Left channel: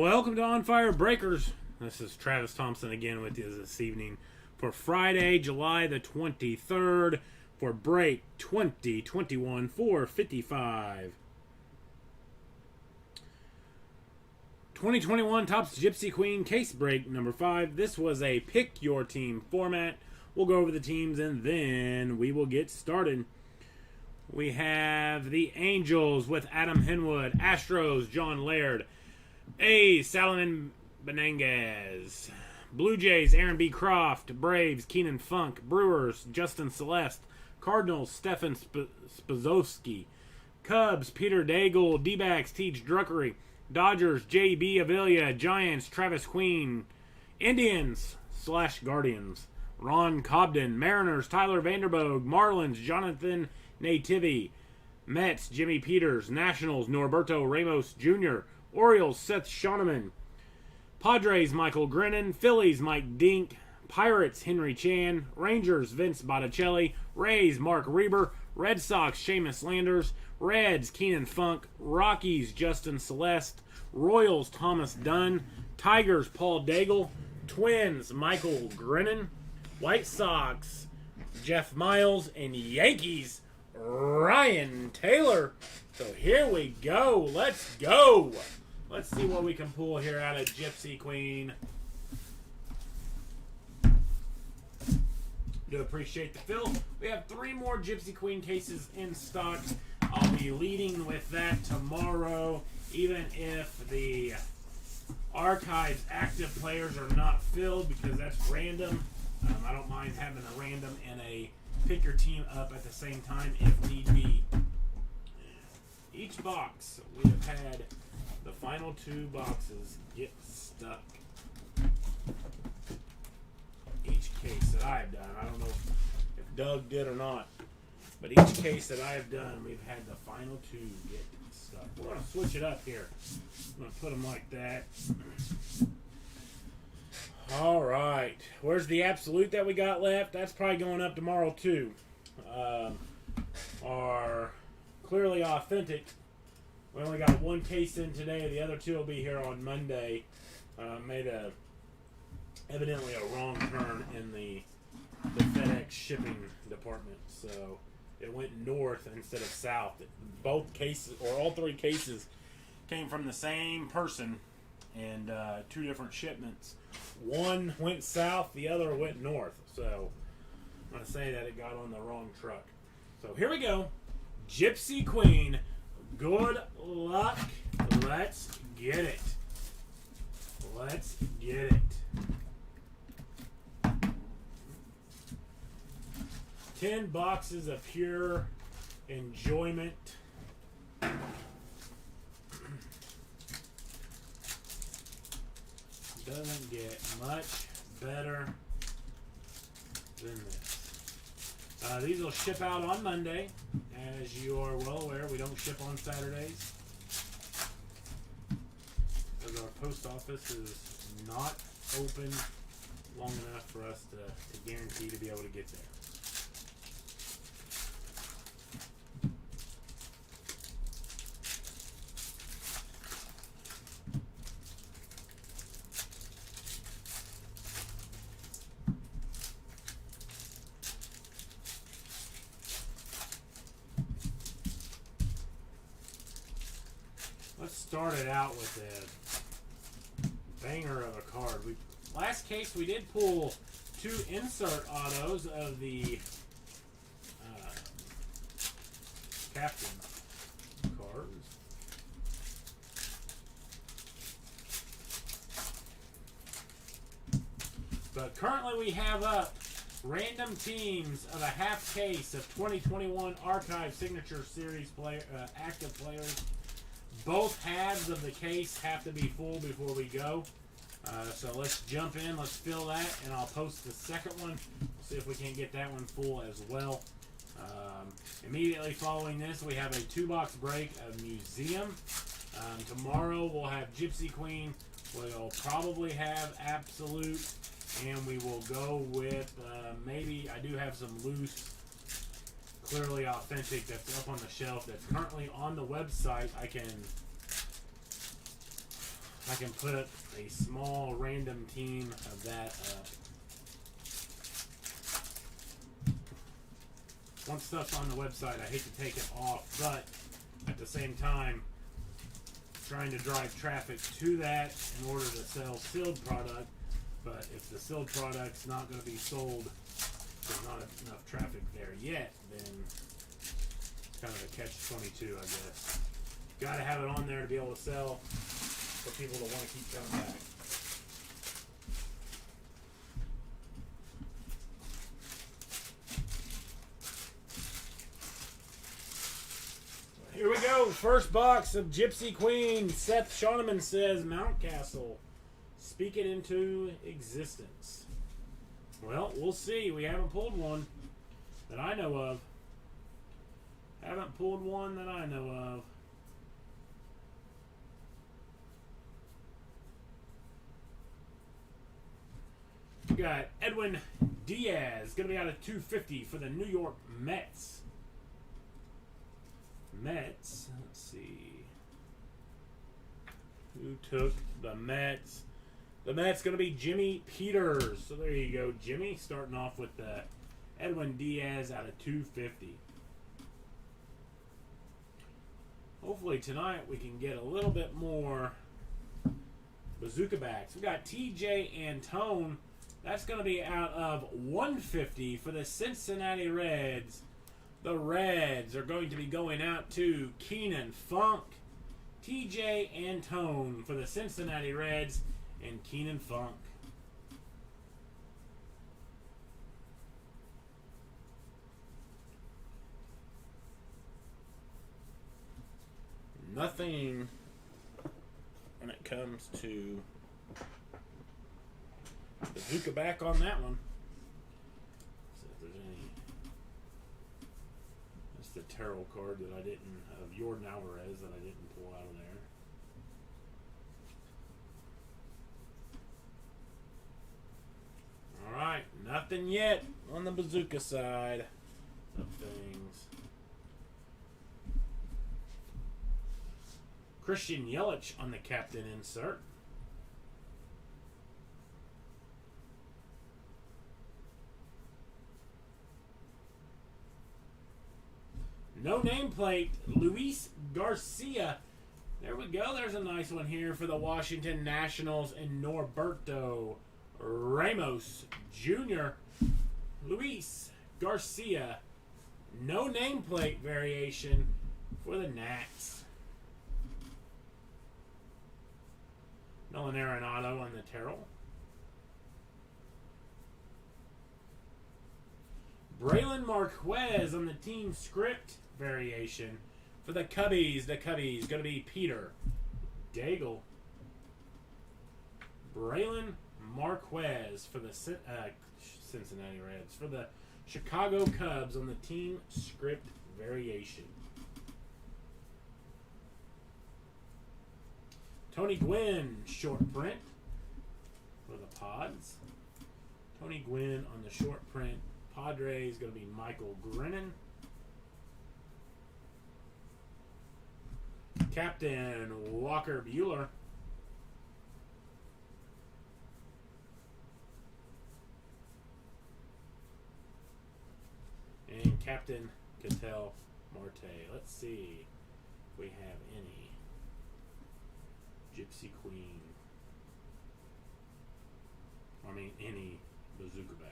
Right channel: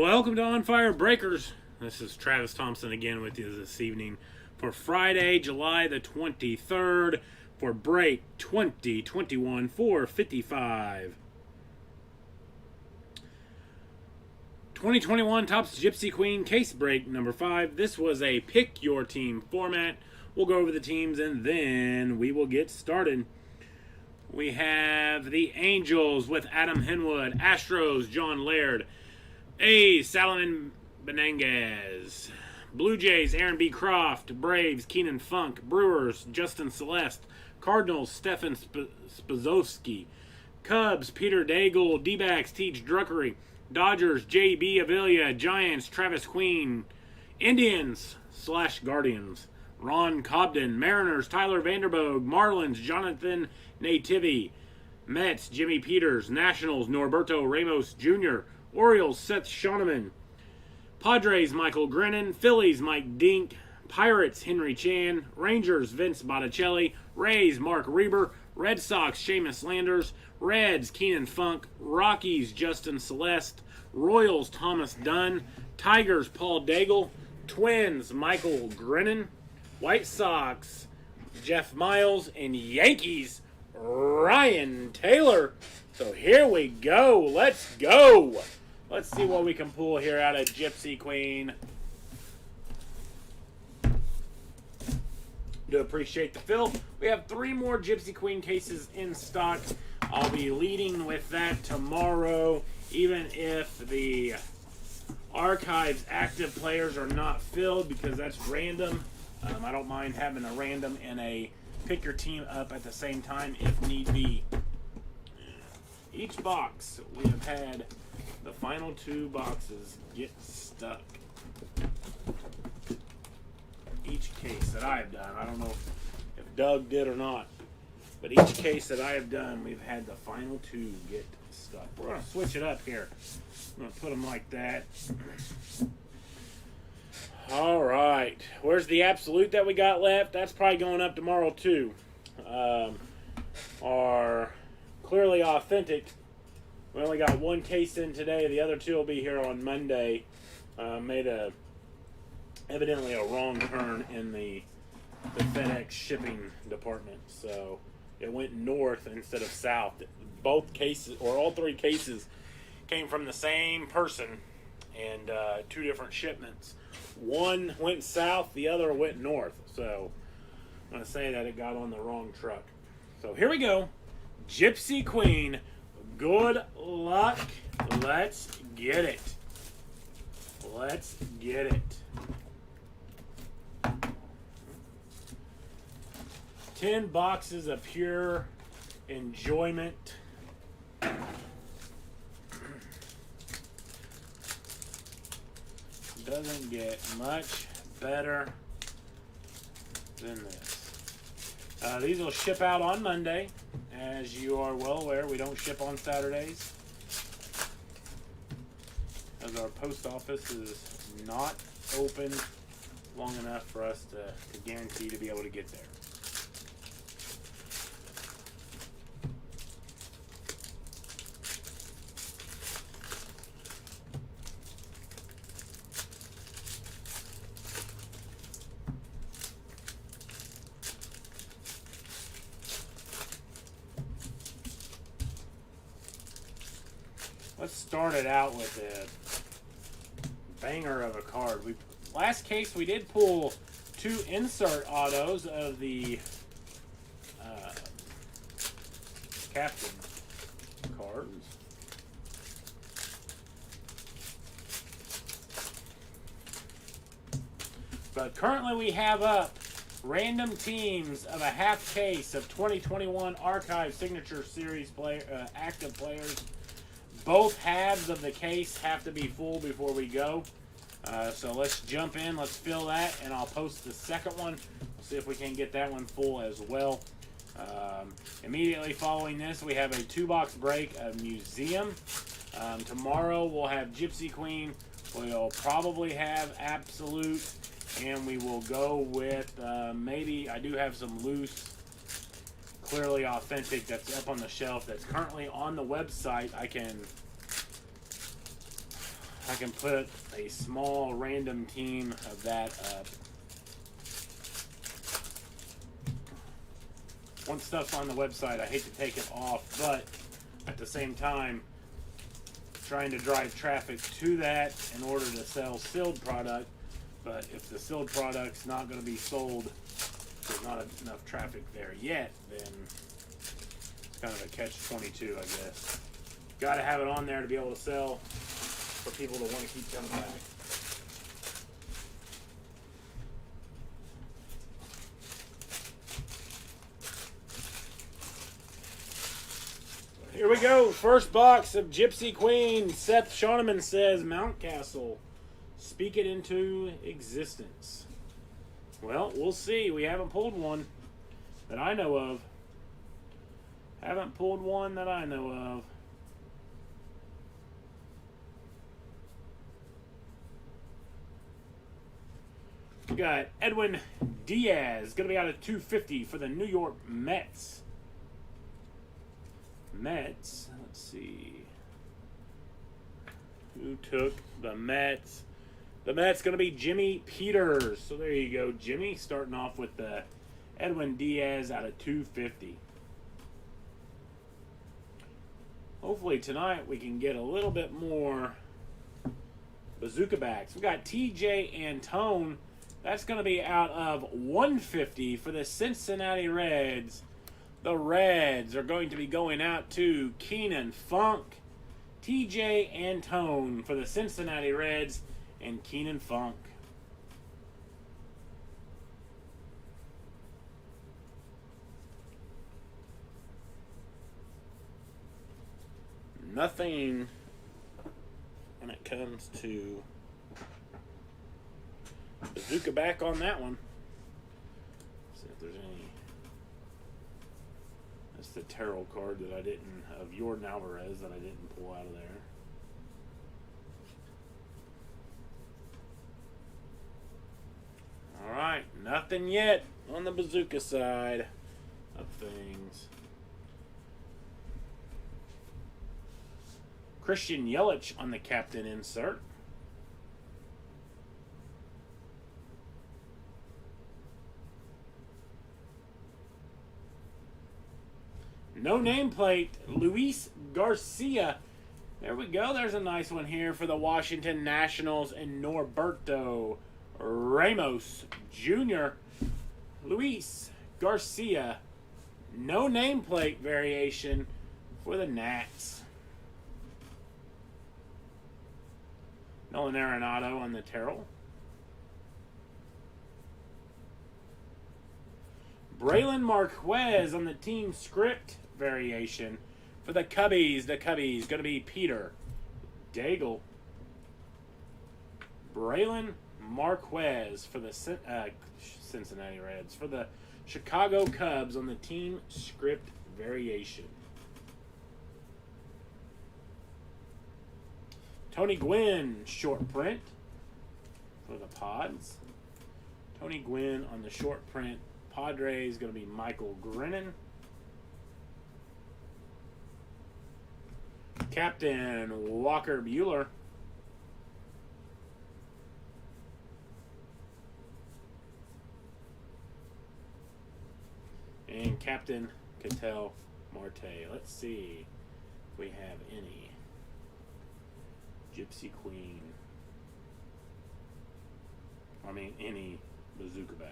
Welcome to On Fire Breakers. This is Travis Thompson again with you this evening for Friday, July the 23rd for break 2021-455. 2021 Topps Gypsy Queen case break number 5. This was a pick your team format. We'll go over the teams and then we will get started. We have the Angels with Adam Henwood, Astros, John Laird, A's, Salomon Benenguez, Blue Jays, Aaron B. Croft, Braves, Keenan Funk, Brewers, Justin Celeste, Cardinals, Stefan Spazowski, Cubs, Peter Daigle, D-backs, Teach Druckery, Dodgers, J.B. Avila, Giants, Travis Queen, Indians / Guardians, Ron Cobden, Mariners, Tyler Vanderboog, Marlins, Jonathan Nativi, Mets, Jimmy Peters, Nationals, Norberto Ramos Jr., Orioles, Seth Shoneman, Padres, Michael Grennan, Phillies, Mike Dink, Pirates, Henry Chan, Rangers, Vince Botticelli, Rays, Mark Reber, Red Sox, Seamus Landers, Reds, Keenan Funk, Rockies, Justin Celeste, Royals, Thomas Dunn, Tigers, Paul Daigle, Twins, Michael Grennan, White Sox, Jeff Miles, and Yankees, Ryan Taylor. So here we go. Let's go. Let's see what we can pull here out of Gypsy Queen. Do appreciate the fill. We have 3 more Gypsy Queen cases in stock. I'll be leading with that tomorrow, even if the archives active players are not filled, because that's random. I don't mind having a random and a pick your team up at the same time if need be. Each box, we have had the final 2 boxes get stuck. Each case that I've done, I don't know if Doug did or not, but each case that I have done, we've had the final 2 get stuck. We're going to switch it up here. I'm going to put them like that. All right. Where's the absolute that we got left? That's probably going up tomorrow too. Our Clearly Authentic, we only got 1 case in today. The other 2 will be here on Monday. Made evidently a wrong turn in the FedEx shipping department, so it went north instead of south. Both cases, or all 3 cases, came from the same person and 2 different shipments. One went south, the other went north. So I'm going to say that it got on the wrong truck. So here we go. Gypsy Queen, good luck. Let's get it. Let's get it. 10 boxes of pure enjoyment. Doesn't get much better than this. These will ship out on Monday. As you are well aware, we don't ship on Saturdays, as our post office is not open long enough for us to guarantee to be able to get there. Let's start it out with a banger of a card. Last case we did pull 2 insert autos of the captain cards. But currently we have up random teams of a half case of 2021 Archive Signature Series active players. Both halves of the case have to be full before we go. So let's jump in, let's fill that, and I'll post the second one. See if we can get that one full as well. Immediately following this, we have a 2-box break of Museum. Tomorrow we'll have Gypsy Queen. We'll probably have Absolute. And we will go with, maybe, I do have some loose, clearly authentic that's up on the shelf that's currently on the website. I can put a small random team of that up. Once stuff's on the website, I hate to take it off, but at the same time, trying to drive traffic to that in order to sell sealed product. But if the sealed product's not going to be sold, there's not enough traffic there yet, then it's kind of a catch-22, I guess. Got to have it on there to be able to sell for people to want to keep coming back. Here we go. First box of Gypsy Queen. Seth Shoneman says Mountcastle. Speak it into existence. Well, we'll see. We haven't pulled one that I know of. Haven't pulled one that I know of. We got Edwin Diaz. Going to be out of 250 for the New York Mets. Let's see. Who took the Mets? The Mets going to be Jimmy Peters. So there you go, Jimmy. Starting off with the Edwin Diaz out of 250. Hopefully tonight we can get a little bit more bazooka backs. We got TJ Antone. That's going to be out of 150 for the Cincinnati Reds. The Reds are going to be going out to Keenan Funk. TJ Antone for the Cincinnati Reds and Keenan Funk. Nothing when it comes to bazooka back on that one. See if there's any. That's the tarot card that I didn't, of Jordan Alvarez, that I didn't pull out of there. Alright, nothing yet on the bazooka side of things. Christian Yelich on the captain insert. No nameplate, Luis Garcia. There we go. There's a nice one here for the Washington Nationals and Norberto Ramos Jr. Luis Garcia. No nameplate variation for the Nats. Nolan Arenado on the Terrell. Braylon Marquez on the team script variation for the Cubbies. The Cubbies going to be Peter Daigle. Braylon Marquez for the Cincinnati Reds. For the Chicago Cubs on the team script variation. Tony Gwynn short print for the Pods. Tony Gwynn on the short print. Padres going to be Michael Grennan. Captain Walker Buehler. And Captain Ketel Marte. Let's see if we have any. Gypsy Queen. I mean, any bazooka back.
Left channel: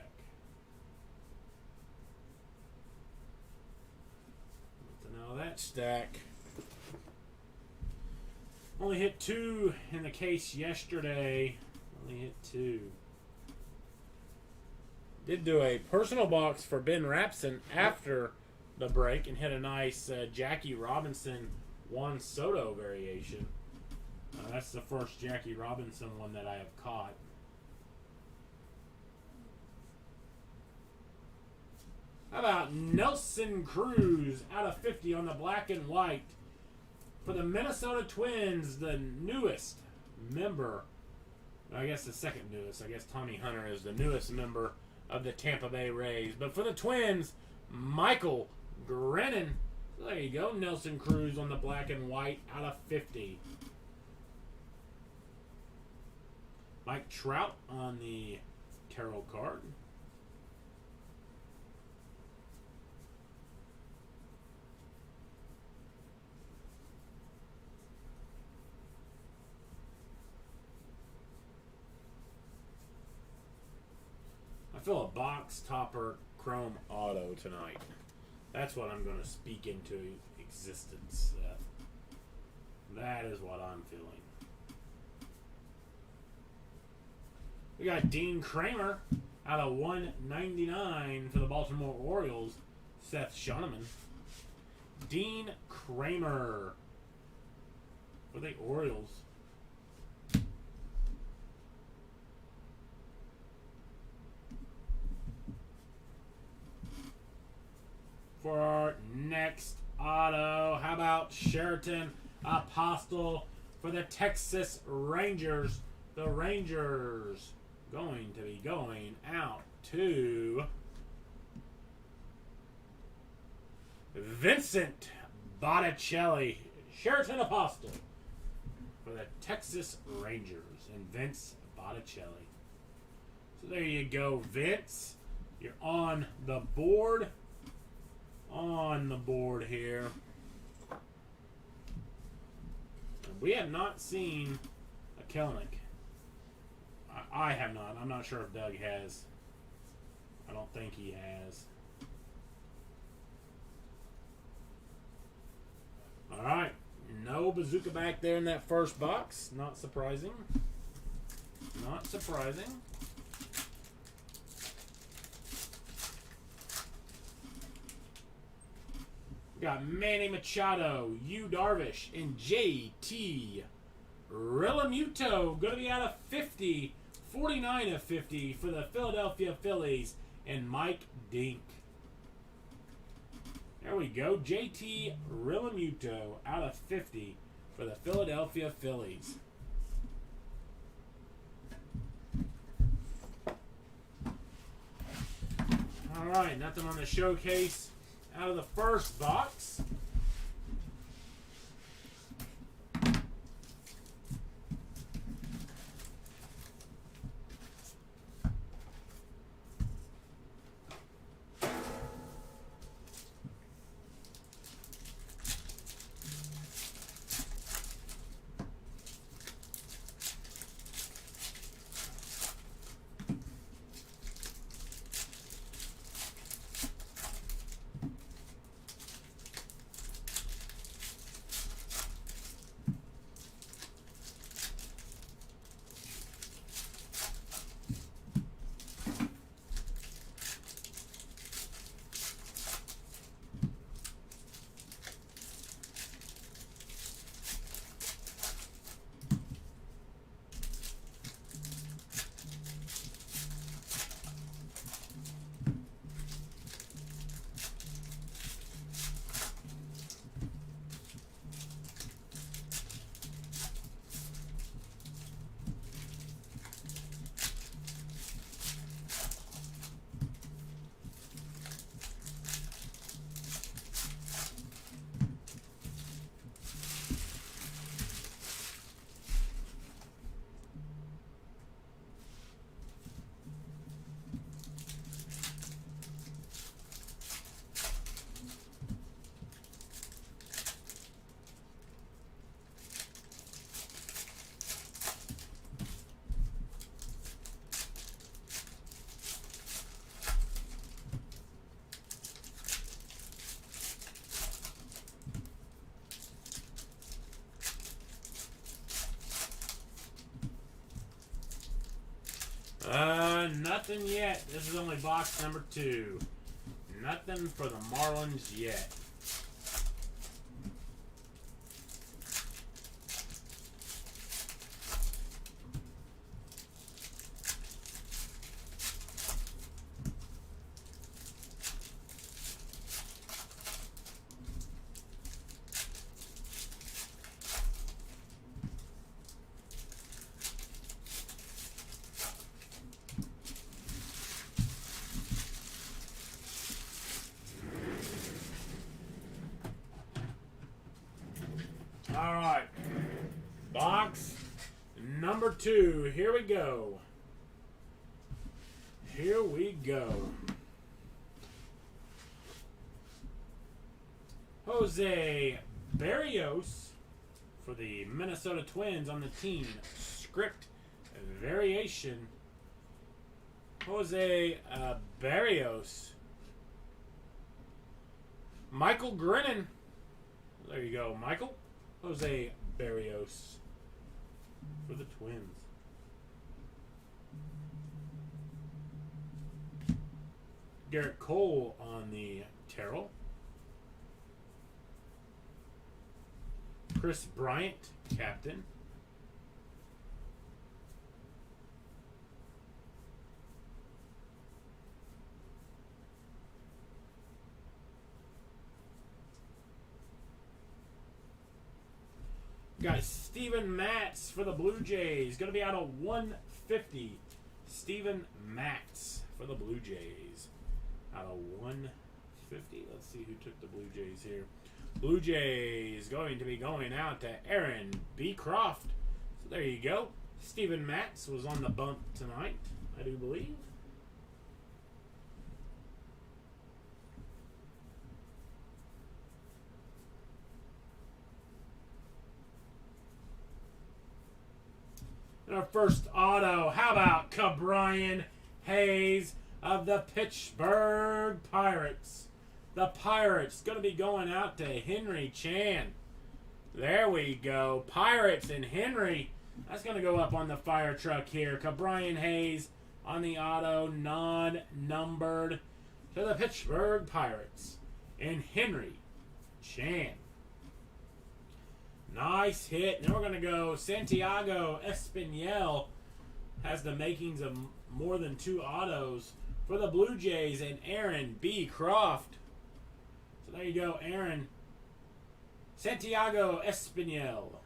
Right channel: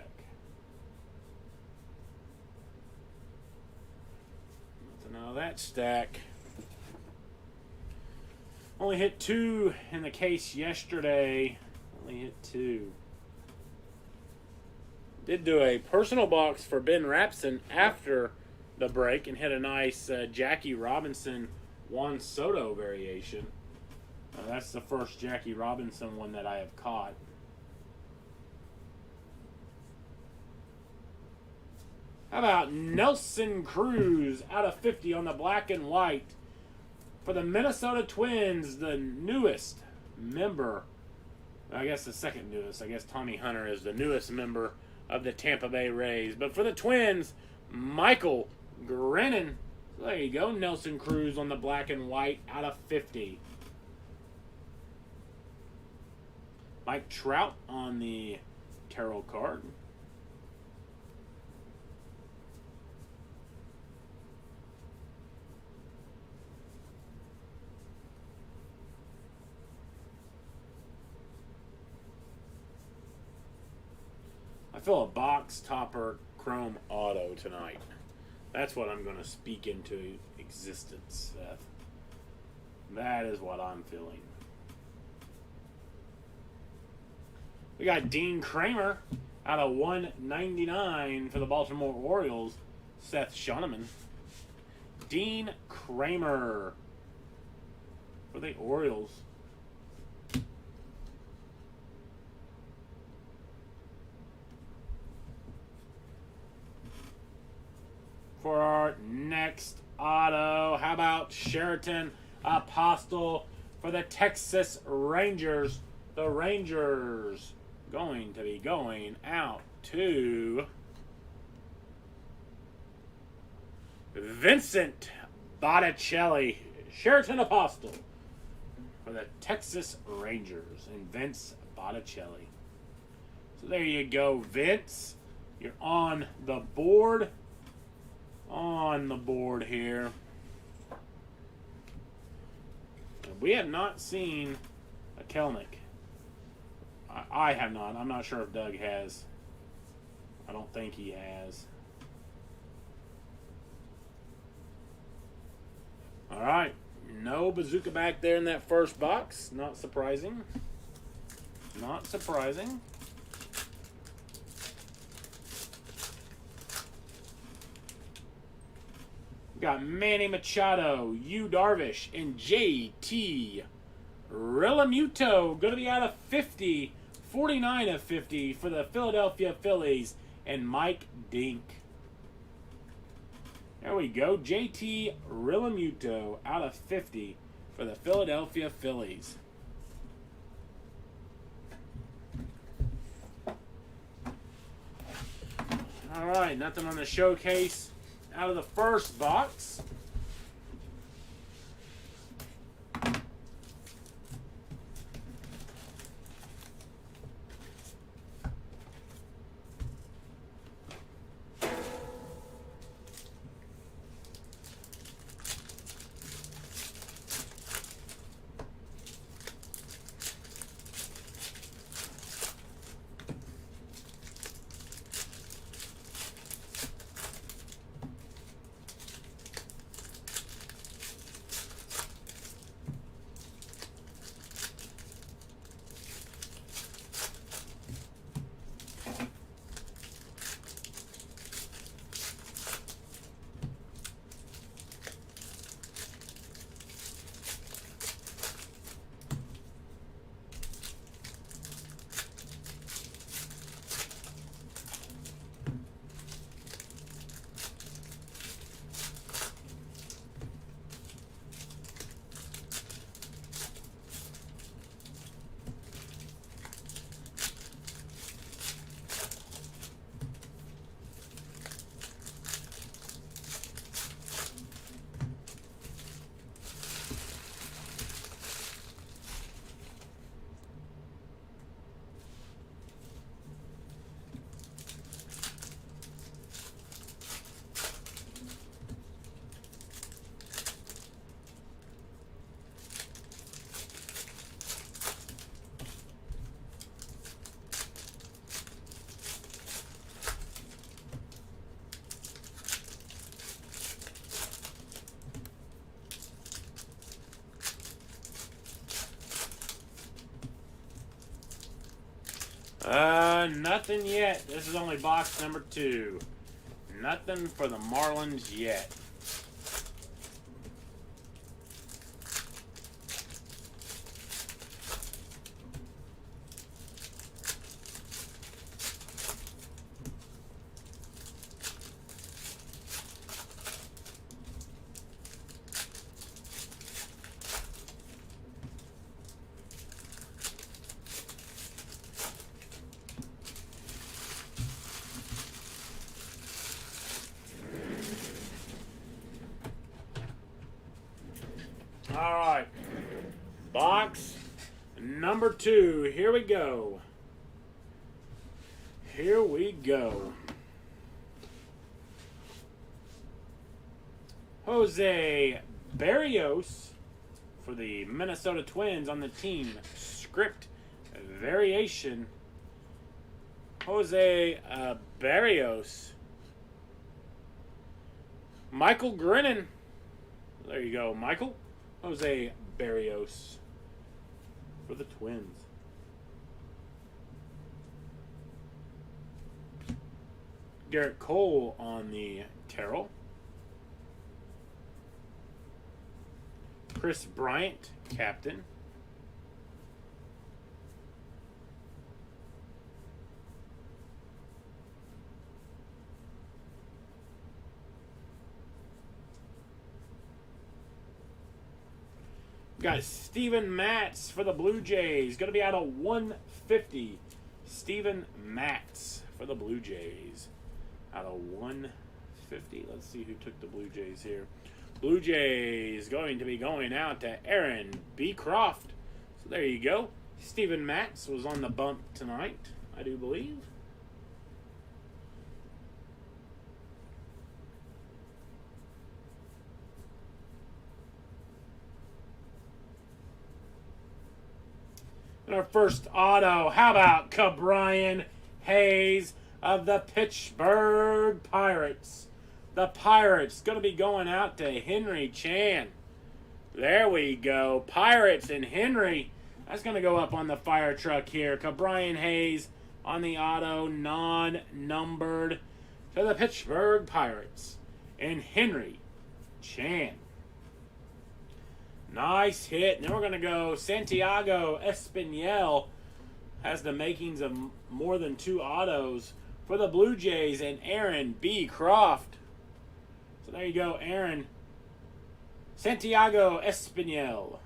Now that stack only hit 2 in the case yesterday. Only hit 2. Did do a personal box for Ben Rapson after the break and hit a nice Jackie Robinson Juan Soto variation. That's the first Jackie Robinson one that I have caught. How about Nelson Cruz out of 50 on the black and white for the Minnesota Twins, the newest member. I guess the second newest. I guess Tommy Hunter is the newest member of the Tampa Bay Rays. But for the Twins, Michael Grennan. So there you go. Nelson Cruz on the black and white out of 50. Mike Trout on the tarot card. I feel a box topper chrome auto tonight. That's what I'm going to speak into existence, Seth. That is what I'm feeling. We got Dean Kramer out of 199 for the Baltimore Orioles, Seth Shoneman. Dean Kramer for the Orioles. For our next auto, how about Sheraton Apostle for the Texas Rangers? The Rangers going to be going out to Vincent Botticelli. Sheraton Apostle for the Texas Rangers and Vince Botticelli. So there you go, Vince. You're on the board. On the board here. We have not seen a Kelnick. I have not. I'm not sure if Doug has. I don't think he has. Alright. No bazooka back there in that first box. Not surprising. Not surprising. Got Manny Machado, Yu Darvish, and JT Realmuto. Going to be out of 50. 49 of 50 for the Philadelphia Phillies. And Mike Dink. There we go. JT Realmuto out of 50 for the Philadelphia Phillies. All right, nothing on the showcase out of the first box. Nothing yet. This is only box number 2. Nothing for the Marlins yet. Alright, box number 2. Here we go. Here we go. Jose Barrios for the Minnesota Twins on the team. Script variation. Jose Barrios. Michael Grinnan. There you go, Michael. Jose Barrios for the Twins. Garrett Cole on the Terrell. Chris Bryant, captain. Got Steven Matz for the Blue Jays. Going to be out of 150. Steven Matz for the Blue Jays. Out of 150. Let's see who took the Blue Jays here. Blue Jays going to be going out to Aaron B. Croft. So there you go. Steven Matz was on the bump tonight, I do believe. And our first auto, how about Cabrian Hayes of the Pittsburgh Pirates? The Pirates going to be going out to Henry Chan. There we go. Pirates and Henry. That's going to go up on the fire truck here. Cabrian Hayes on the auto, non-numbered to the Pittsburgh Pirates. And Henry Chan. Nice hit. Now we're going to go Santiago Espinal. Has the makings of more than 2 autos for the Blue Jays and Aaron B. Croft. So there you go, Aaron. Santiago Espinal.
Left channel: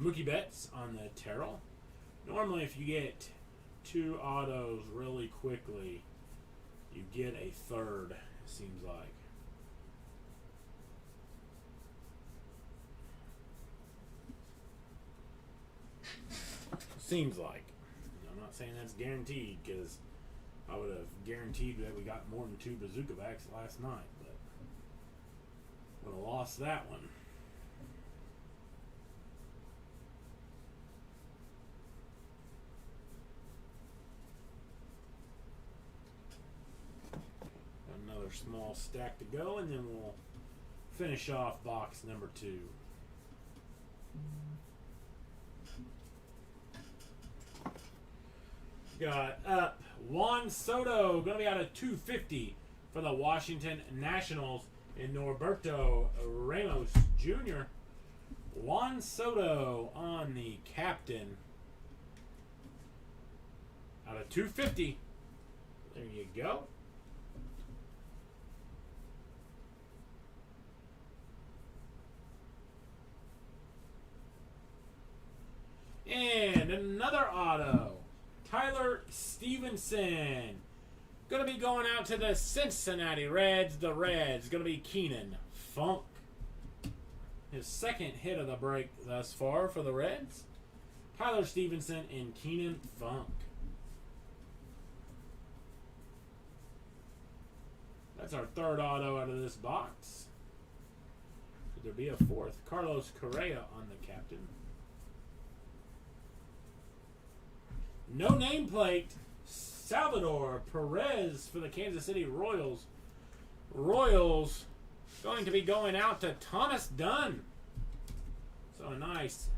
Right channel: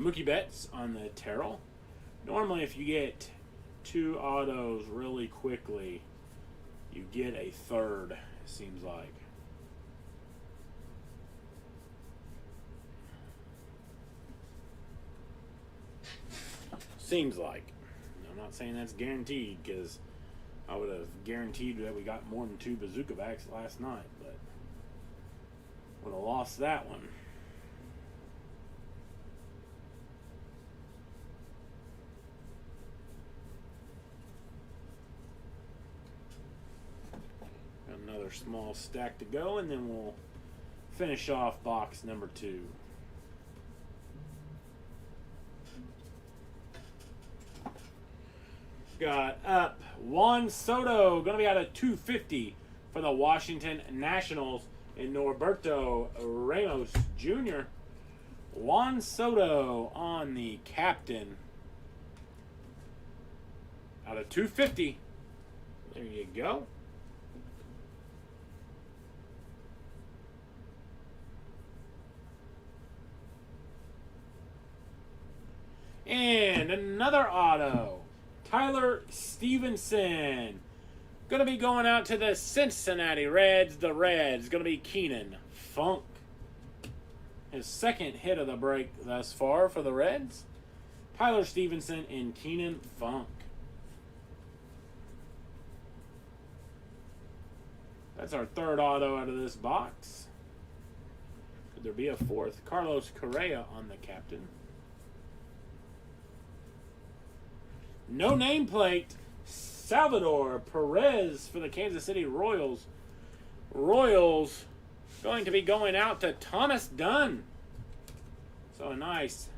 Mookie Betts on the Terrell. Normally if you get 2 autos really quickly, you get a third, it seems like. Seems like. I'm not saying that's guaranteed, because I would have guaranteed that we got more than 2 bazooka backs last night, but would have lost that one. Another small stack to go, and then we'll finish off box number 2. Got up Juan Soto, going to be out of 250 for the Washington Nationals, and Norberto Ramos Jr. Juan Soto on the captain, out of 250. There you go. And another auto. Tyler Stevenson. Going to be going out to the Cincinnati Reds. The Reds. Going to be Keenan Funk. His second hit of the break thus far for the Reds. Tyler Stevenson and Keenan Funk. That's our third auto out of this box. Could there be a fourth? Carlos Correa on the captain. No nameplate. Salvador Perez for the Kansas City Royals. Royals going to be going out to Thomas Dunn. So a nice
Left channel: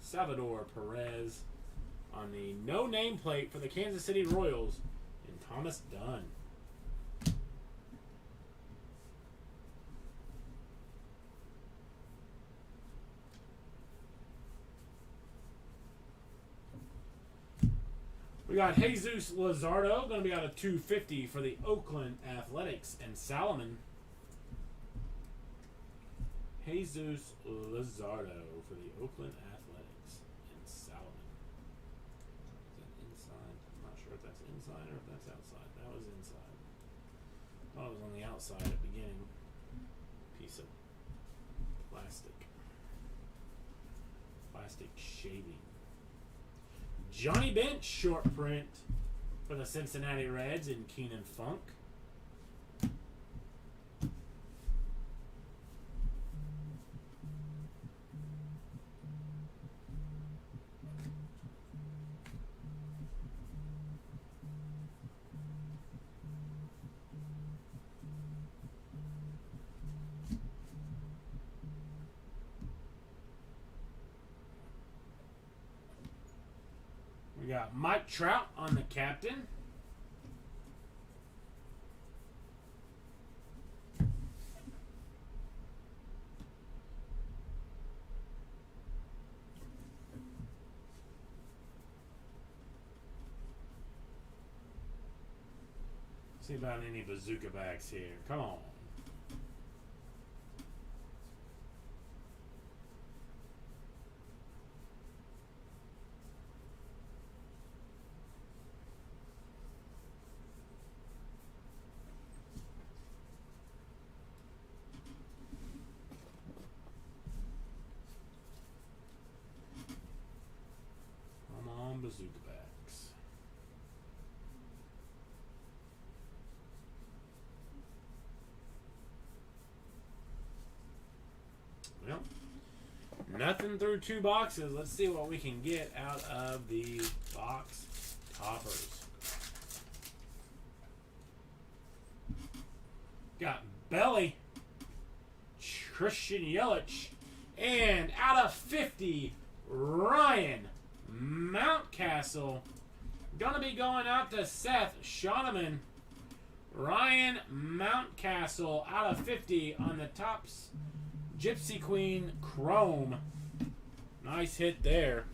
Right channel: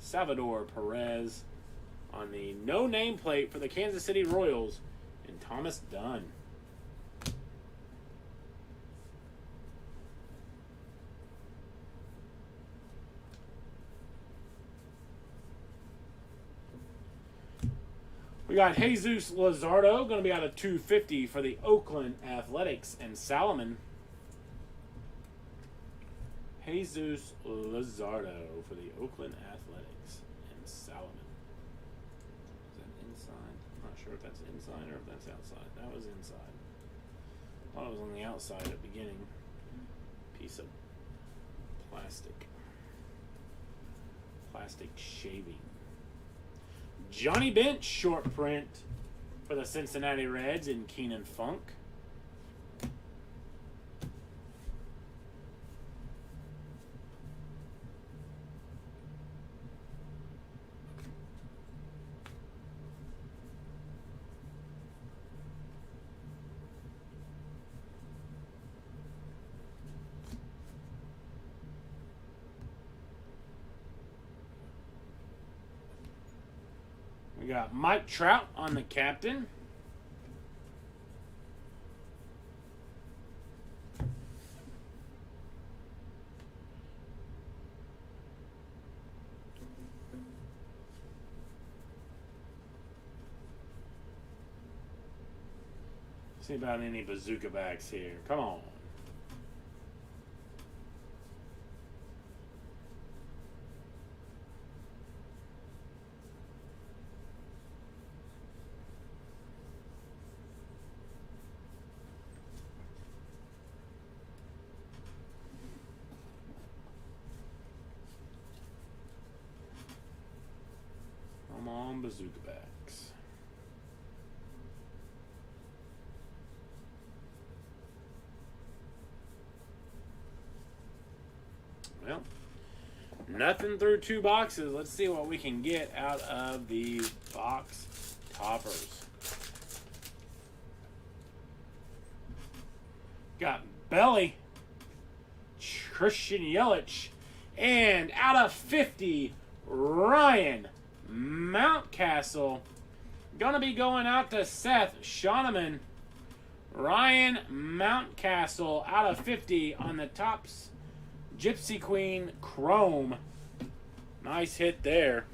Salvador Perez on the no nameplate for the Kansas City Royals and Thomas Dunn. We got Jesus Luzardo, going to be out of 250 for the Oakland Athletics and Salomon. Jesus Luzardo for the Oakland Athletics and Salomon. Is that inside? I'm not sure if that's inside or if that's outside. That was inside. I thought it was on the outside at the beginning. Piece of plastic. Plastic shaving. Johnny Bench short print for the Cincinnati Reds in Keenan Funk. We got Mike Trout on the captain. See about any bazooka bags here. Come on. Come on, bazooka bags. Well, nothing through 2 boxes. Let's see what we can get out of the box toppers. Got Belly, Christian Yelich, and out of 50, Ryan Mountcastle. Gonna be going out to Seth Shoneman. Ryan Mountcastle out of 50 on the Topps Gypsy Queen Chrome. Nice hit there.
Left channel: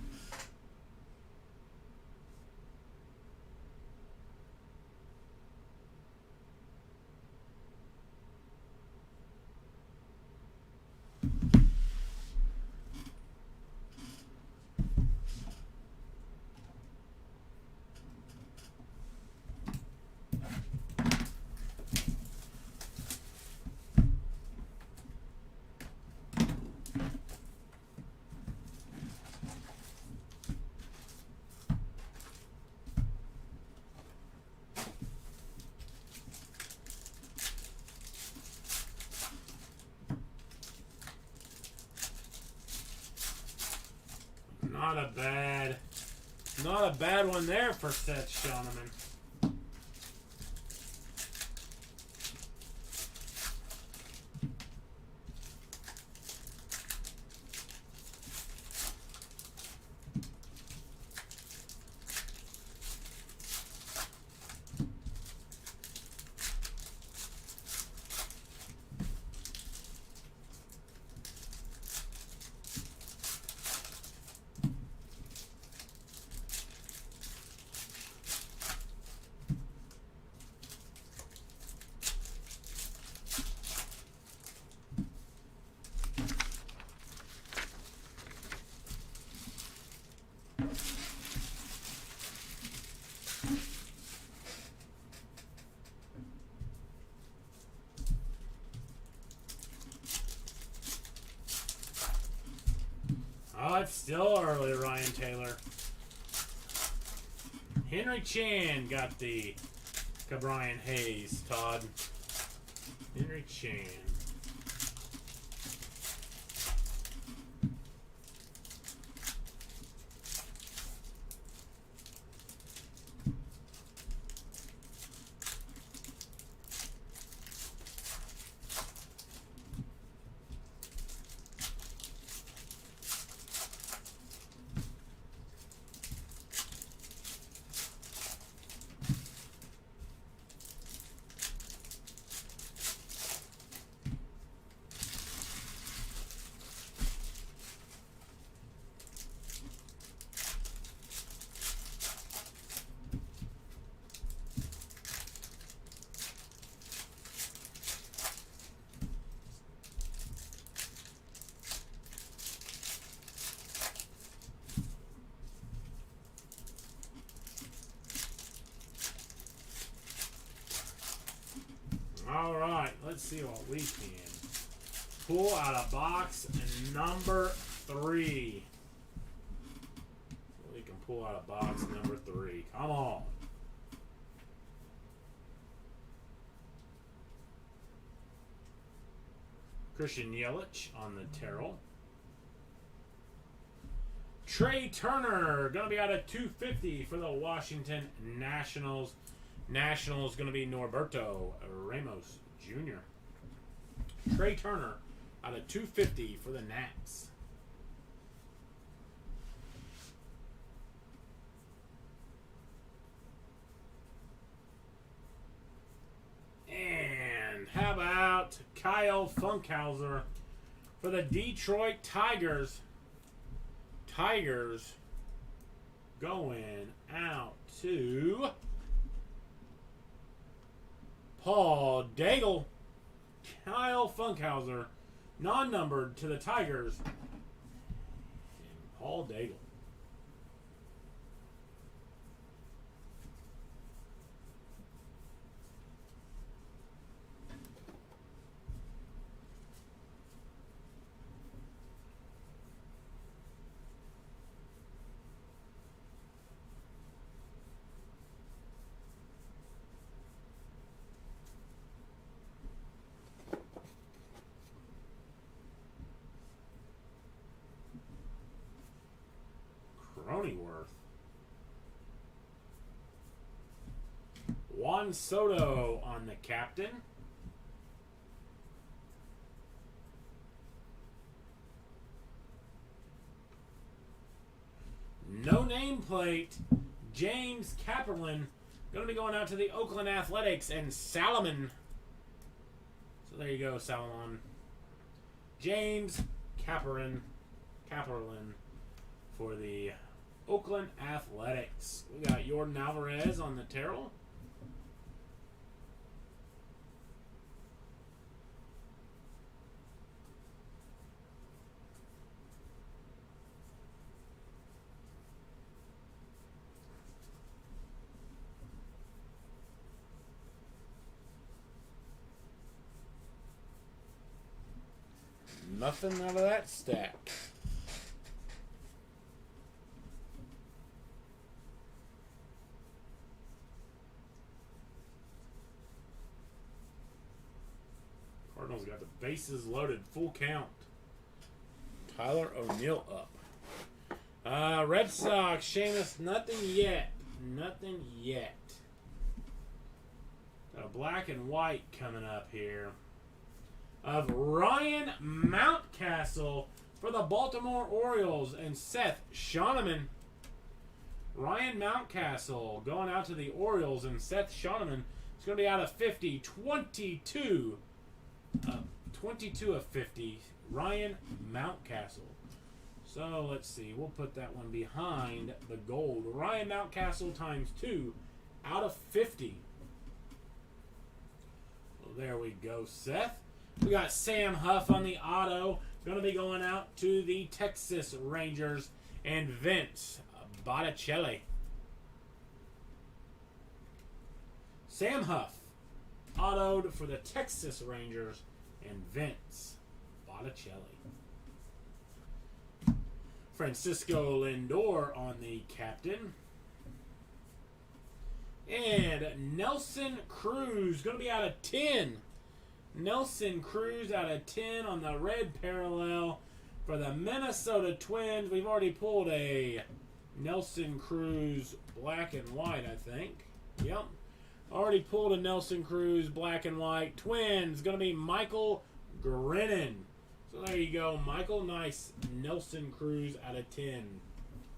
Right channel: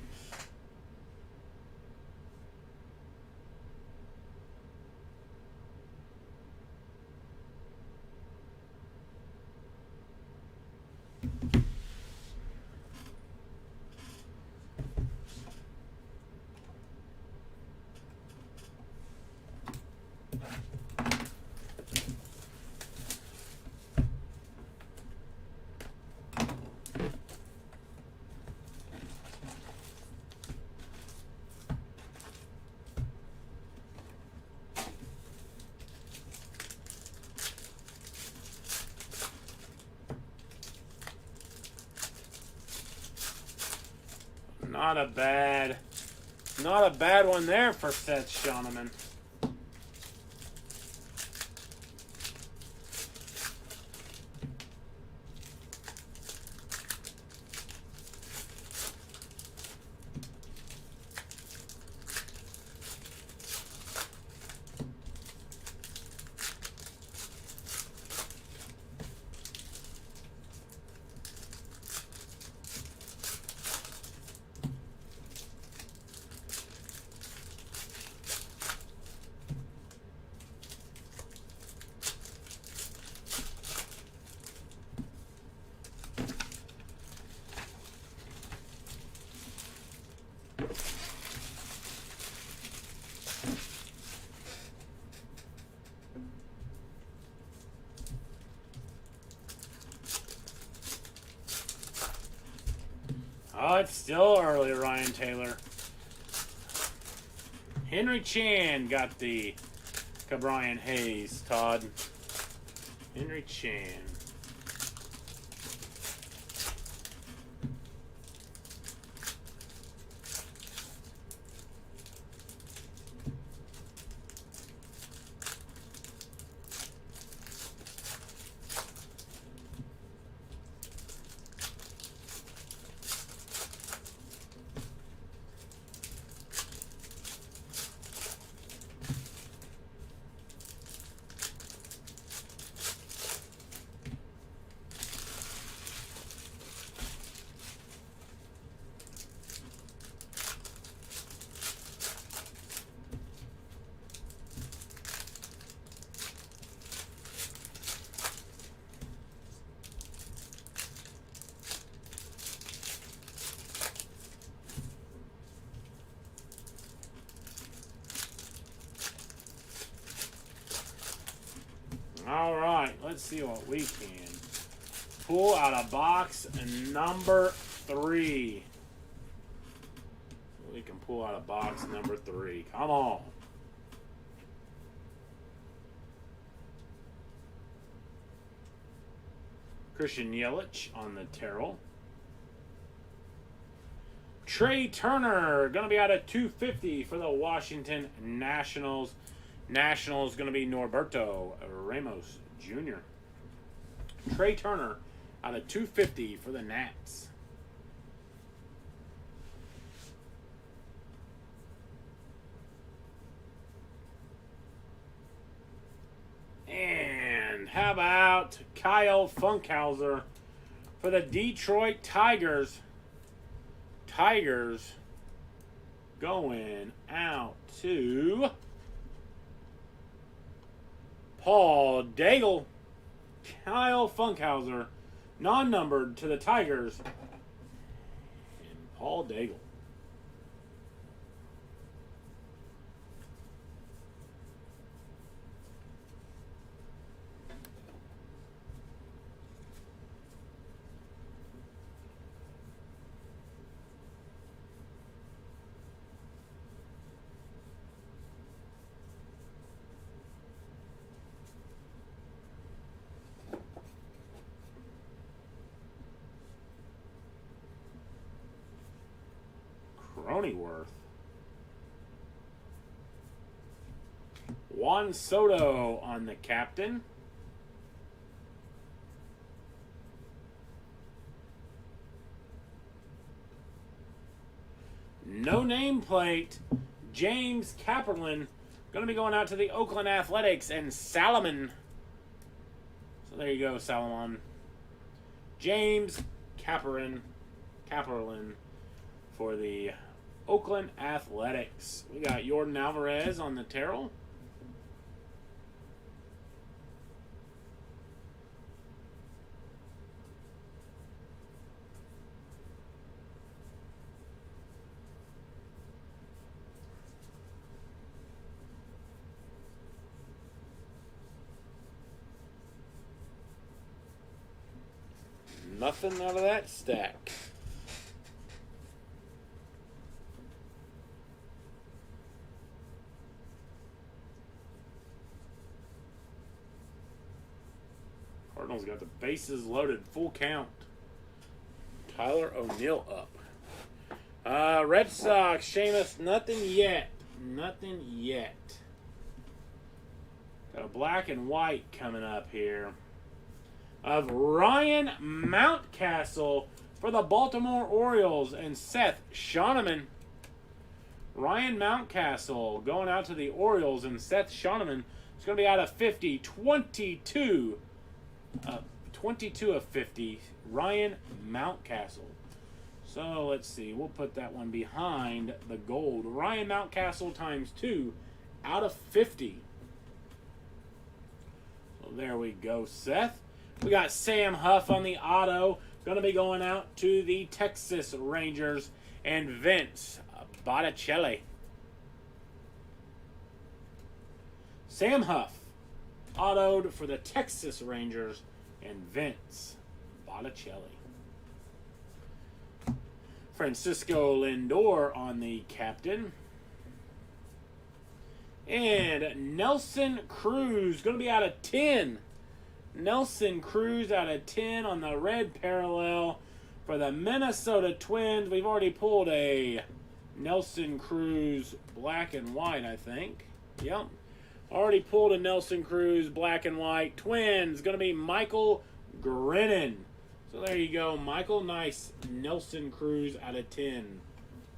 Not a bad one there for Seth Shoneman. Oh, it's still early, Ryan Taylor. Henry Chan got the Cabrian Hayes, Todd. Henry Chan. see what we can pull out of box number 3. We can pull out of box number 3. Come on. Christian Yelich on the Terrell. Trey Turner, going to be out of 250 for the Washington Nationals. Nationals going to be Norberto Ramos Jr. Trey Turner out of 250 for the Nats. And how about Kyle Funkhauser for the Detroit Tigers? Tigers going out to Paul Daigle. Kyle Funkhauser, non-numbered to the Tigers. And Paul Daigle. Cronenworth. Juan Soto on the captain. No nameplate. James Kapperlin. Going to be going out to the Oakland Athletics and Salomon. So there you go, Salomon. James Kapperlin for the Oakland Athletics. We got Jordan Alvarez on the Terrell. Nothing out of that stack. Cardinals got the bases loaded, full count. Tyler O'Neill up. Red Sox, Seamus, nothing yet. Nothing yet. Got a black and white coming up here of Ryan Mountcastle for the Baltimore Orioles and Seth Shoneman. Ryan Mountcastle going out to the Orioles and Seth Shoneman. It's going to be out of 50, 22 of 50, Ryan Mountcastle. So let's see, we'll put that one behind the gold. Ryan Mountcastle times 2 out of 50. Well, there we go, Seth. We got Sam Huff on the auto. Going to be going out to the Texas Rangers and Vince Botticelli. Sam Huff, autoed for the Texas Rangers and Vince Botticelli. Francisco Lindor on the captain. And Nelson Cruz, going to be out of 10. Nelson Cruz out of 10 on the red parallel for the Minnesota Twins. We've already pulled a Nelson Cruz black and white, I think. Yep. Already pulled a Nelson Cruz black and white. Twins, going to be Michael Grennan. So there you go, Michael. Nice Nelson Cruz out of 10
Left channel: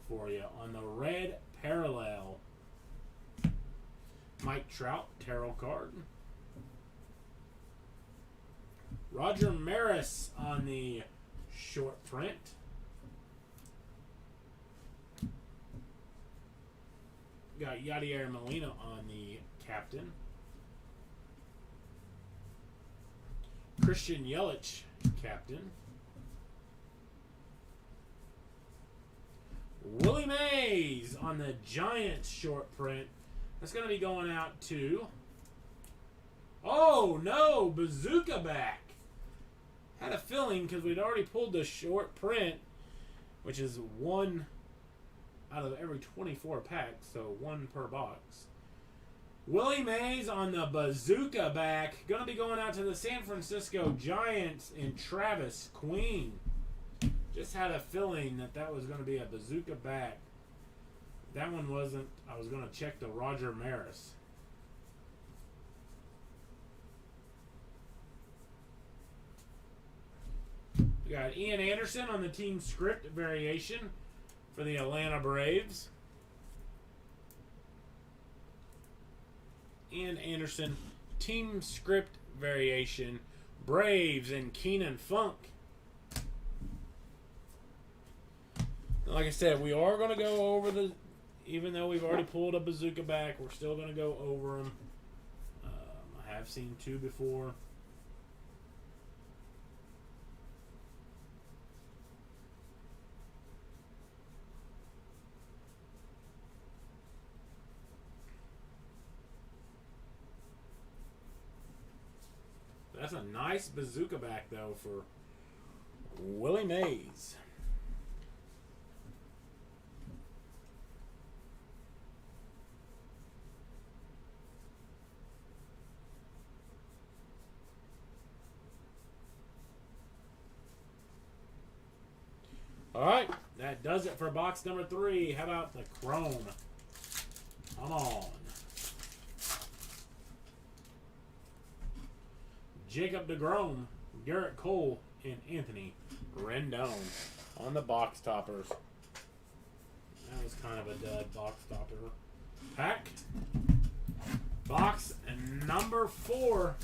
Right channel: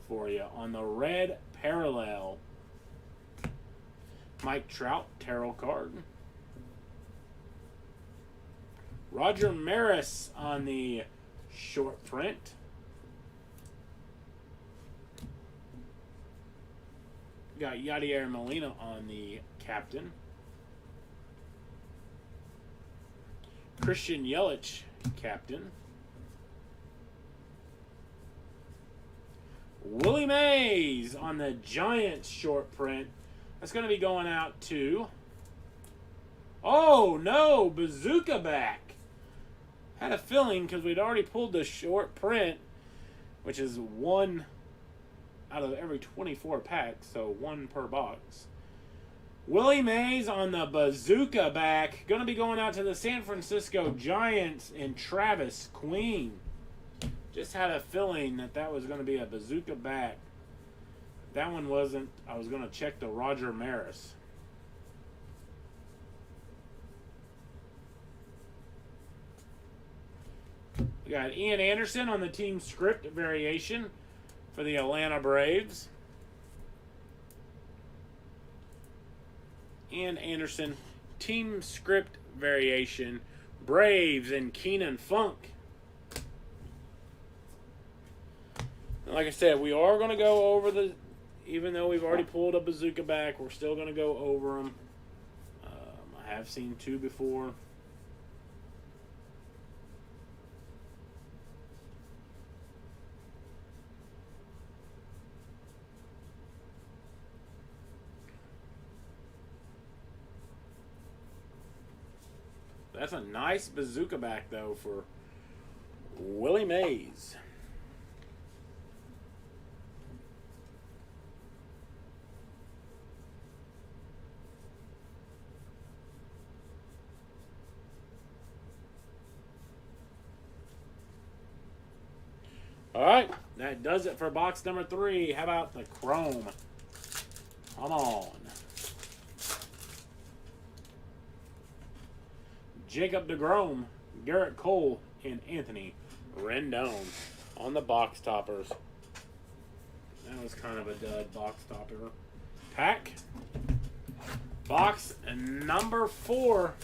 for you on the red parallel. Mike Trout, tarot card. Roger Maris on the short print. Got Yadier Molina on the captain. Christian Yelich, captain. Willie Mays on the Giants short print. That's going to be going out to Oh, no. Bazooka back. Had a feeling because we'd already pulled the short print, which is 1 out of every 24 packs, so 1 per box. Willie Mays on the Bazooka back. Going to be going out to the San Francisco Giants and Travis Queen. Just had a feeling that was going to be a Bazooka back. That one wasn't. I was going to check the Roger Maris. We got Ian Anderson on the team script variation for the Atlanta Braves. Ian Anderson, team script variation, Braves and Keenan Funk. Like I said, we are going to go over the, even though we've already pulled a Bazooka back, we're still going to go over them. I have seen 2 before. That's a nice Bazooka back, though, for Willie Mays. All right, that does it for box number 3. How about the Chrome? Come on. Jacob DeGrom, Garrett Cole, and Anthony Rendon on the box toppers. That was kind of a dud box topper pack. Box number 4.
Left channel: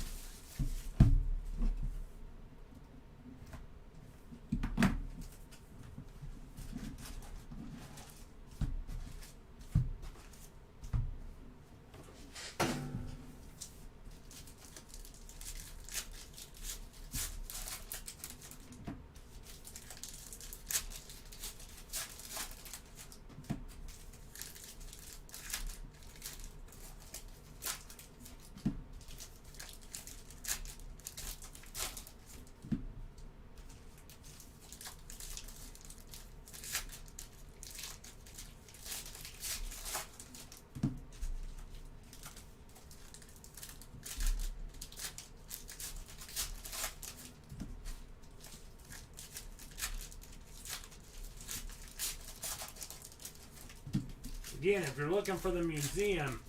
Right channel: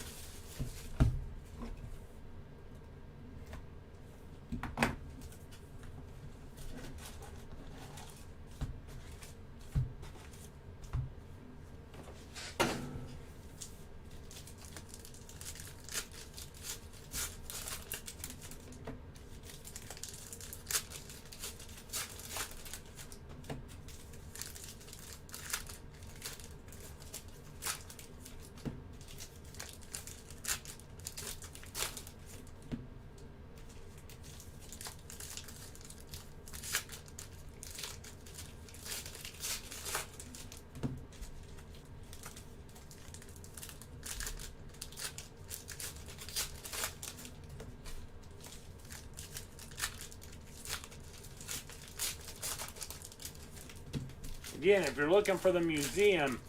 Again, if you're looking for the museum,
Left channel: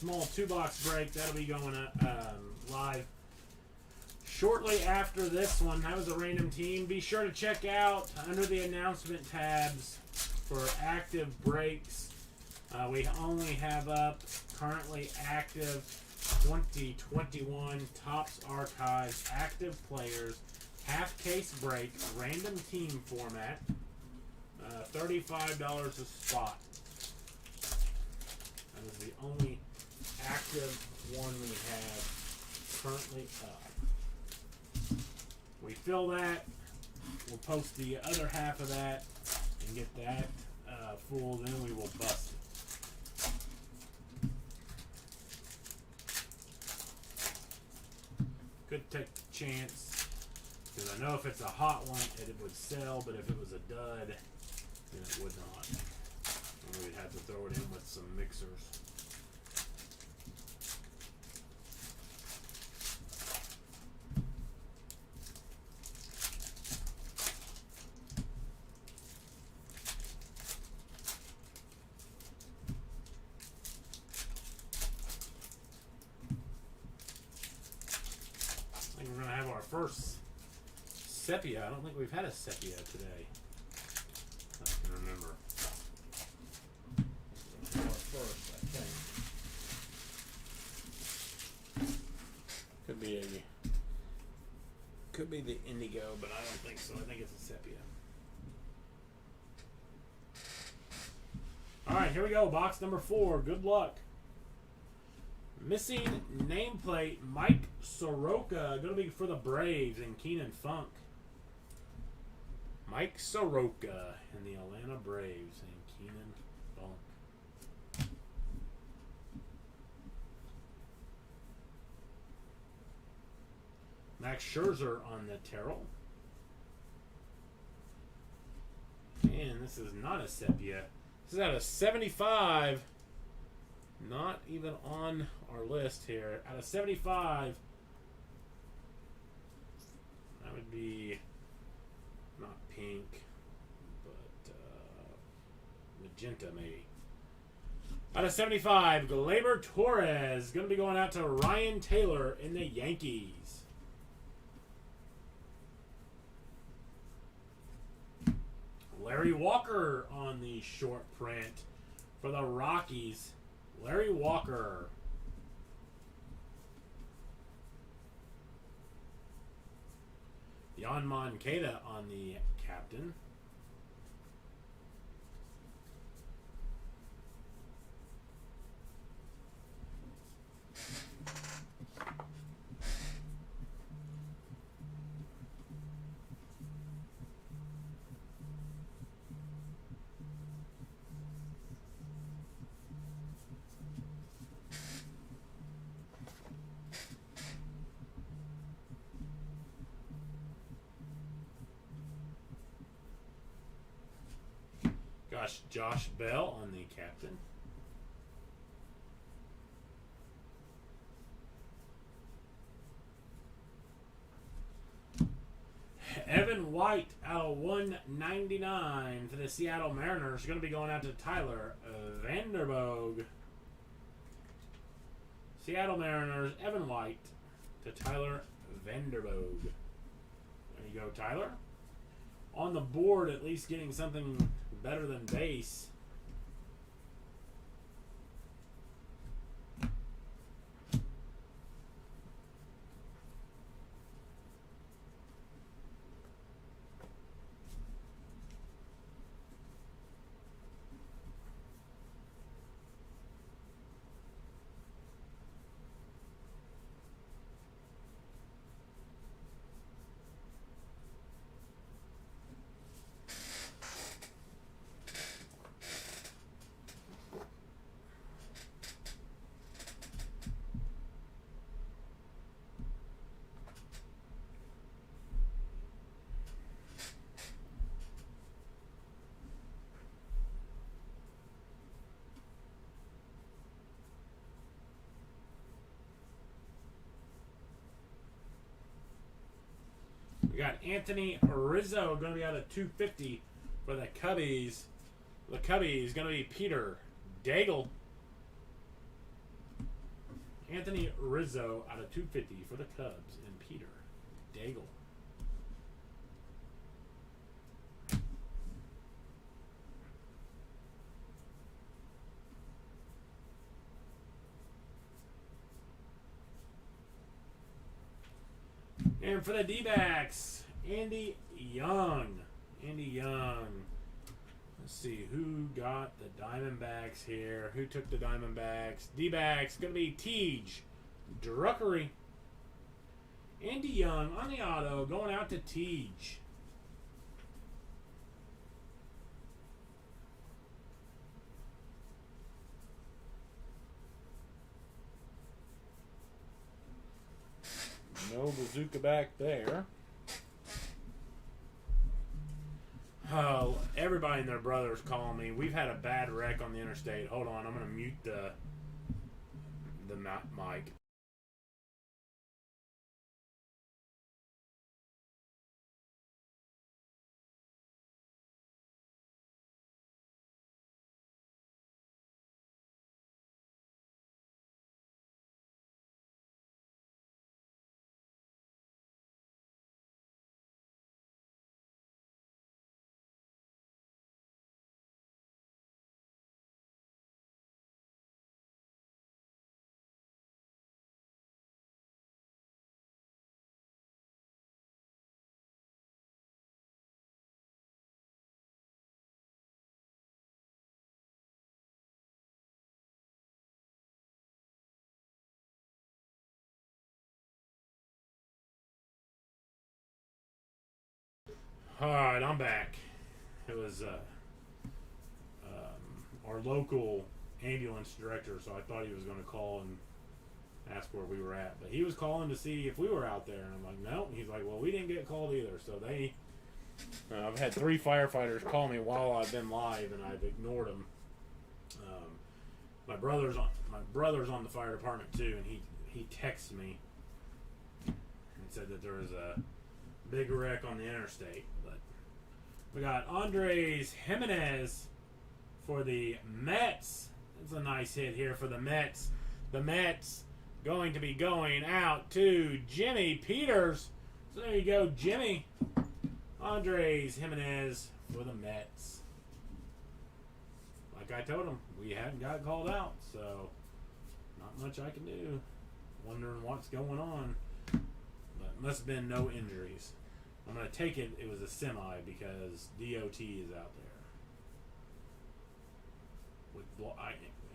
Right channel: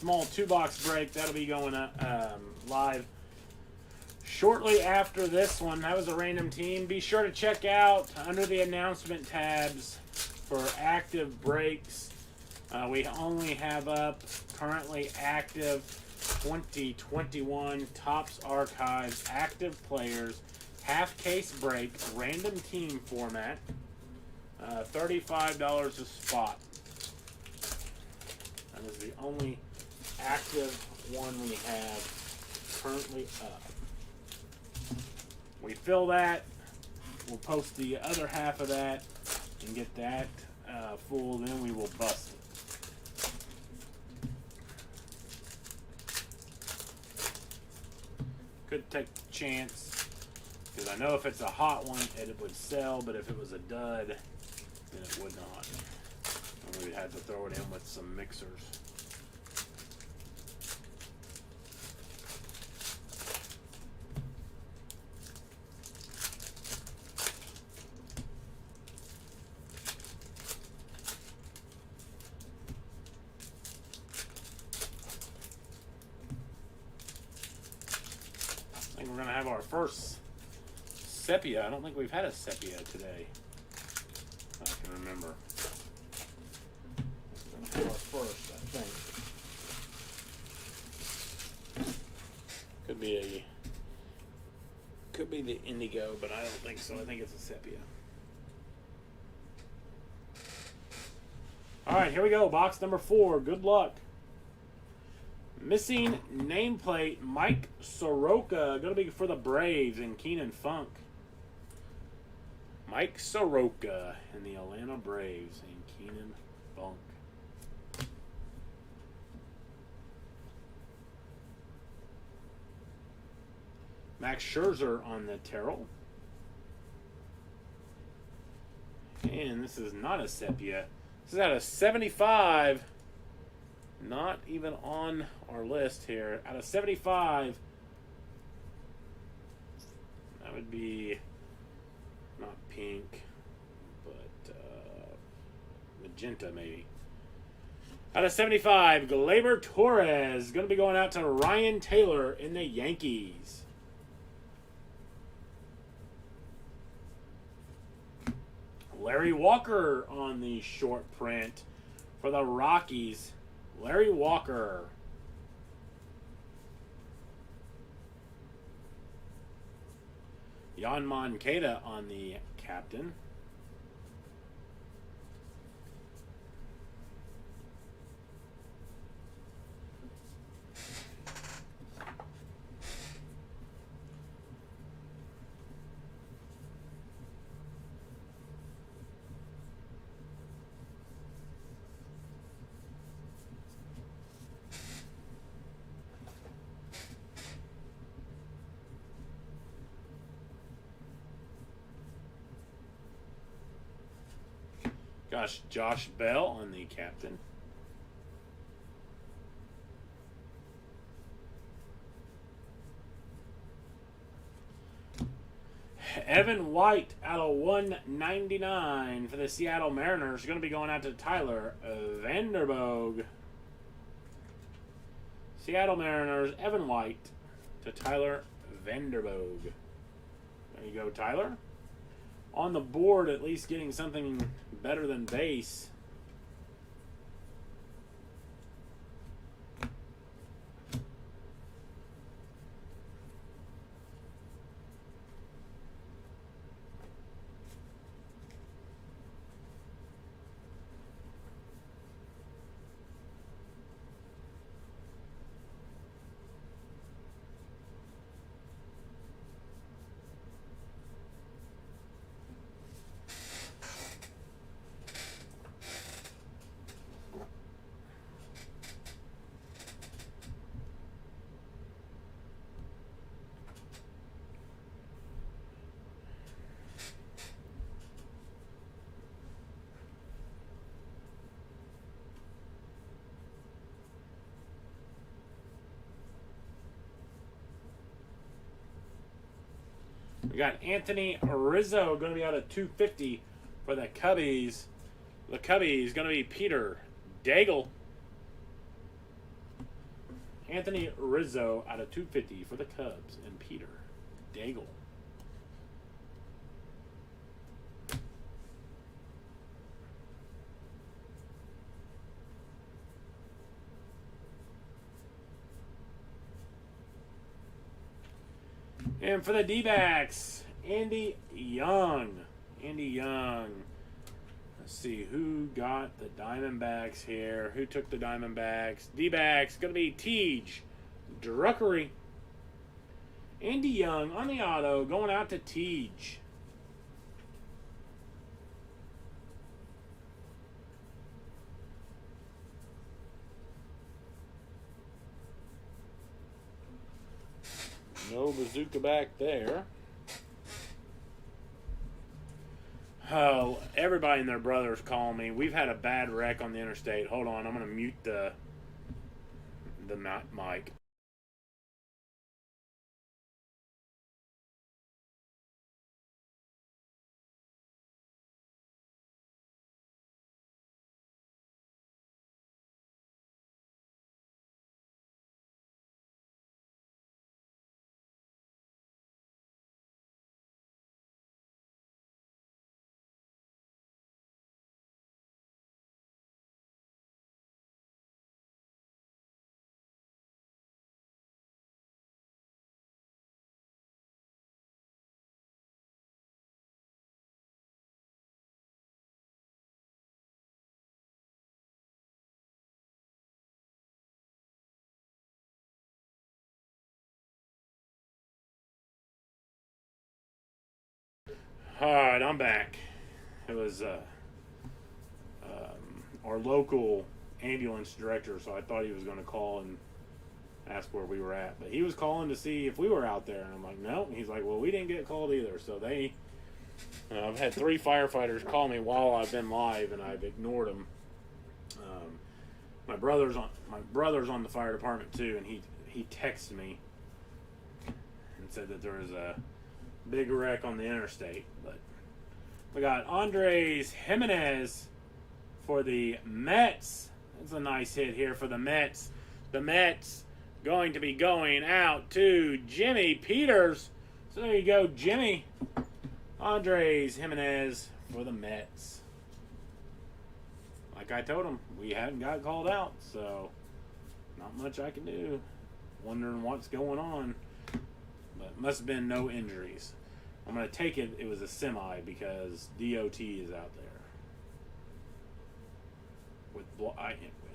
small 2-box break, that'll be going live shortly after this one. That was a random team. Be sure to check out under the announcement tabs for active breaks. We only have up currently active 2021 Topps Archives active players, half case break, random team format, $35 a spot. That is the only active one we have currently up. We fill that, we'll post the other half of that and get that full, then we will bust it. Could take the chance, because I know if it's a hot one, it would sell, but if it was a dud, then it would not. We'd have to throw it in with some mixers. I think we're going to have our first sepia. I don't think we've had a sepia today. I can remember. First, I think. Could be the indigo, but I don't think so. I think it's a sepia. All right, here we go. Box number 4. Good luck. Missing nameplate, Mike Soroka. Going to be for the Braves and Keenan Funk. Mike Soroka and the Atlanta Braves and Keenan Funk. Max Scherzer on the Terrell. And this is not a set yet. This is out of 75. Not even on our list here. Out of 75, that would be not pink, but magenta maybe. Out of 75, Gleyber Torres going to be going out to Ryan Taylor in the Yankees. Larry Walker on the short print for the Rockies. Larry Walker. Jan Moncada on the captain. Josh Bell on the captain. Evan White out of 199 for the Seattle Mariners. Going to be going out to Tyler Vanderboog. Seattle Mariners, Evan White to Tyler Vanderboog. There you go, Tyler. On the board, at least getting something better than base. We got Anthony Rizzo going to be out of 250 for the Cubbies. The Cubbies going to be Peter Daigle. Anthony Rizzo out of 250 for the Cubs and Peter Daigle. And for the D-backs, Andy Young. Andy Young. Let's see who got the Diamondbacks here. Who took the Diamondbacks? D-backs going to be Tej Druckery. Andy Young on the auto going out to Tej. No bazooka back there. Oh, everybody and their brothers calling me. We've had a bad wreck on the interstate. Hold on, I'm going to mute the mic. Alright, I'm back. It was our local ambulance director, so I thought he was going to call and asked where we were at. But he was calling to see if we were out there. And I'm like, no. He's like, well, we didn't get called either. So they, I've had 3 firefighters call me while I've been live, and I've ignored them. My brother's on the fire department too, and he texted me and said that there was a big wreck on the interstate. But we got Andres Jimenez for the Mets. That's a nice hit here for the Mets. The Mets going to be going out to Jimmy Peters. So there you go, Jimmy. Andres Jimenez for the Mets. Like I told him, we hadn't got called out, so not much I can do. Wondering what's going on. But must have been no injuries. I'm going to take it was a semi because DOT is out there.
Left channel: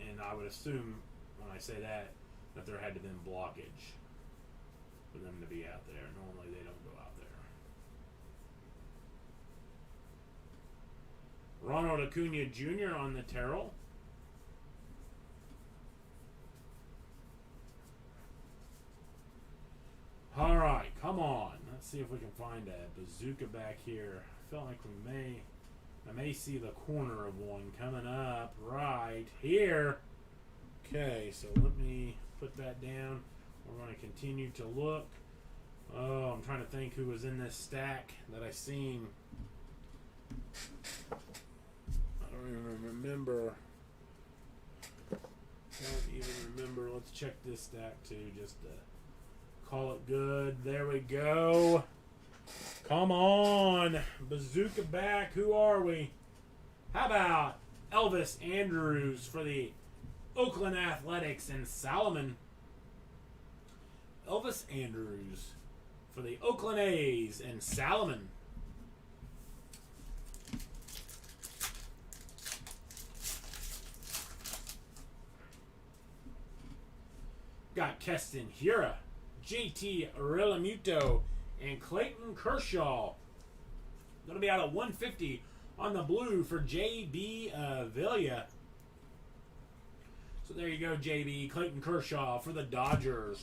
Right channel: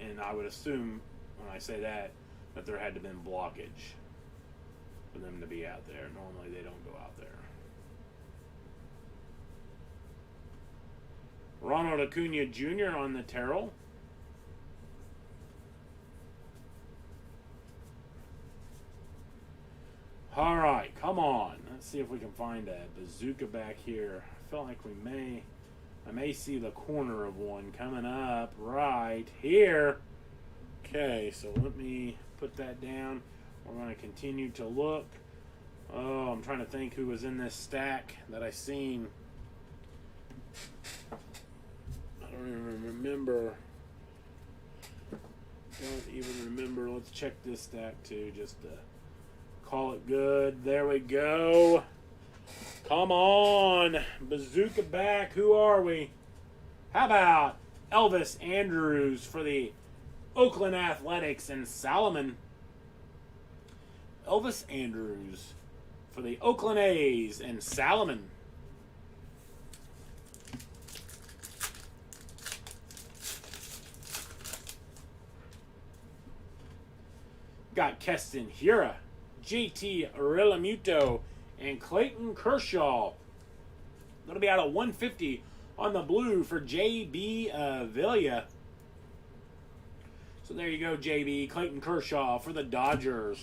And I would assume when I say that there had to have been blockage for them to be out there. Normally they don't go out there. Ronald Acuna Jr. on the Terrell. All right, come on. Let's see if we can find a bazooka back here. I felt like I may see the corner of one coming up right here. Okay, so let me put that down. We're going to continue to look. Oh, I'm trying to think who was in this stack that I seen. I don't even remember. Let's check this stack too, just to call it good. There we go. Come on. Bazooka back. Who are we? How about Elvis Andrews for the Oakland Athletics and Salomon? Elvis Andrews for the Oakland A's and Salomon. Got Keston Hiura, JT Realmuto, and Clayton Kershaw. Going to be out at 150 on the blue for JB Avila. So there you go, JB. Clayton Kershaw for the Dodgers.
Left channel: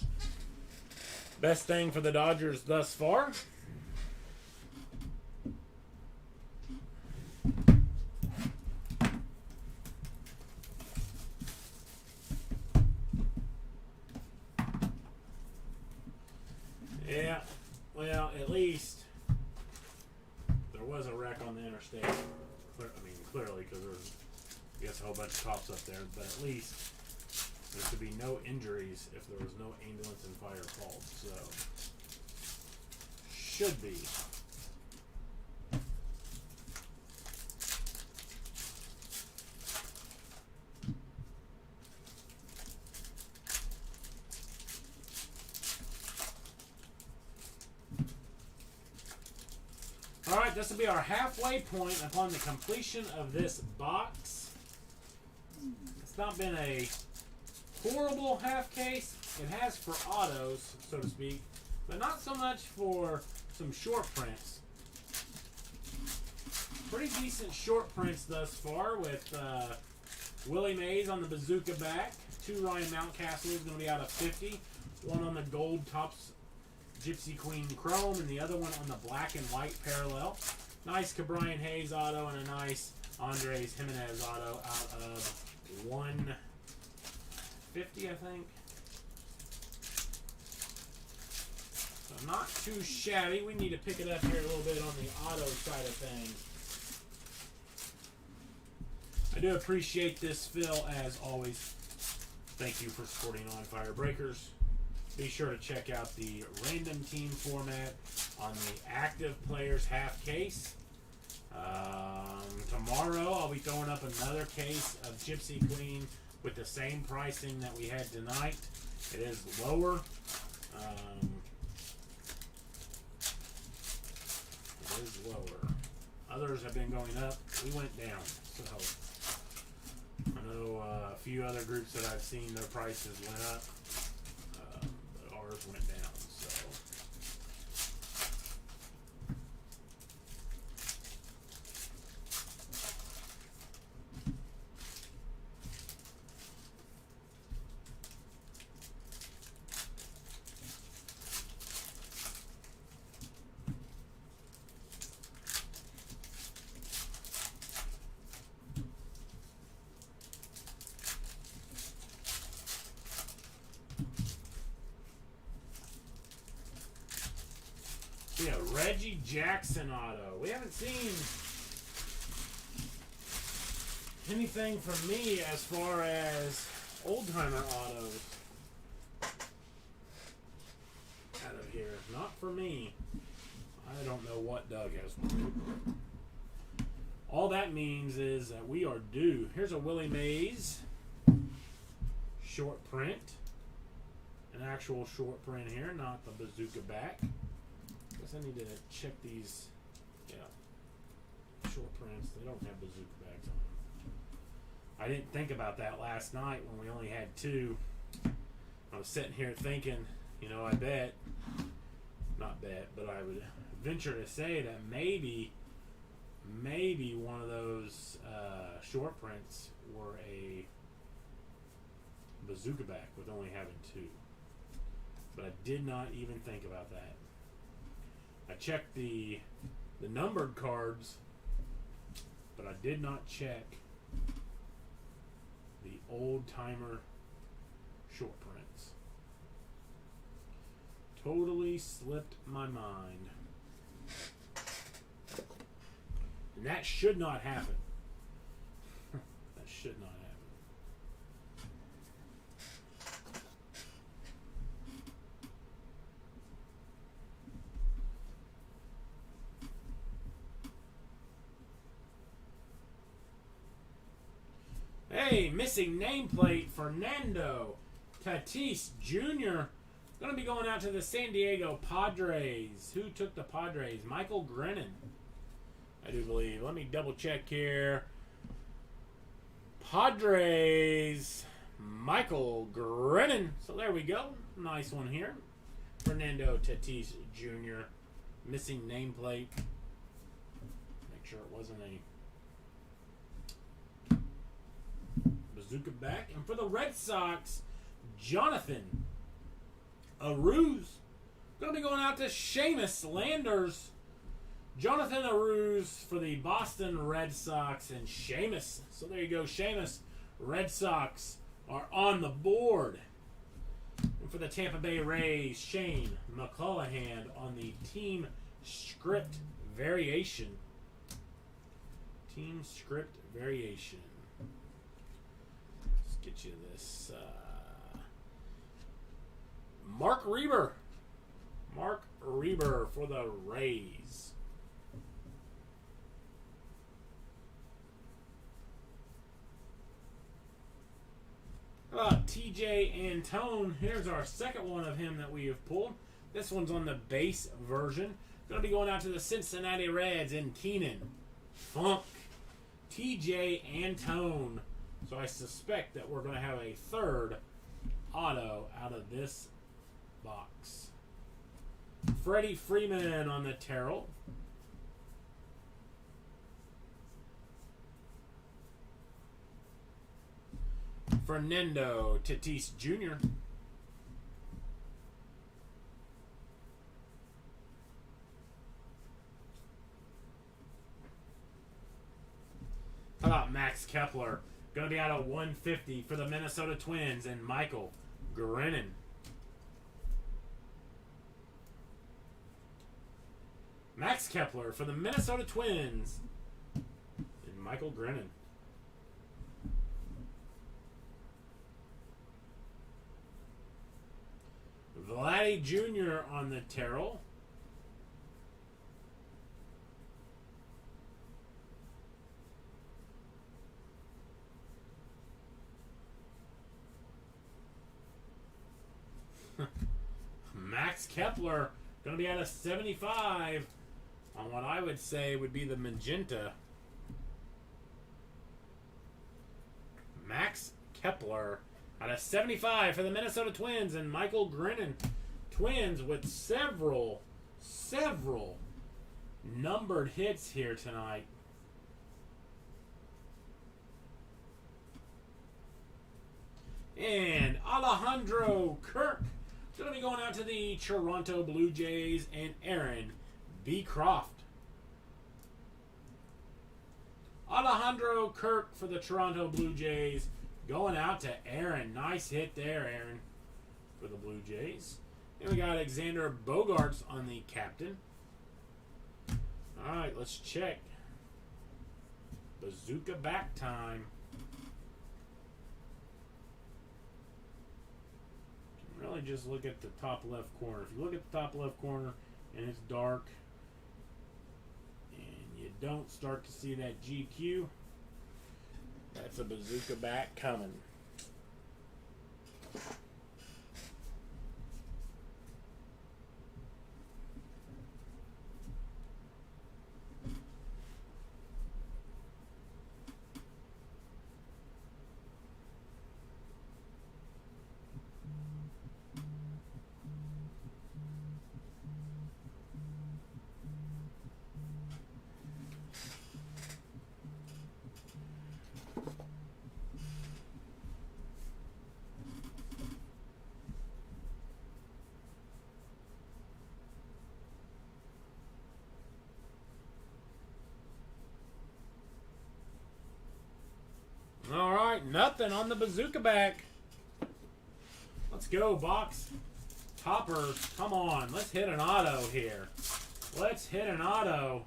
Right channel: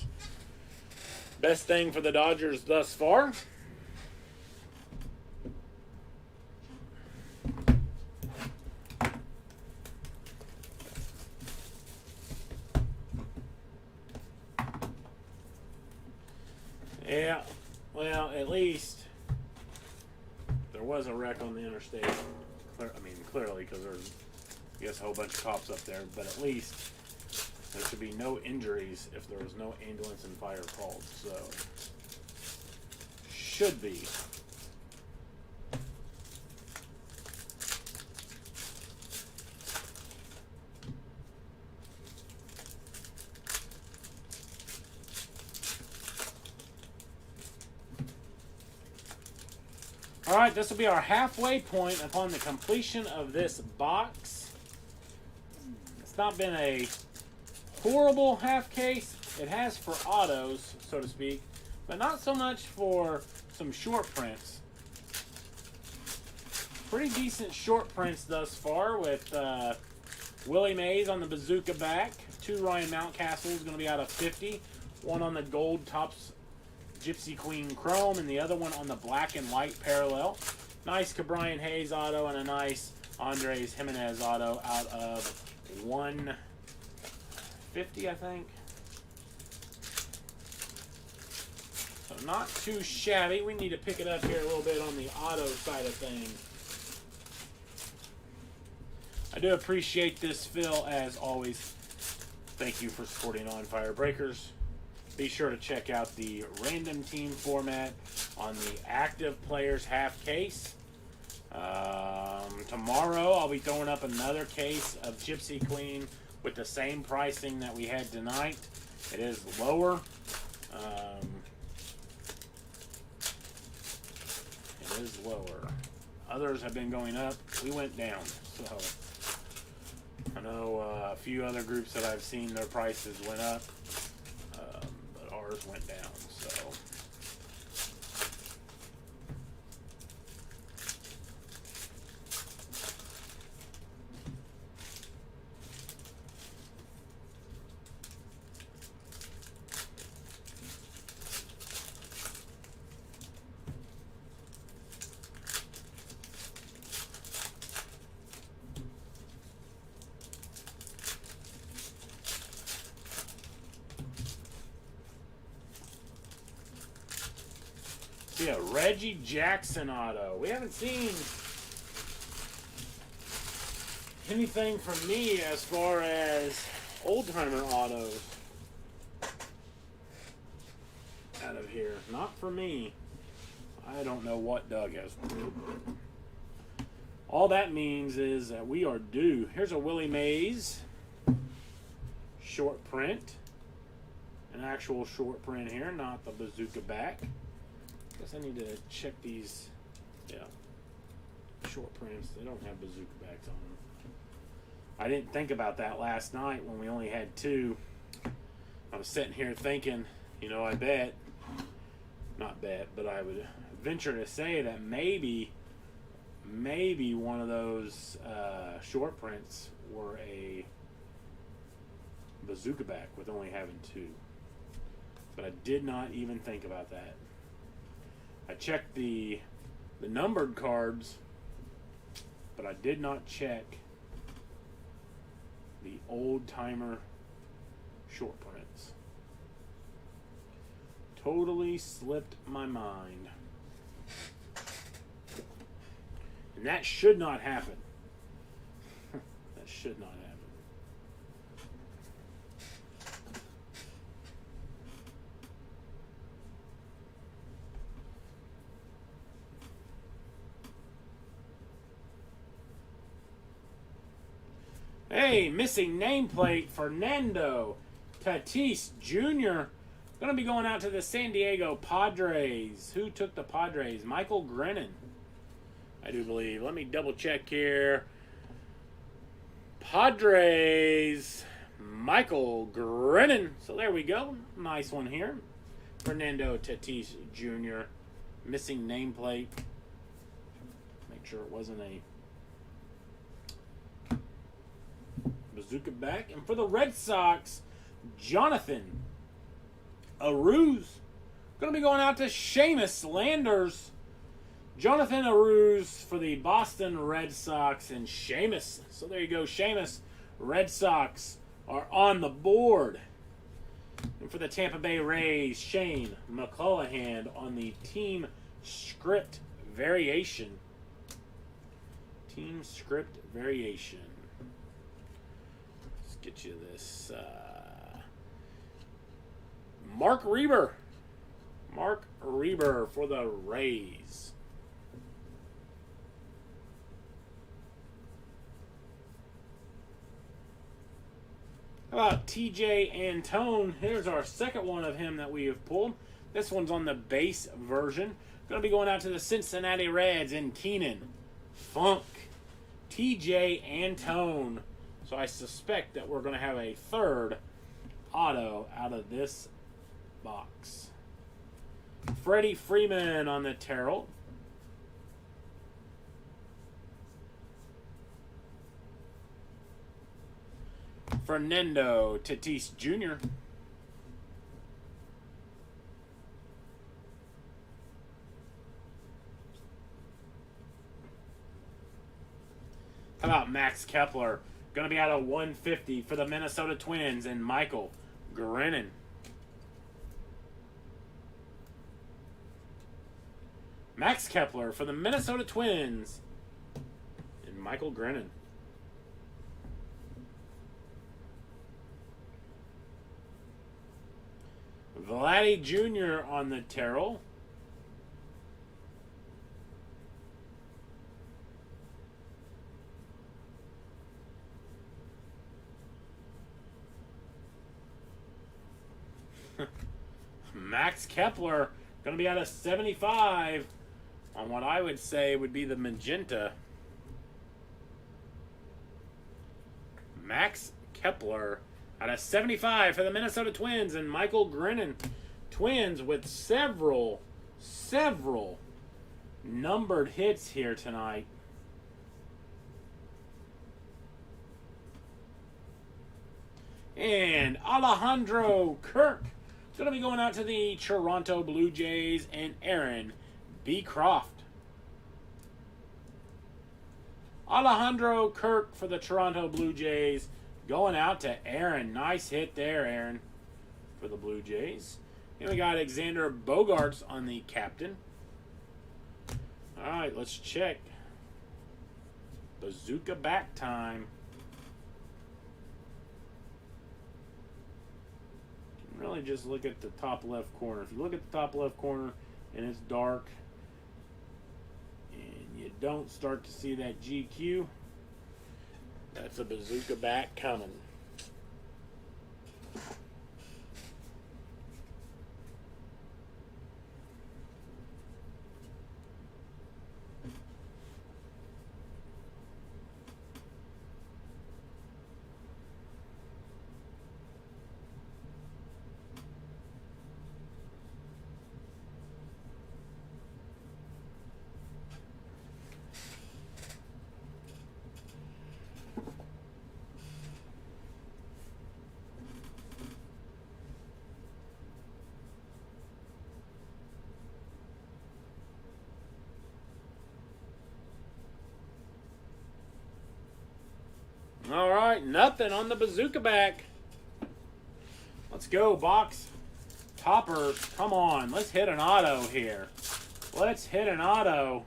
Best thing for the Dodgers thus far. Yeah, well, at least there was a wreck on the interstate. Clearly, because there's, I guess, a whole bunch of cops up there. But at least there should be no injuries if there was no ambulance and fire called. So, should be. Alright, this will be our halfway point upon the completion of this box. It's not been a horrible half case. It has for autos, so to speak, but not so much for some short prints. Pretty decent short prints thus far with Willie Mays on the bazooka back. 2 Ryan Mountcastle is going to be out of 50. 1 on the gold Topps Gypsy Queen Chrome, and the other one on the black and white parallel. Nice Cabrian Hayes auto and a nice Andres Jimenez auto out of 150, I think. So not too shabby. We need to pick it up here a little bit on the auto side of things. I do appreciate this, Phil, as always. Thank you for supporting On Fire Breakers. Be sure to check out the random team format on the active players half case. Tomorrow I'll be throwing up another case of Gypsy Queen with the same pricing that we had tonight. It is lower. It is lower. Others have been going up. We went down. So I know a few other groups that I've seen, their prices went up. Ours went down, so. be a Reggie Jackson auto. We haven't seen anything from me as far as old-timer autos out of here. Not for me. I don't know what Doug has. All that means is that we are due. Here's a Willie Mays short print. An actual short print here, not the bazooka back. Guess I need to check these. Yeah. Short prints. They don't have bazooka backs on them. I didn't think about that last night when we only had two. I was sitting here thinking, you know, I bet, not bet, but I would venture to say that maybe one of those short prints were a bazooka back with only having two. But I did not even think about that. I checked the numbered cards, but I did not check the old-timer short prints. Totally slipped my mind. And that should not happen. That should not happen. Hey, missing nameplate, Fernando Tatis Jr. Going to be going out to the San Diego Padres. Who took the Padres? Michael Grennan, I do believe. Let me double check here. Padres, Michael Grennan. So there we go. Nice one here. Fernando Tatis Jr. Missing nameplate. Make sure it wasn't a bazooka back. And for the Red Sox, Jonathan Aruz. Going to be going out to Seamus Landers. Jonathan Aruz for the Boston Red Sox and Seamus. So there you go, Seamus. Red Sox are on the board. And for the Tampa Bay Rays, Shane McClanahan on the team script variation. Team script variation. Let's get you this. Mark Reber. Mark Reber for the Rays. How about TJ Antone? Here's our second one of him that we have pulled. This one's on the base version. Going to be going out to the Cincinnati Reds in Keenan Funk. TJ Antone. So I suspect that we're going to have a third auto out of this box. Freddie Freeman on the Terrell. Fernando Tatis Jr. How about Max Kepler? Going to be out of 150 for the Minnesota Twins and Michael Grennan. Max Kepler for the Minnesota Twins and Michael Grennan. Vladdy Jr. on the Terrell. Max Kepler going to be out of 75 on what I would say would be the magenta. Max Kepler out of 75 for the Minnesota Twins and Michael Grennan. Twins with several numbered hits here tonight. And Alejandro Kirk is going to be going out to the Toronto Blue Jays and Aaron B. Croft. Alejandro Kirk for the Toronto Blue Jays. Going out to Aaron. Nice hit there, Aaron, for the Blue Jays. And we got Alexander Bogaerts on the captain. All right, let's check. Bazooka back time. Really just look at the top left corner. If you look at the top left corner and it's dark and you don't start to see that GQ, that's a bazooka back coming. All right, nothing on the bazooka back. Let's go, box topper. Come on, let's hit an auto here. Let's hit an auto.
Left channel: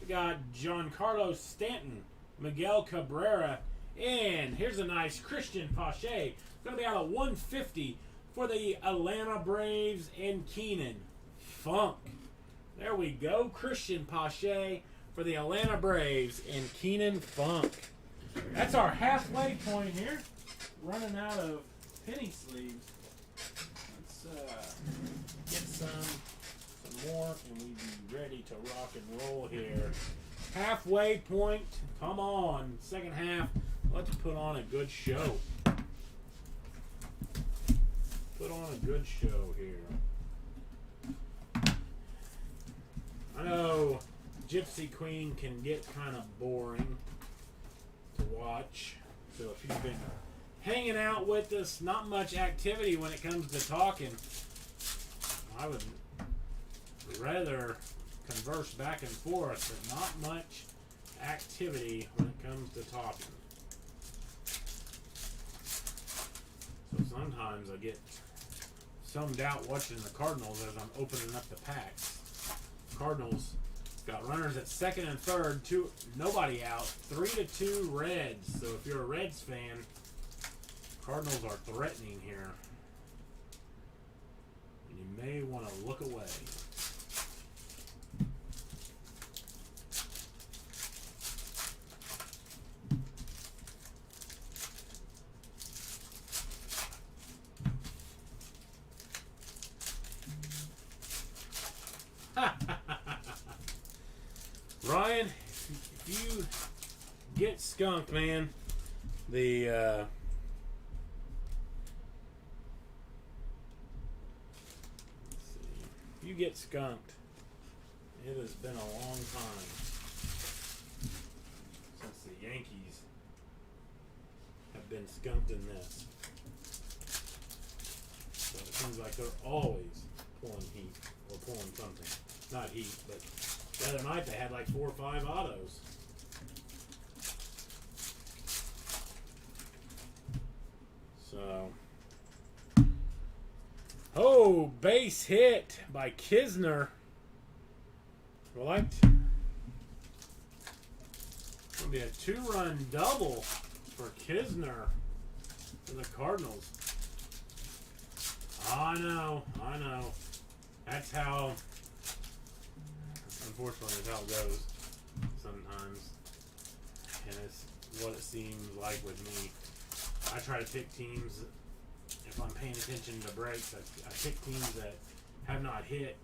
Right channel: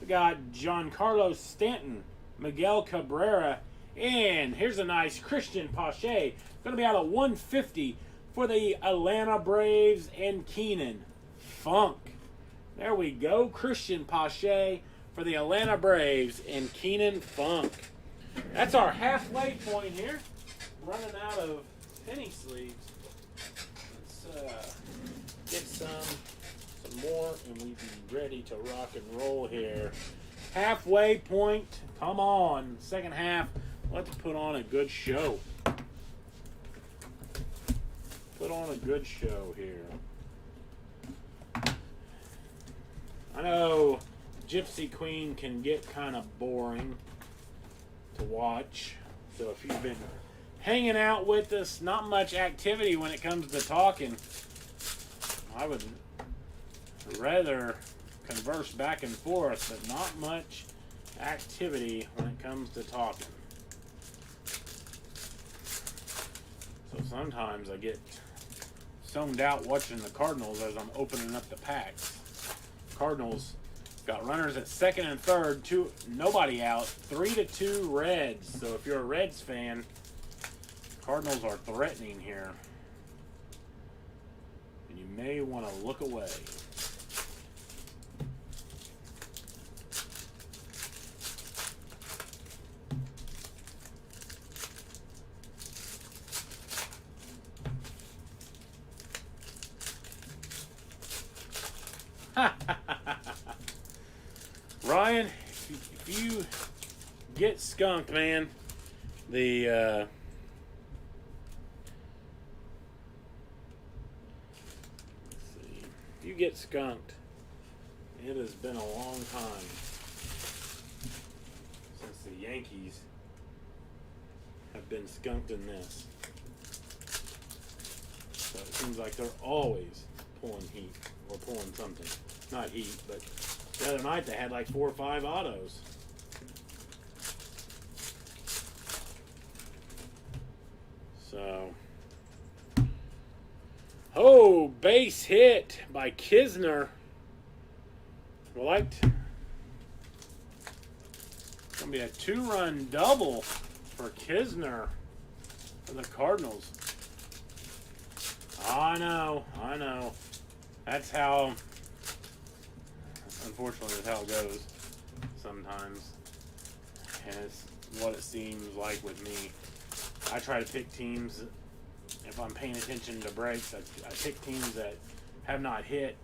We got Giancarlo Stanton, Miguel Cabrera, and here's a nice Christian Pache. Going to be out of 150 for the Atlanta Braves and Keenan Funk. There we go, Christian Pache for the Atlanta Braves and Keenan Funk. That's our halfway point here. Running out of penny sleeves. Let's get some more, and we'll be ready to rock and roll here. Halfway point. Come on. Second half. Let's put on a good show. Put on a good show here. I know Gypsy Queen can get kind of boring to watch. So if you've been hanging out with us, not much activity when it comes to talking. I would rather converse back and forth, but not much activity when it comes to talking. So sometimes I get zoned out watching the Cardinals as I'm opening up the packs. Cardinals got runners at second and third, nobody out, 3-2 Reds. So if you're a Reds fan, Cardinals are threatening here. And you may want to look away. Ryan, if you get skunked, man, if you get skunked, it has been a long time since the Yankees have been skunked in this. So it seems like they're always pulling heat or pulling something. Not heat, but the other night they had like 4 or 5 autos. So, oh, base hit by Kisner. Liked. It's gonna be a 2-run double for Kisner for the Cardinals. I know. That's how. Unfortunately, that's how it goes sometimes, and it's what it seems like with me. I try to pick teams, if I'm paying attention to breaks, I pick teams that have not hit.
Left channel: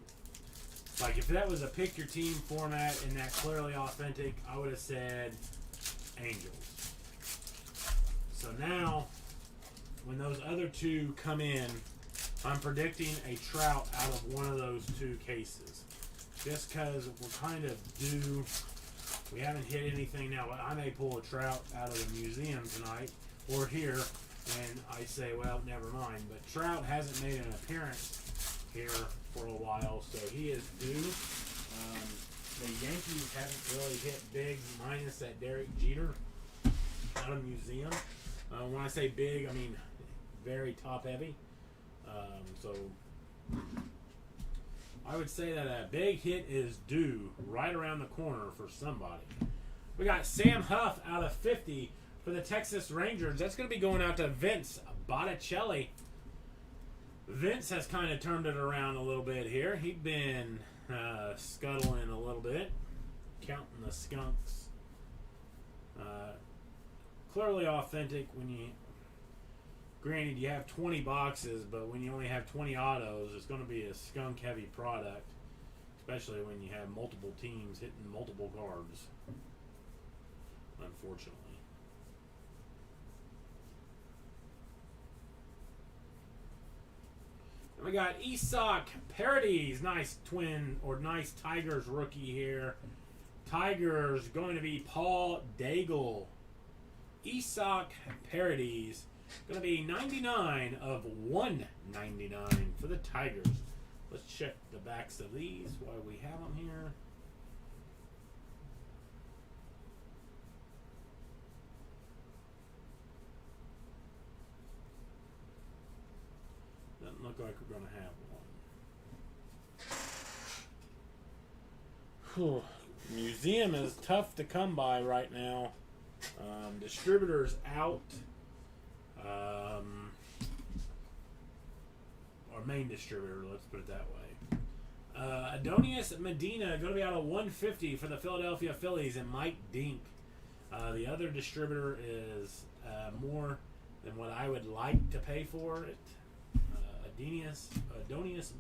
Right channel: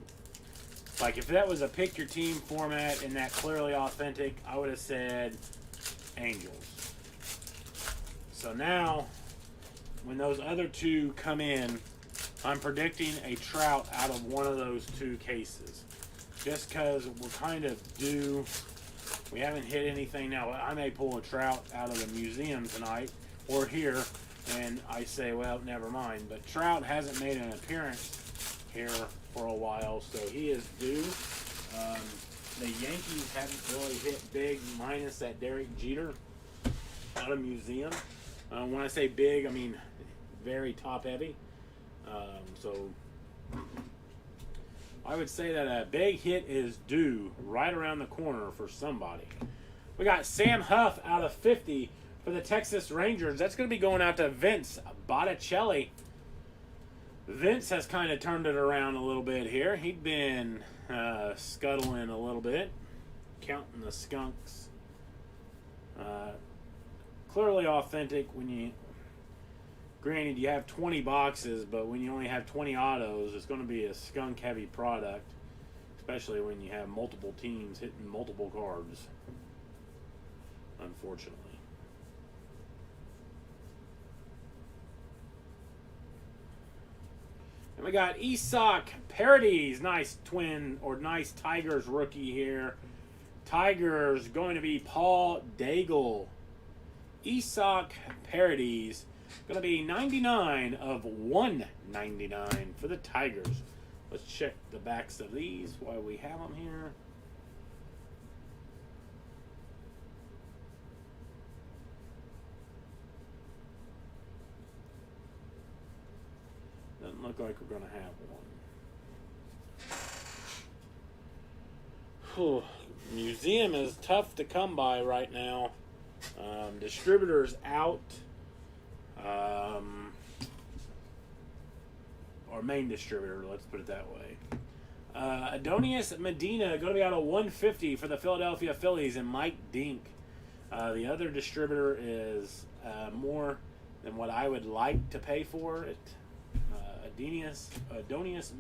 Like if that was a pick your team format and that clearly authentic, I would have said Angels. So now, when those other two come in, I'm predicting a Trout out of one of those 2 cases. Just because we're kind of due. We haven't hit anything now. I may pull a Trout out of the museum tonight or here, and I say, well, never mind. But Trout hasn't made an appearance here for a while, so he is due. The Yankees haven't really hit big, minus that Derek Jeter out of museum. When I say big, I mean very top heavy. So I would say that a big hit is due right around the corner for somebody. We got Sam Huff out of 50 for the Texas Rangers. That's going to be going out to Vince Botticelli. Vince has kind of turned it around a little bit here. He'd been scuttling a little bit, counting the skunks. Clearly authentic when you... Granted, you have 20 boxes, but when you only have 20 autos, it's going to be a skunk-heavy product, especially when you have multiple teams hitting multiple cards, unfortunately. And we got Isak Parodies, nice twin, or nice Tigers rookie here. Tigers going to be Paul Daigle. Isak Parodies. Going to be 99 of 199 for the Tigers. Let's check the backs of these while we have them here. Doesn't look like we're going to have one. Whew. Museum is tough to come by right now. Distributors out. Or main distributor, let's put it that way. Adonis Medina going to be out of 150 for the Philadelphia Phillies and Mike Dink. The other distributor is more than what I would like to pay for it. Adonis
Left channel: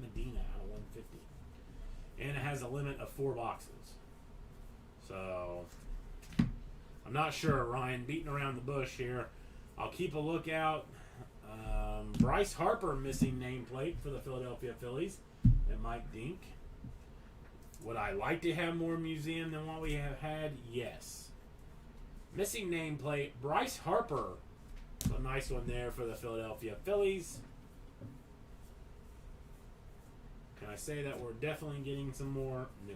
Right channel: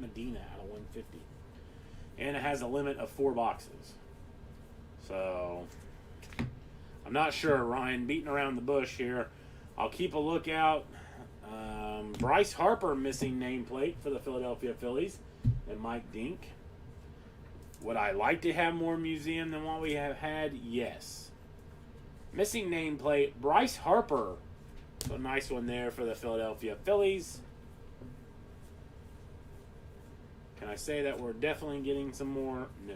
Medina out of 150. And it has a limit of 4 boxes. So, I'm not sure, Ryan. Beating around the bush here. I'll keep a lookout. Bryce Harper missing nameplate for the Philadelphia Phillies and Mike Dink. Would I like to have more museum than what we have had? Yes. Missing nameplate, Bryce Harper. So a nice one there for the Philadelphia Phillies. Can I say that we're definitely getting some more? No.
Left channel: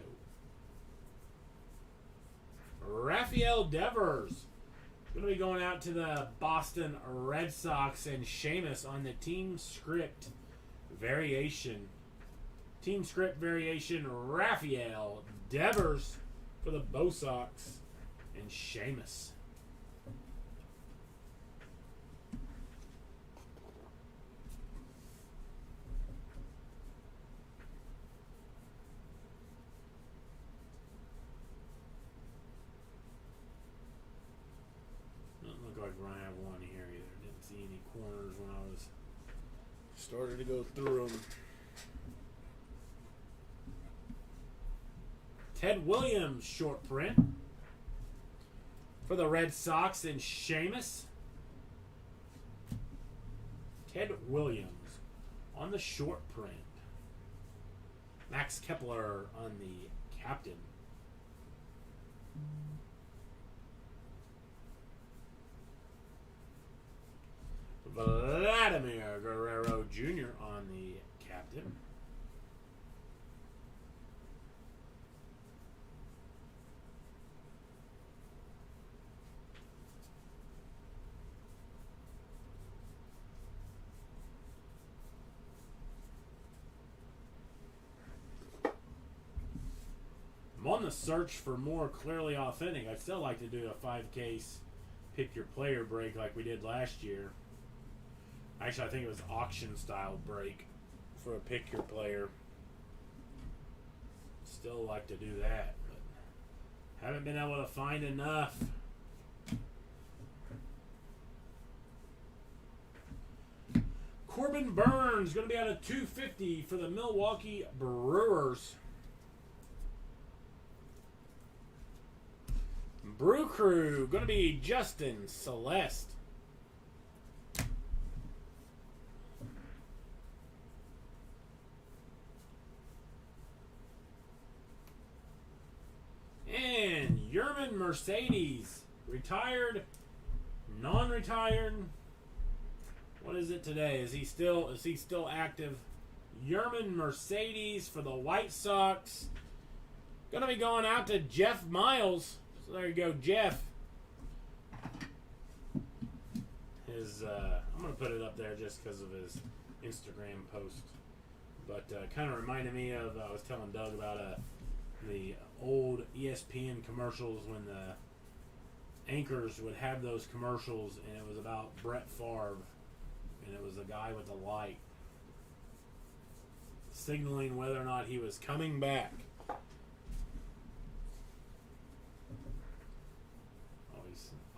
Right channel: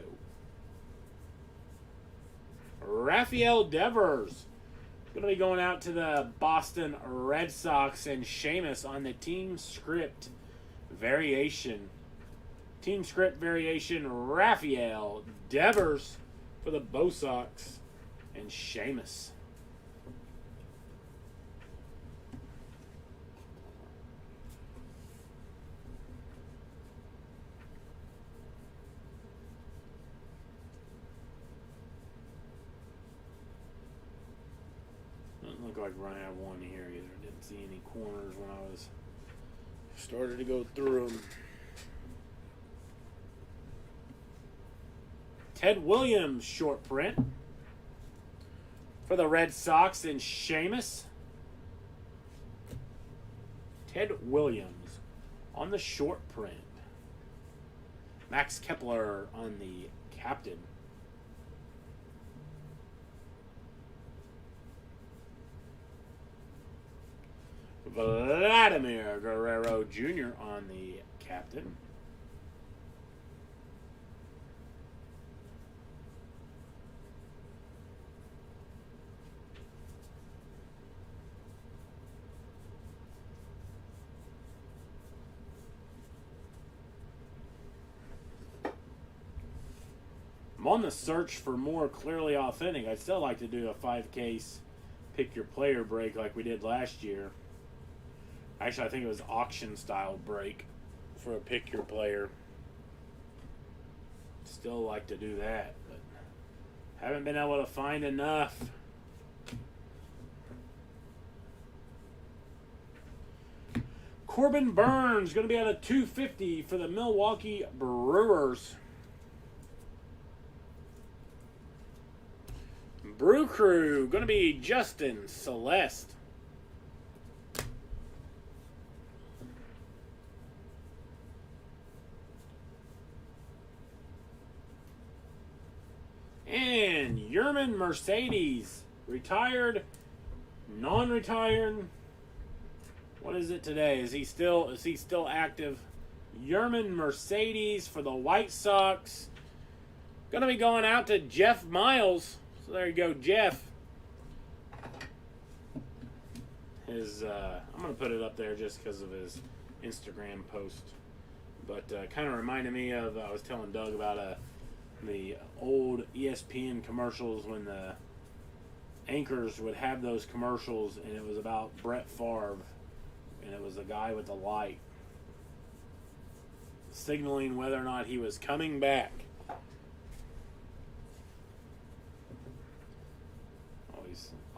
Rafael Devers. Going to be going out to the Boston Red Sox and Seamus on the team script variation. Team script variation, Rafael Devers for the Bo Sox and Seamus. Look like we're going to have one here either. Didn't see any corners when I was started to go through them. Ted Williams short print for the Red Sox and Seamus. Ted Williams on the short print. Max Kepler on the captain. Vladimir Guerrero Jr. on the captain. I'm on the search for more clearly authentic. I'd still like to do a 5-case pick your player break like we did last year. Actually, I think it was auction style break for a pick your player. Still like to do that, but haven't been able to find enough. Corbin Burns going to be at a 250 for the Milwaukee Brewers. Brew Crew going to be Justin Celeste. And Yerman Mercedes, retired, non-retired. What is it today? Is he still active? Yerman Mercedes for the White Sox. Gonna be going out to Jeff Miles. So there you go, Jeff. I'm gonna put it up there just because of his Instagram post. But kind of reminded me of, I was telling Doug about the old ESPN commercials when the anchors would have those commercials, and it was about Brett Favre, and it was the guy with the light signaling whether or not he was coming back.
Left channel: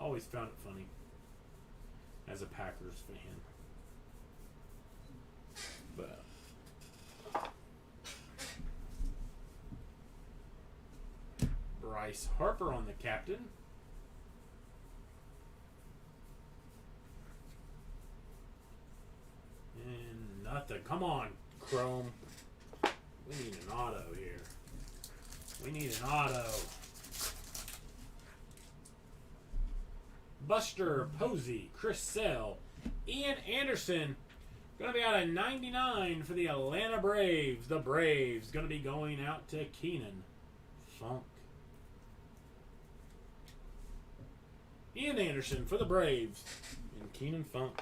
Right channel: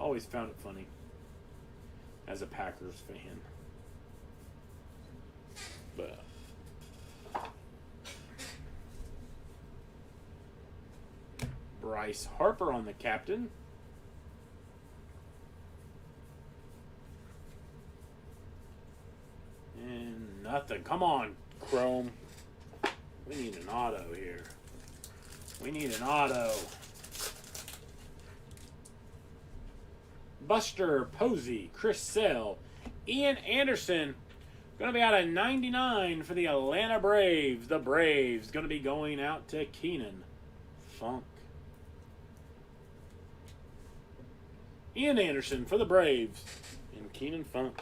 Always found it funny as a Packers fan. But Bryce Harper on the captain. And nothing. Come on, Chrome. We need an auto here. We need an auto. Buster Posey, Chris Sale, Ian Anderson. Going to be out of 99 for the Atlanta Braves. The Braves going to be going out to Keenan Funk. Ian Anderson for the Braves. And Keenan Funk.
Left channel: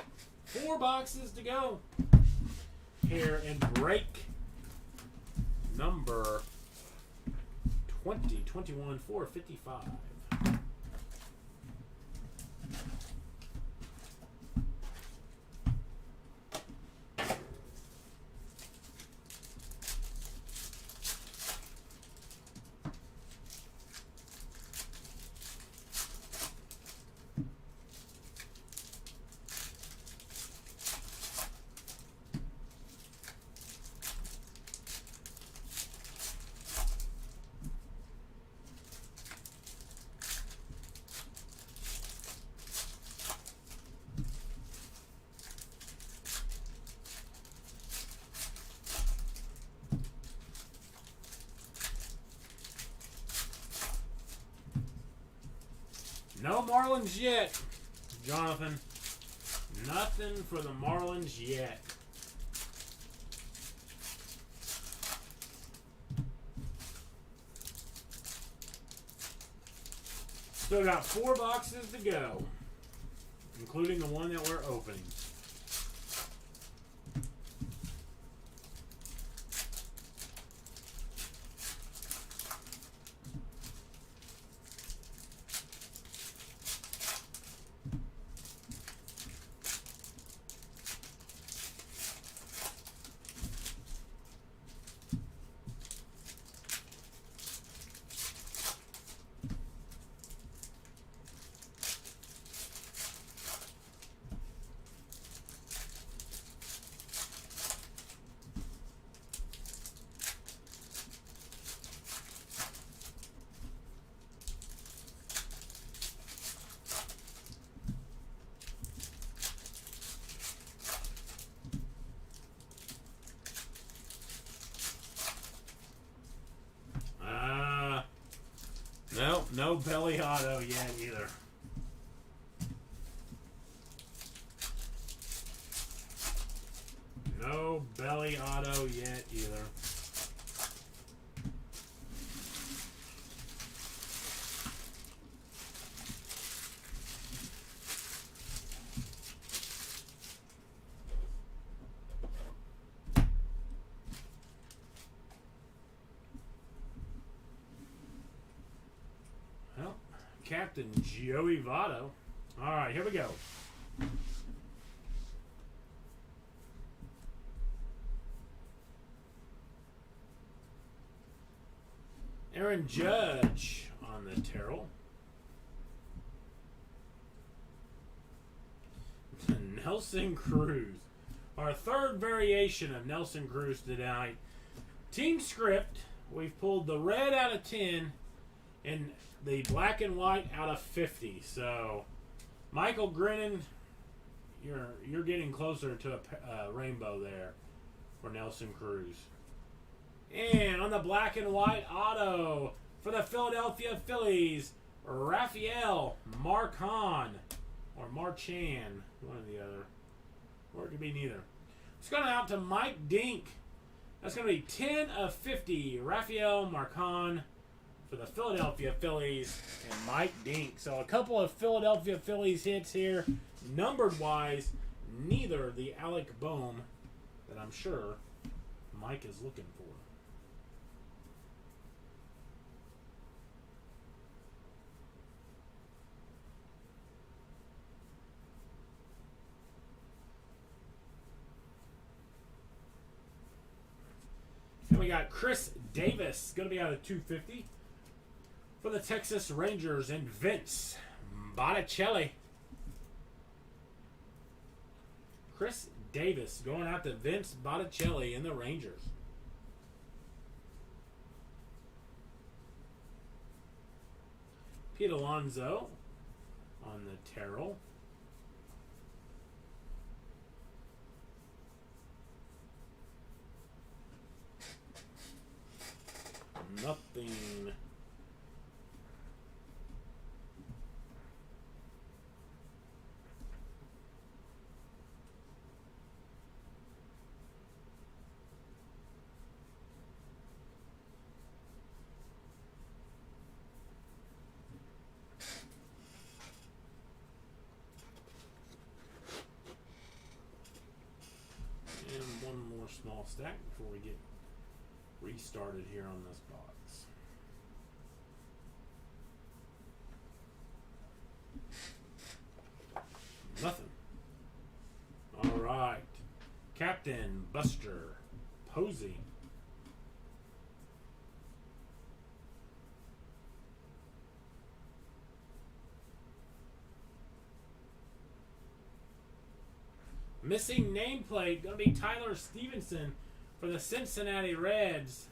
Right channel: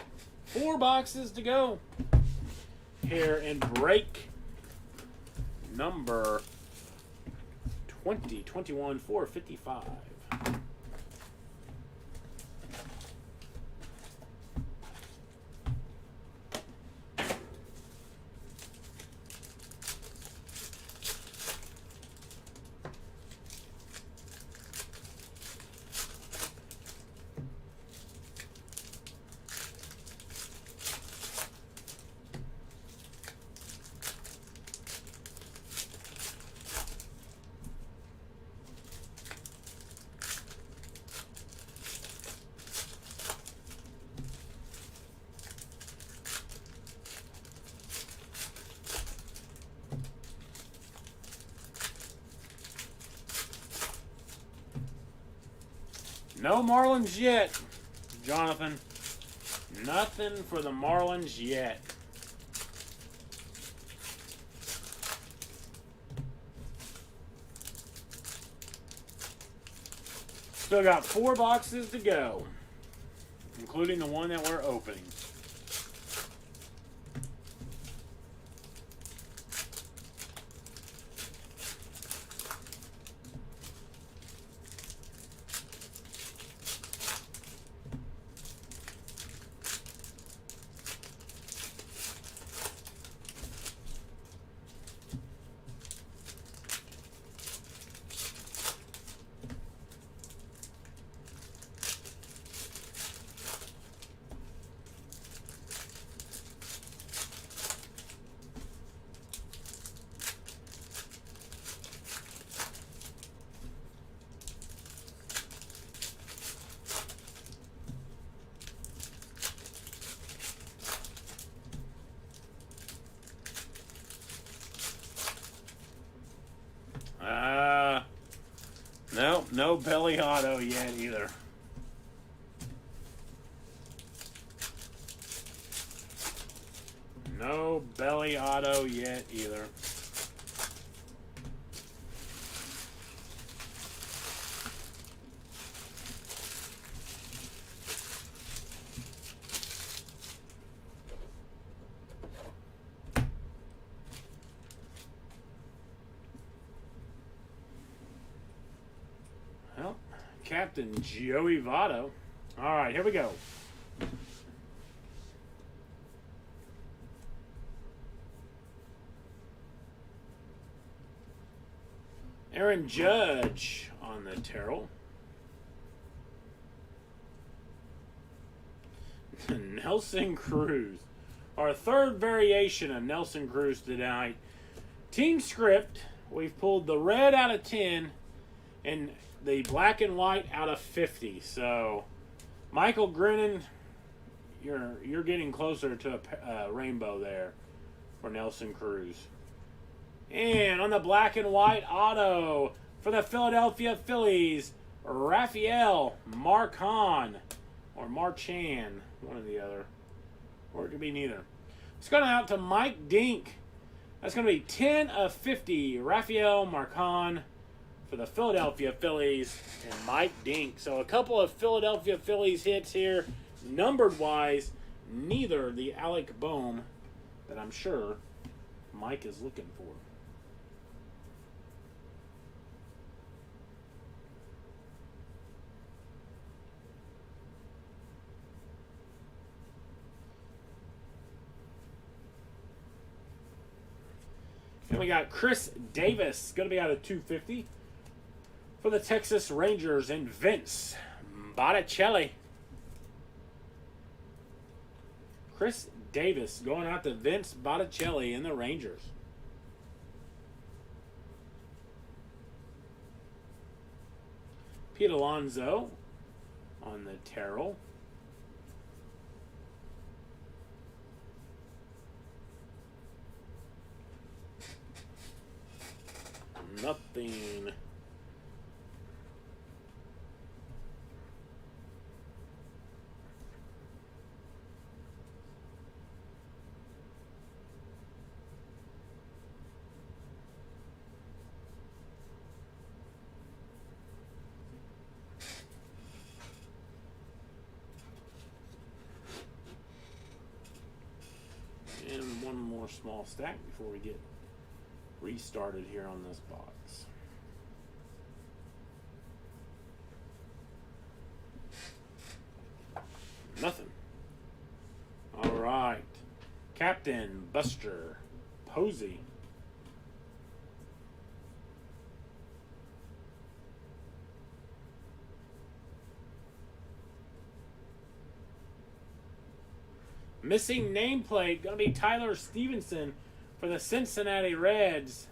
4 boxes to go. Here in break number 2021 455. No Marlins yet, Jonathan. Nothing for the Marlins yet. Still got 4 boxes to go, including the one that we're opening. No belly auto yet either. No belly auto yet either. Captain Joey Votto. All right, here we go. Aaron Judge on the Terrell. Nelson Cruz. Our third variation of Nelson Cruz tonight. Team script. We've pulled the red out of 10 and the black and white out of 50. So, Michael Grinnan, you're getting closer to a rainbow there for Nelson Cruz. And on the black and white auto for the Philadelphia Phillies, Rafael Marchan, or Marchan, one or the other. Or it could be neither. It's going out to Mike Dink. That's going to be 10 of 50. Rafael Marchan for the Philadelphia Phillies and Mike Dink. So a couple of Philadelphia Phillies hits here, numbered wise. Neither the Alec Bohm that I'm sure Mike is looking for. Then we got Chris Davis, going to be out of 250 for the Texas Rangers, and Vince Botticelli. Chris Davis going out to Vince Botticelli in the Rangers. Pete Alonso on the Terrell. Nothing. And one more small stack before we get restarted here on this box. Nothing. All right. Captain Buster Posey. Missing nameplate, going to be Tyler Stevenson for the Cincinnati Reds.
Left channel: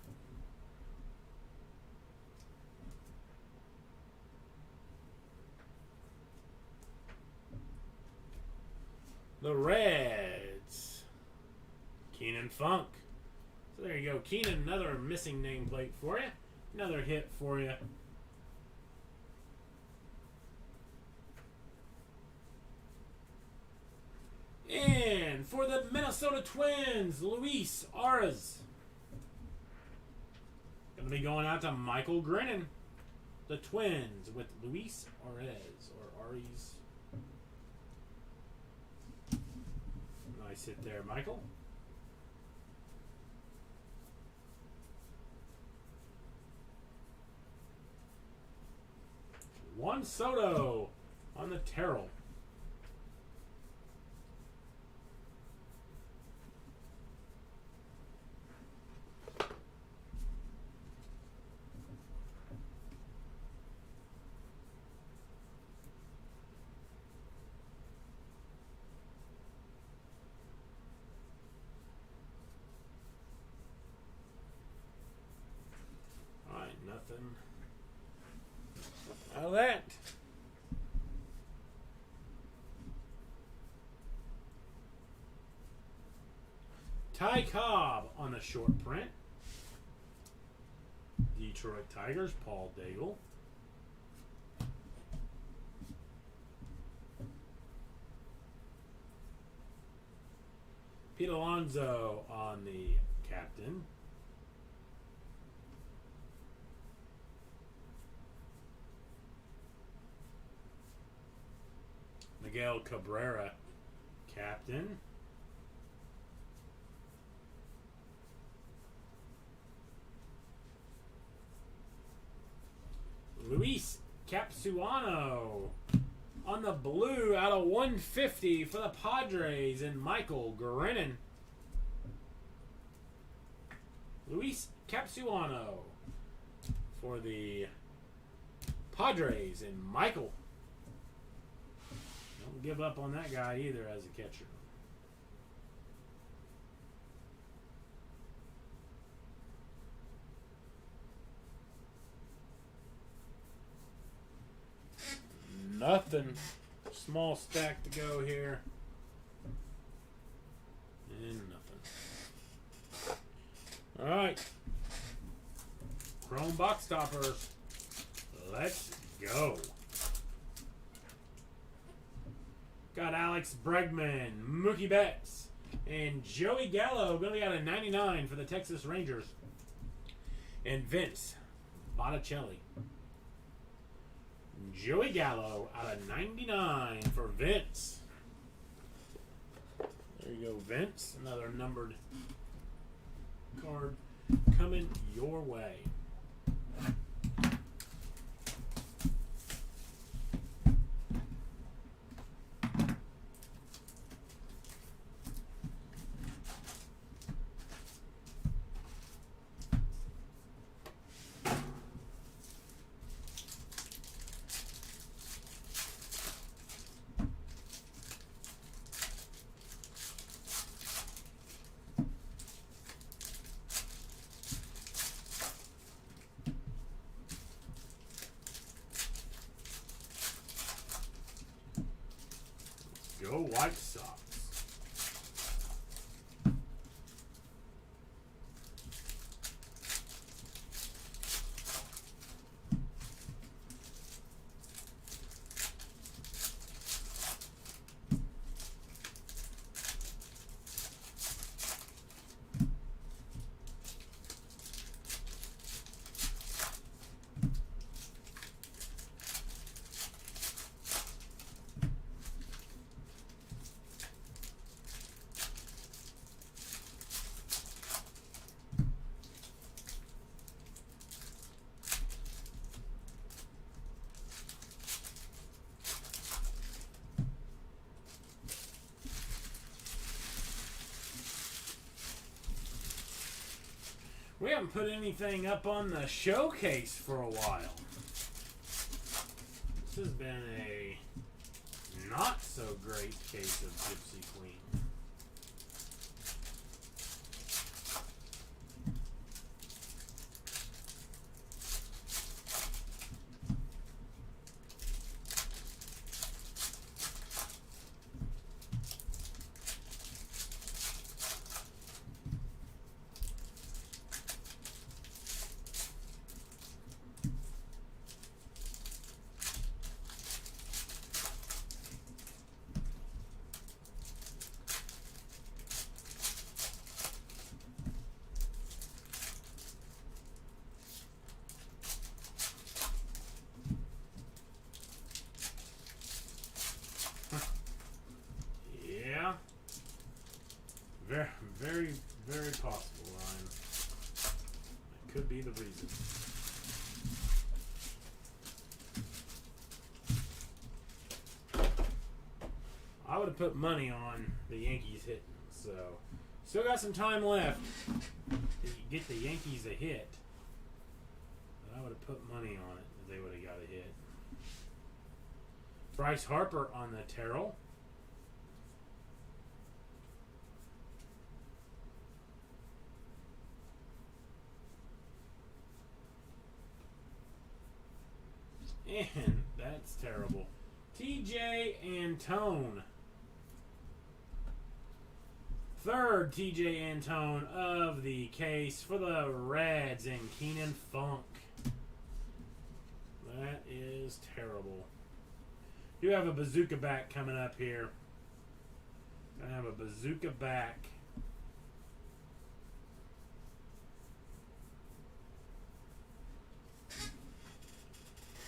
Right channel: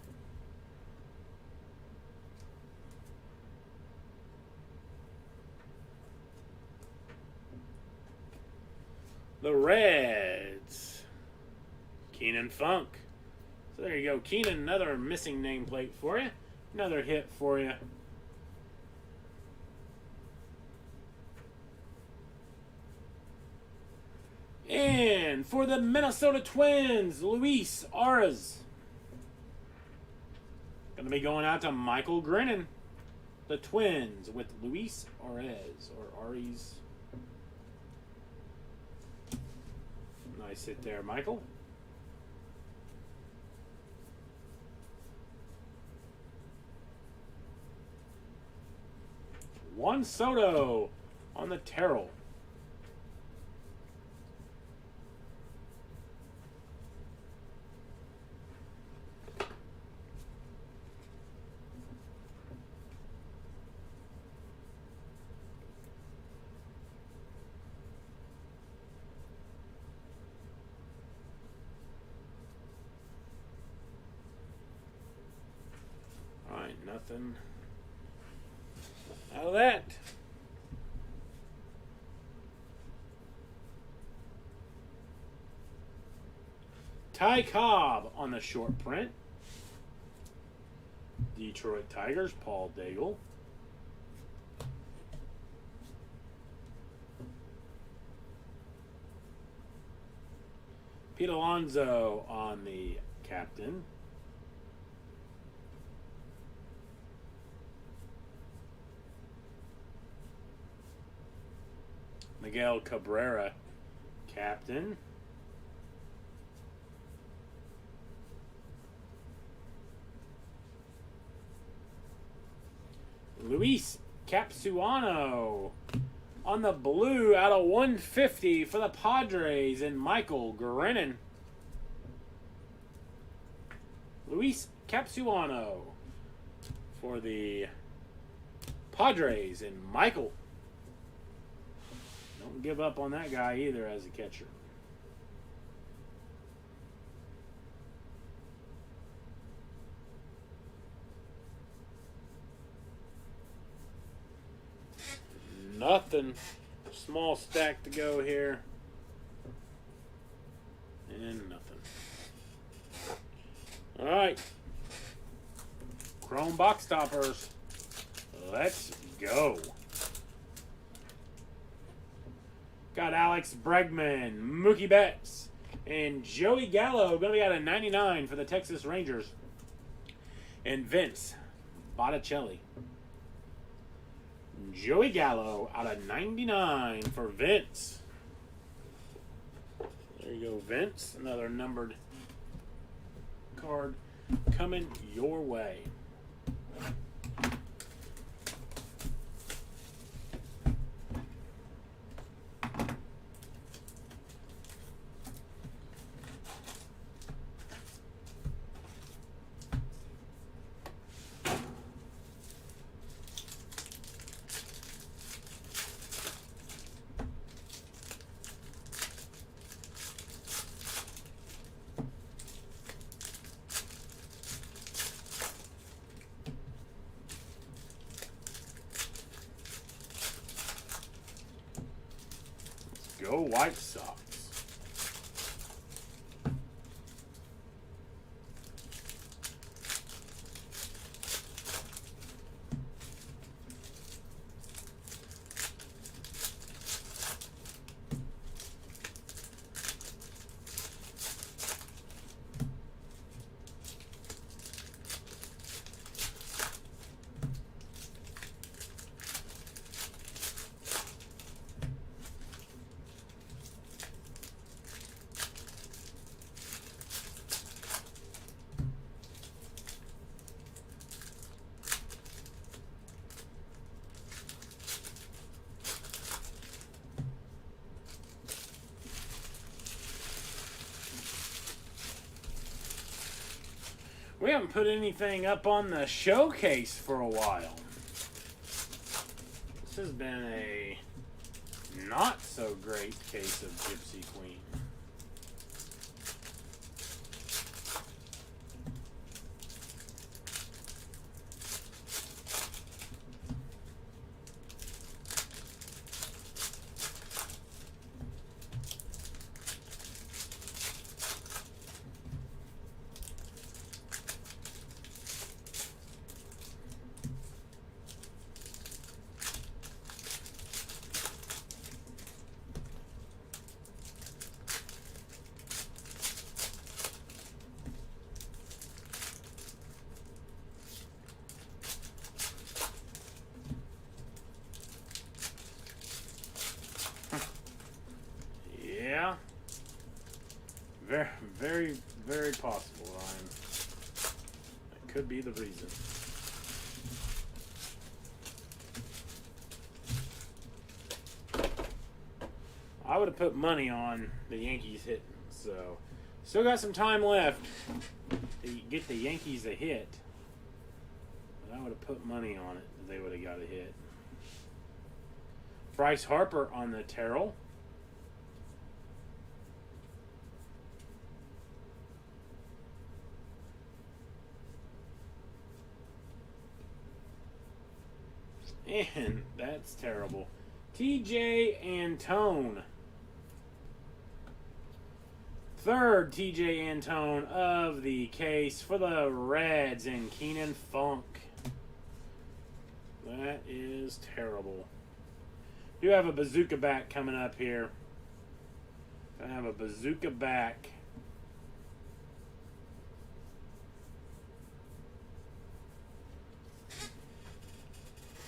The Reds. Keenan Funk. So there you go. Keenan, another missing nameplate for you. Another hit for you. And for the Minnesota Twins, Luis Arraez. Going to be going out to Michael Grennan. The Twins with Luis Arraez or Arraez. Nice hit there, Michael. Juan Soto on the Terrell. Nothing out of that. Ty Cobb on the short print. Detroit Tigers, Paul Daigle. Pete Alonso on the captain. Miguel Cabrera, captain. Luis Capsuano on the blue out of 150 for the Padres, and Michael Grennan. Luis Capsuano for the Padres, and Michael. Don't give up on that guy either as a catcher. Nothing. Small stack to go here. And nothing. Alright. Chrome box toppers. Let's go. Got Alex Bregman, Mookie Betts, and Joey Gallo going to be out of 99 for the Texas Rangers. And Vince Botticelli. Joey Gallo out of 99 for Vince. There you go, Vince. Another numbered card coming your way. Go White Sox. We haven't put anything up on the showcase for a while. This has been a not so great case of Gypsy Queen. Yeah. Very, very possible, Ryan. That could be the reason. I would have put money on the Yankees hitting, so still got some time left to get the Yankees a hit. But I would have put money on it if they would have got a hit. Bryce Harper on the Terrell. And that's terrible. TJ Antone. Third TJ Antone of the case for the Reds and Keenan Funk. That is terrible. You have a bazooka back coming up here. I have a bazooka back.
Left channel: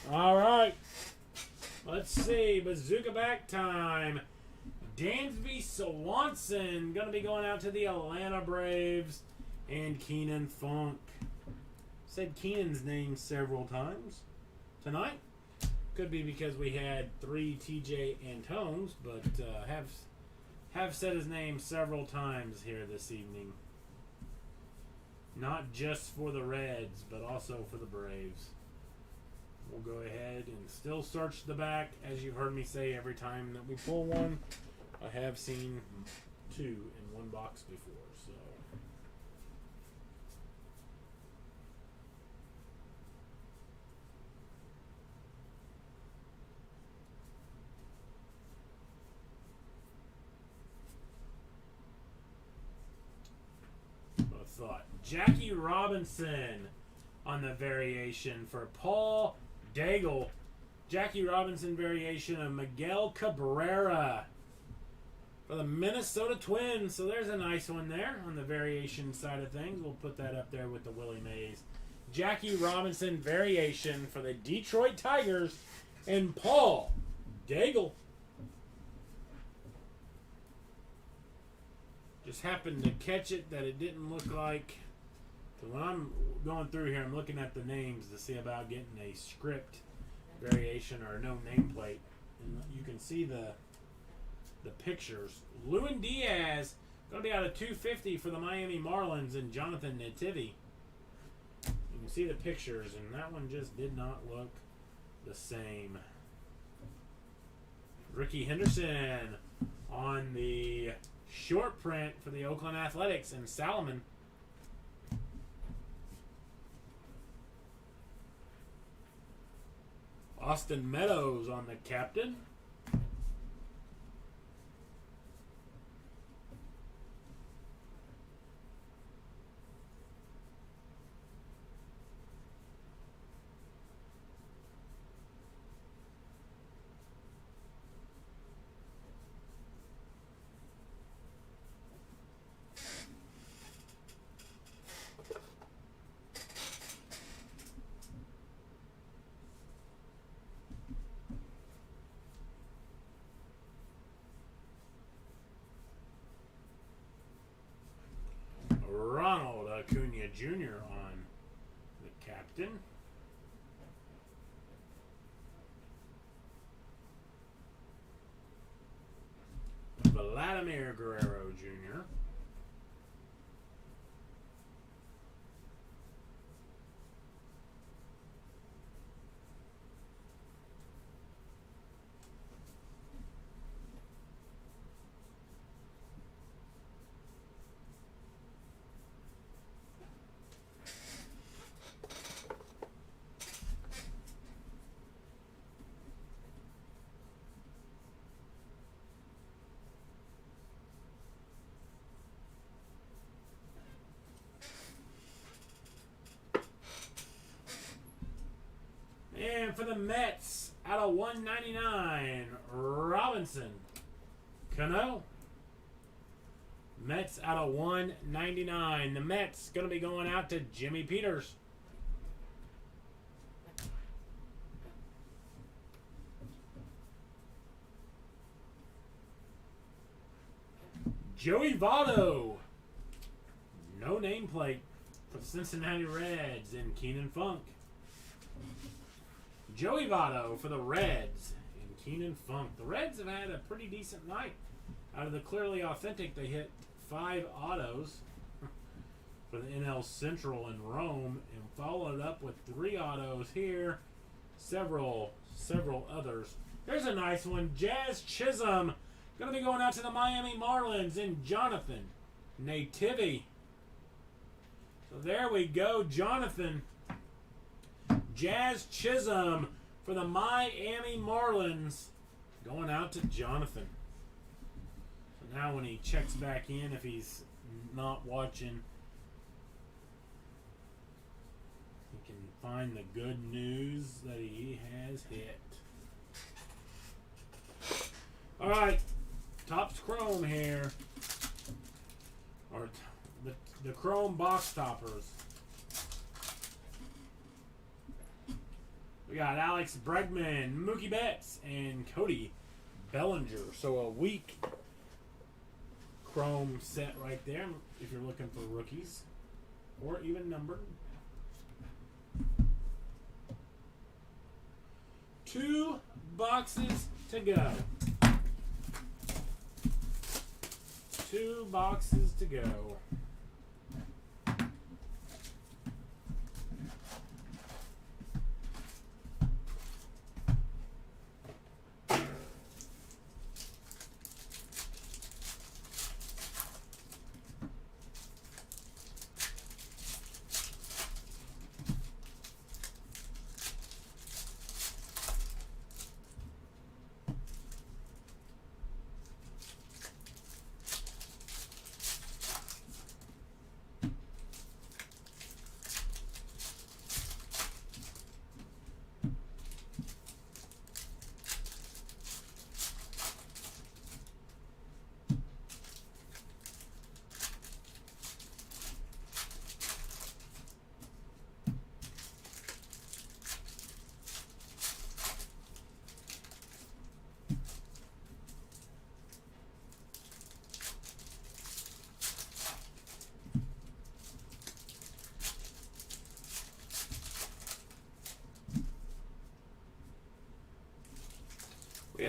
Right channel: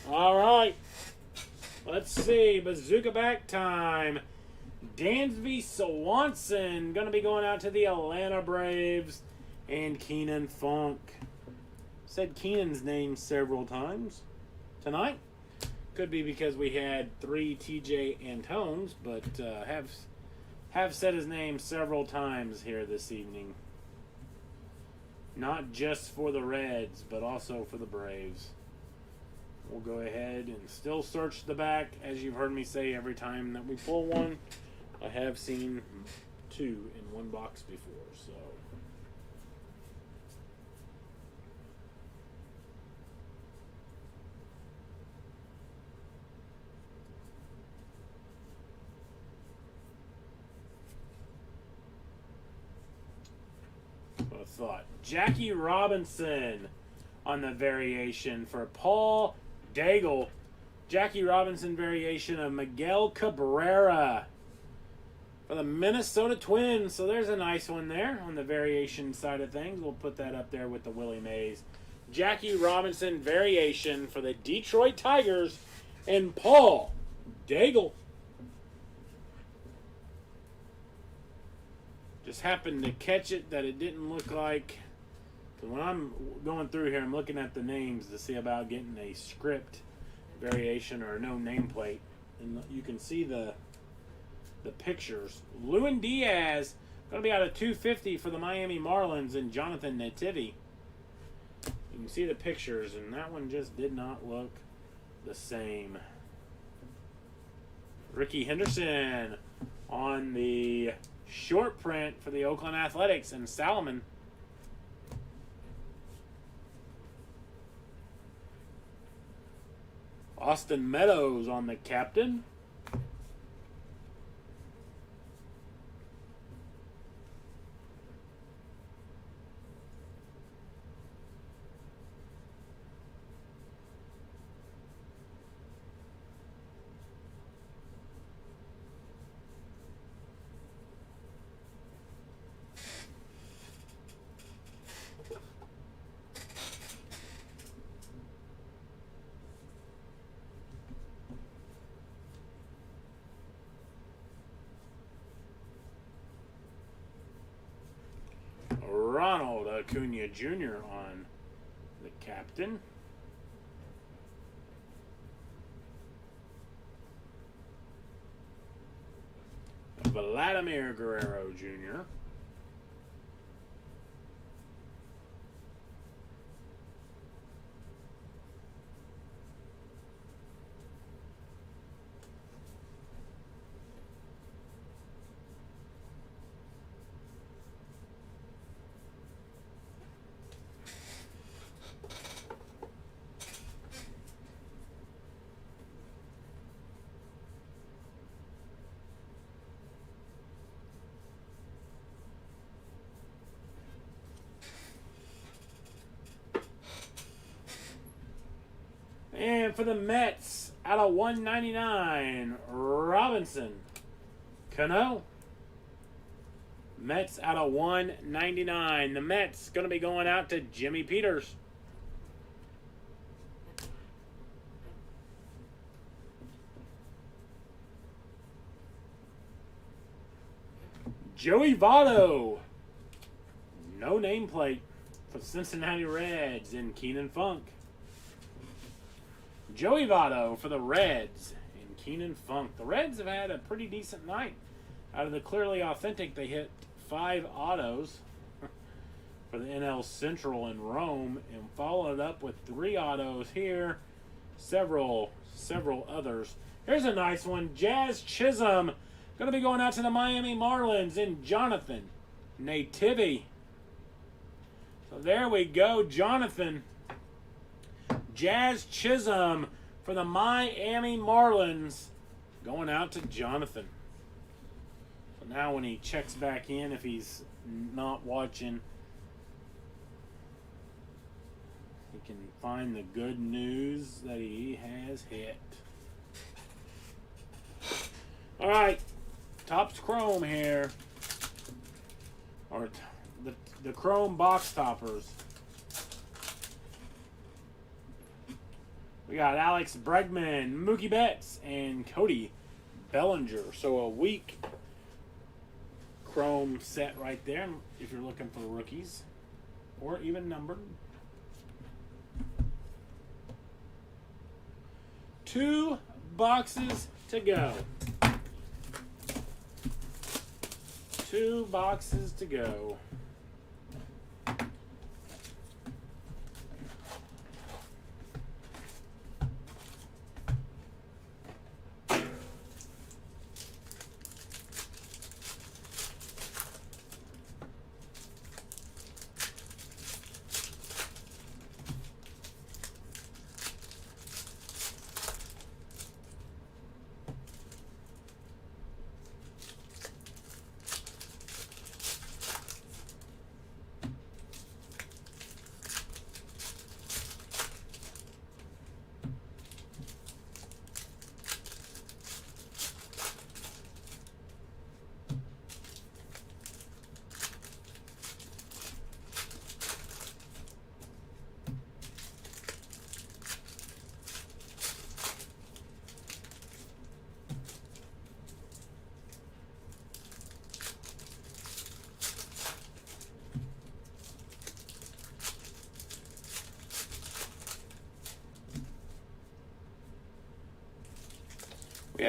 All right. Let's see. Bazooka back time. Dansby Swanson going to be going out to the Atlanta Braves. And Keenan Funk. Said Keenan's name several times tonight. Could be because we had 3 TJ Antones, but have said his name several times here this evening. Not just for the Reds, but also for the Braves. We'll go ahead and still search the back, as you've heard me say every time that we pull one. I have seen 2 in one box before, so. I thought Jackie Robinson on the variation for Paul Daigle. Jackie Robinson variation of Miguel Cabrera for the Minnesota Twins. So there's a nice one there on the variation side of things. We'll put that up there with the Willie Mays. Jackie Robinson variation for the Detroit Tigers and Paul Daigle. Just happened to catch it that it didn't look like So when I'm going through here, I'm looking at the names to see about getting a script variation or no nameplate. And you can see the pictures. Lewin Diaz going to be out of 250 for the Miami Marlins and Jonathan Nativi. You can see the pictures, and that one just did not look the same. Ricky Henderson on the short print for the Oakland Athletics and Salomon. Austin Meadows on the captain. Ronald Acuna Jr. on the captain. Vladimir Guerrero Jr. And for the Mets, out of 199, Robinson Cano. Mets out of 199. The Mets going to be going out to Jimmy Peters. Joey Votto. No nameplate for the Cincinnati Reds and Keenan Funk. Joey Votto for the Reds and Keenan Funk. The Reds have had a pretty decent night. Out of the Clearly Authentic, they hit 5 autos for the NL Central in Rome and followed up with 3 autos here. Several others. Here's a nice one. Jazz Chisholm going to be going out to the Miami Marlins and Jonathan Nativi. So there we go. Jonathan Jazz Chisholm for the Miami Marlins going out to Jonathan. So now when he checks back in, if he's not watching, he can find the good news that he has hit. All right, Topps Chrome here, or the Chrome box toppers. We got Alex Bregman, Mookie Betts, and Cody Bellinger. So a weak Chrome set right there if you're looking for rookies or even numbered. 2 boxes to go. 2 boxes to go.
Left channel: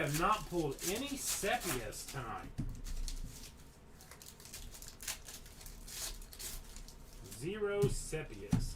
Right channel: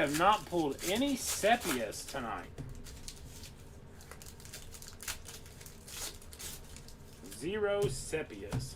have not pulled any sepias tonight. 0 sepias.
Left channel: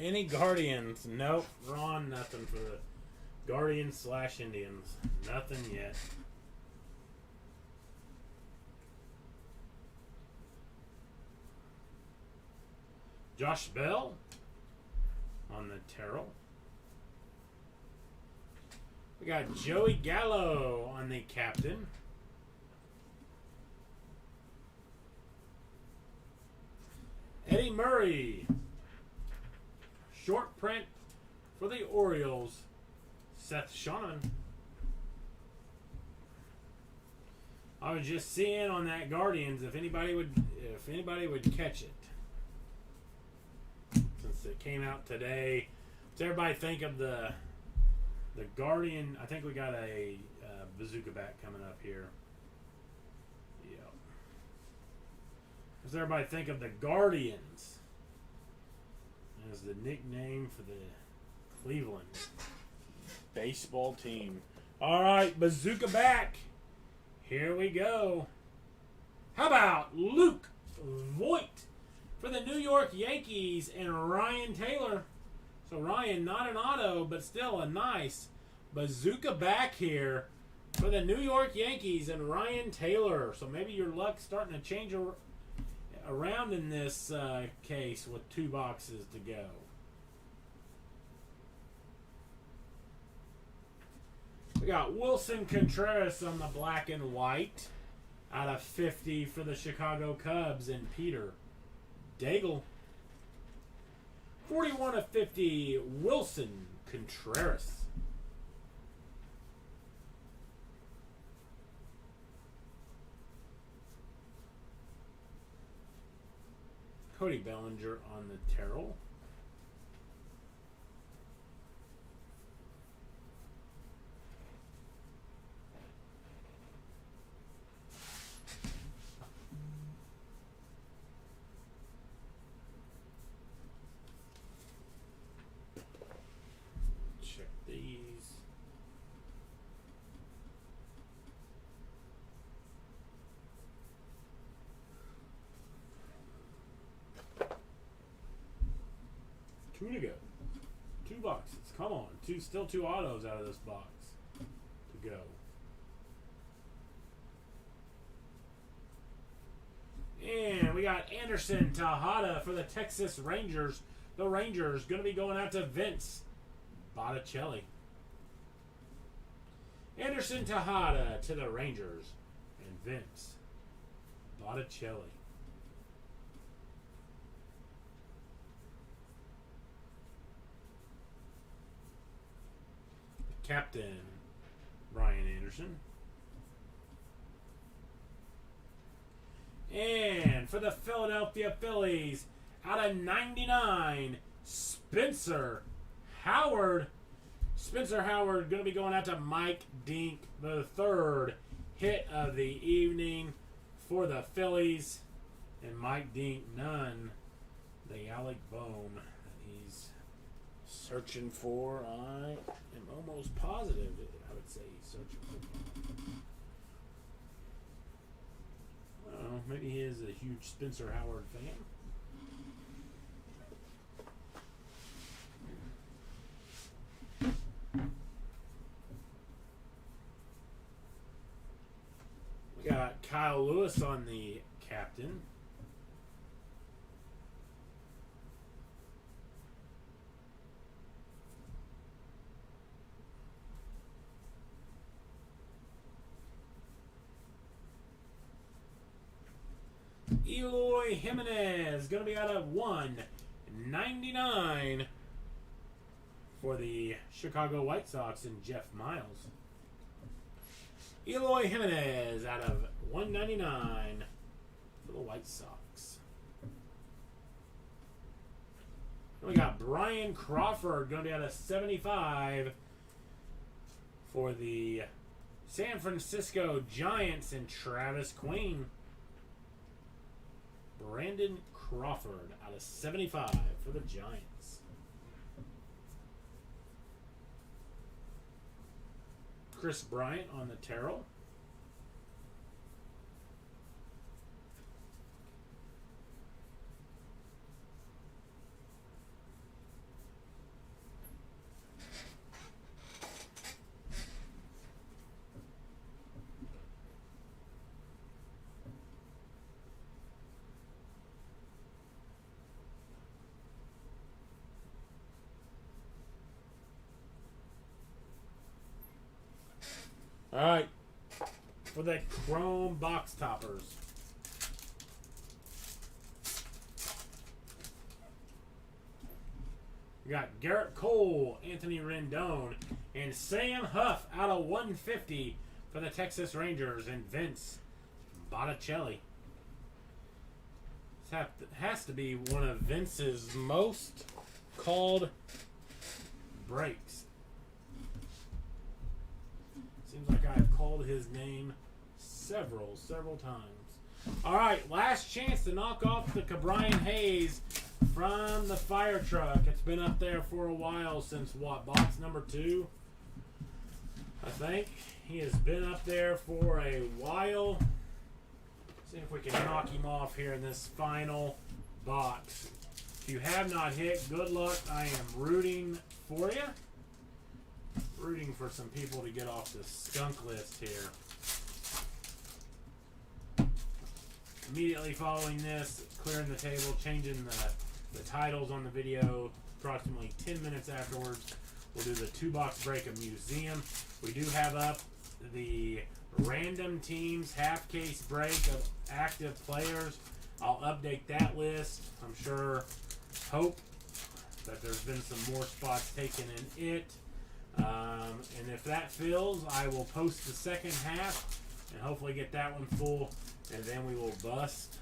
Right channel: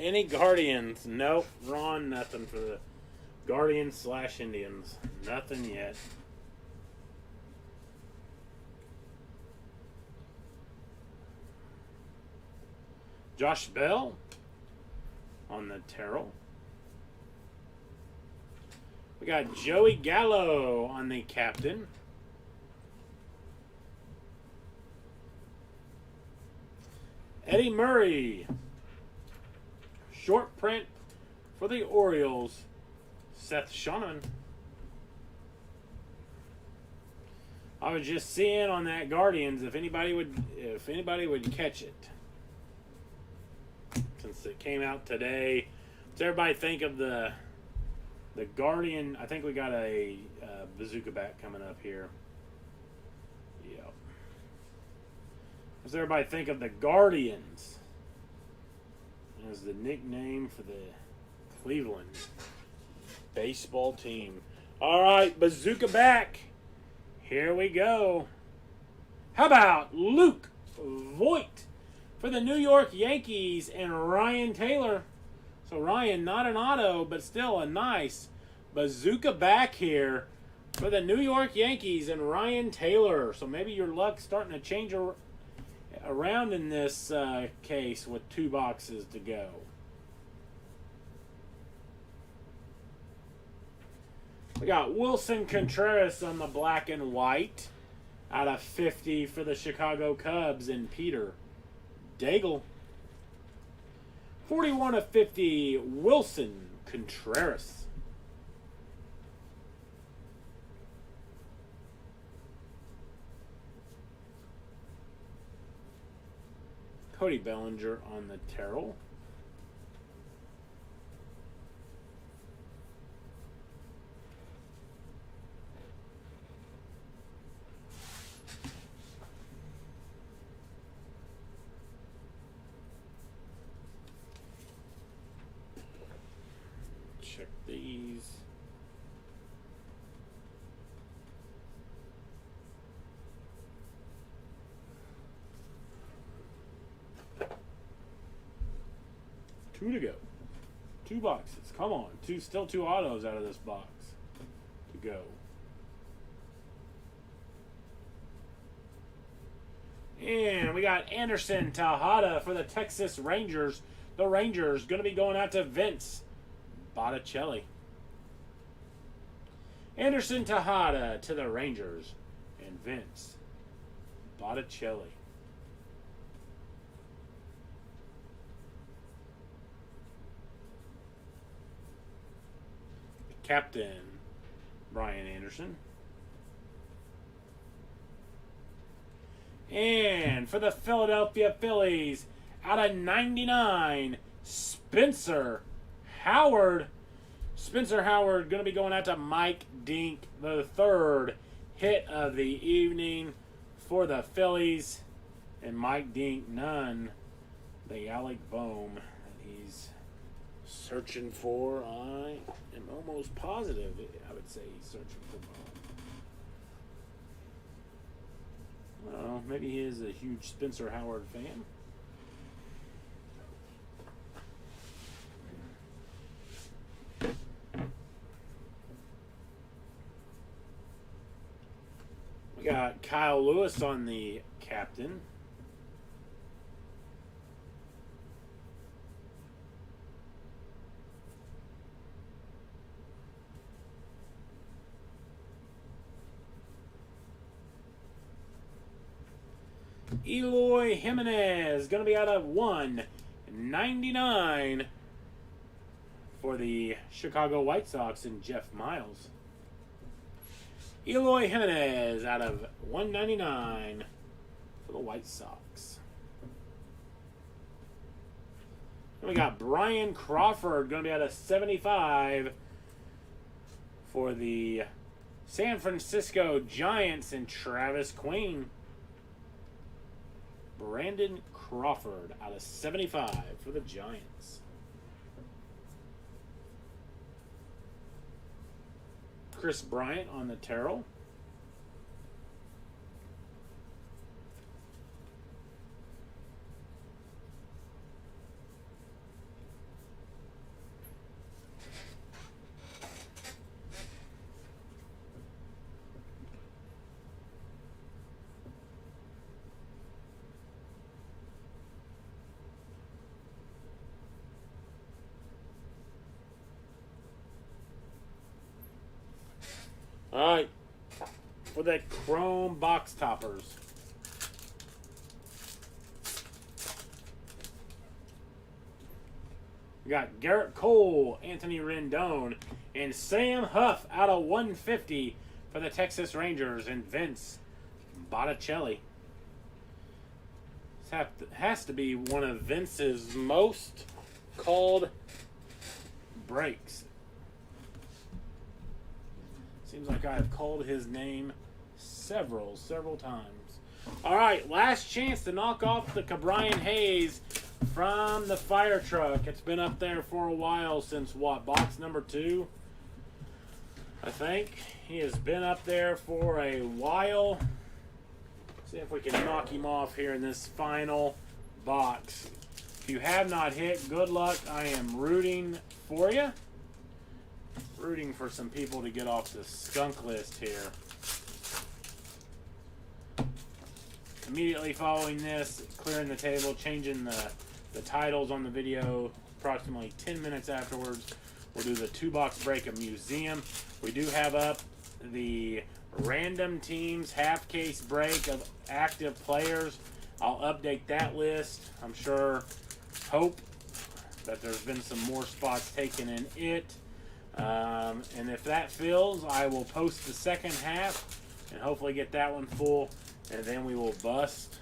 Any Guardians? Nope. Ron, nothing for the Guardians / Indians. Nothing yet. Josh Bell on the Terrell. We got Joey Gallo on the captain. Eddie Murray. Short print for the Orioles, Seth Shannon. I was just seeing on that Guardians if anybody would catch it. Since it came out today. Does everybody think of the Guardian? I think we got a bazooka bat coming up here. Yep. Does everybody think of the Guardians as the nickname for the Cleveland baseball team? All right, bazooka back. Here we go. How about Luke Voigt for the New York Yankees and Ryan Taylor? So Ryan, not an auto, but still a nice bazooka back here for the New York Yankees and Ryan Taylor. So maybe your luck's starting to change around in this case with 2 boxes to go. We got Wilson Contreras on the black and white out of 50 for the Chicago Cubs and Peter Daigle. 41 of 50, Wilson Contreras. Cody Bellinger on the Terrell. Check these. Two to go. 2 boxes. Come on. Still 2 autos out of this box to go. And we got Anderson Tejada for the Texas Rangers. The Rangers going to be going out to Vince Botticelli. Anderson Tejada to the Rangers and Vince Botticelli. Captain Brian Anderson. And for the Philadelphia Phillies, out of 99, Spencer Howard. Spencer Howard going to be going out to Mike Dink, the 3rd hit of the evening for the Phillies. And Mike Dink, none. The Alec Bohm. He's Searching for, I am almost positive, I would say he's searching for. I don't know, maybe he is a huge Spencer Howard fan. We got Kyle Lewis on the captain. Eloy Jimenez, going to be out of 199 for the Chicago White Sox and Jeff Miles. Eloy Jimenez out of 199 for the White Sox. And we got Brian Crawford, going to be out of 75 for the San Francisco Giants and Travis Queen. Brandon Crawford out of 75 for the Giants. Chris Bryant on the Terrell. All right, for the Chrome box toppers. We got Garrett Cole, Anthony Rendon, and Sam Huff out of 150 for the Texas Rangers, and Vince Botticelli. This has to be one of Vince's most called breaks. Seems like I have called his name several times. All right, last chance to knock off the Cabrian Hayes from the fire truck. It's been up there for a while, since what, box number 2? I think he has been up there for a while. See if we can knock him off here in this final box. If you have not hit, good luck. I am rooting for you. Rooting for some people to get off the skunk list here. Immediately following this, clearing the table, changing the titles on the video approximately 10 minutes afterwards. We'll do the 2-box break of Museum. We do have up the random teams half case break of active players. I'll update that list. I'm sure, hope that there's been some more spots taken in it. And if that fills, I will post the second half and hopefully get that one full, and then we will bust.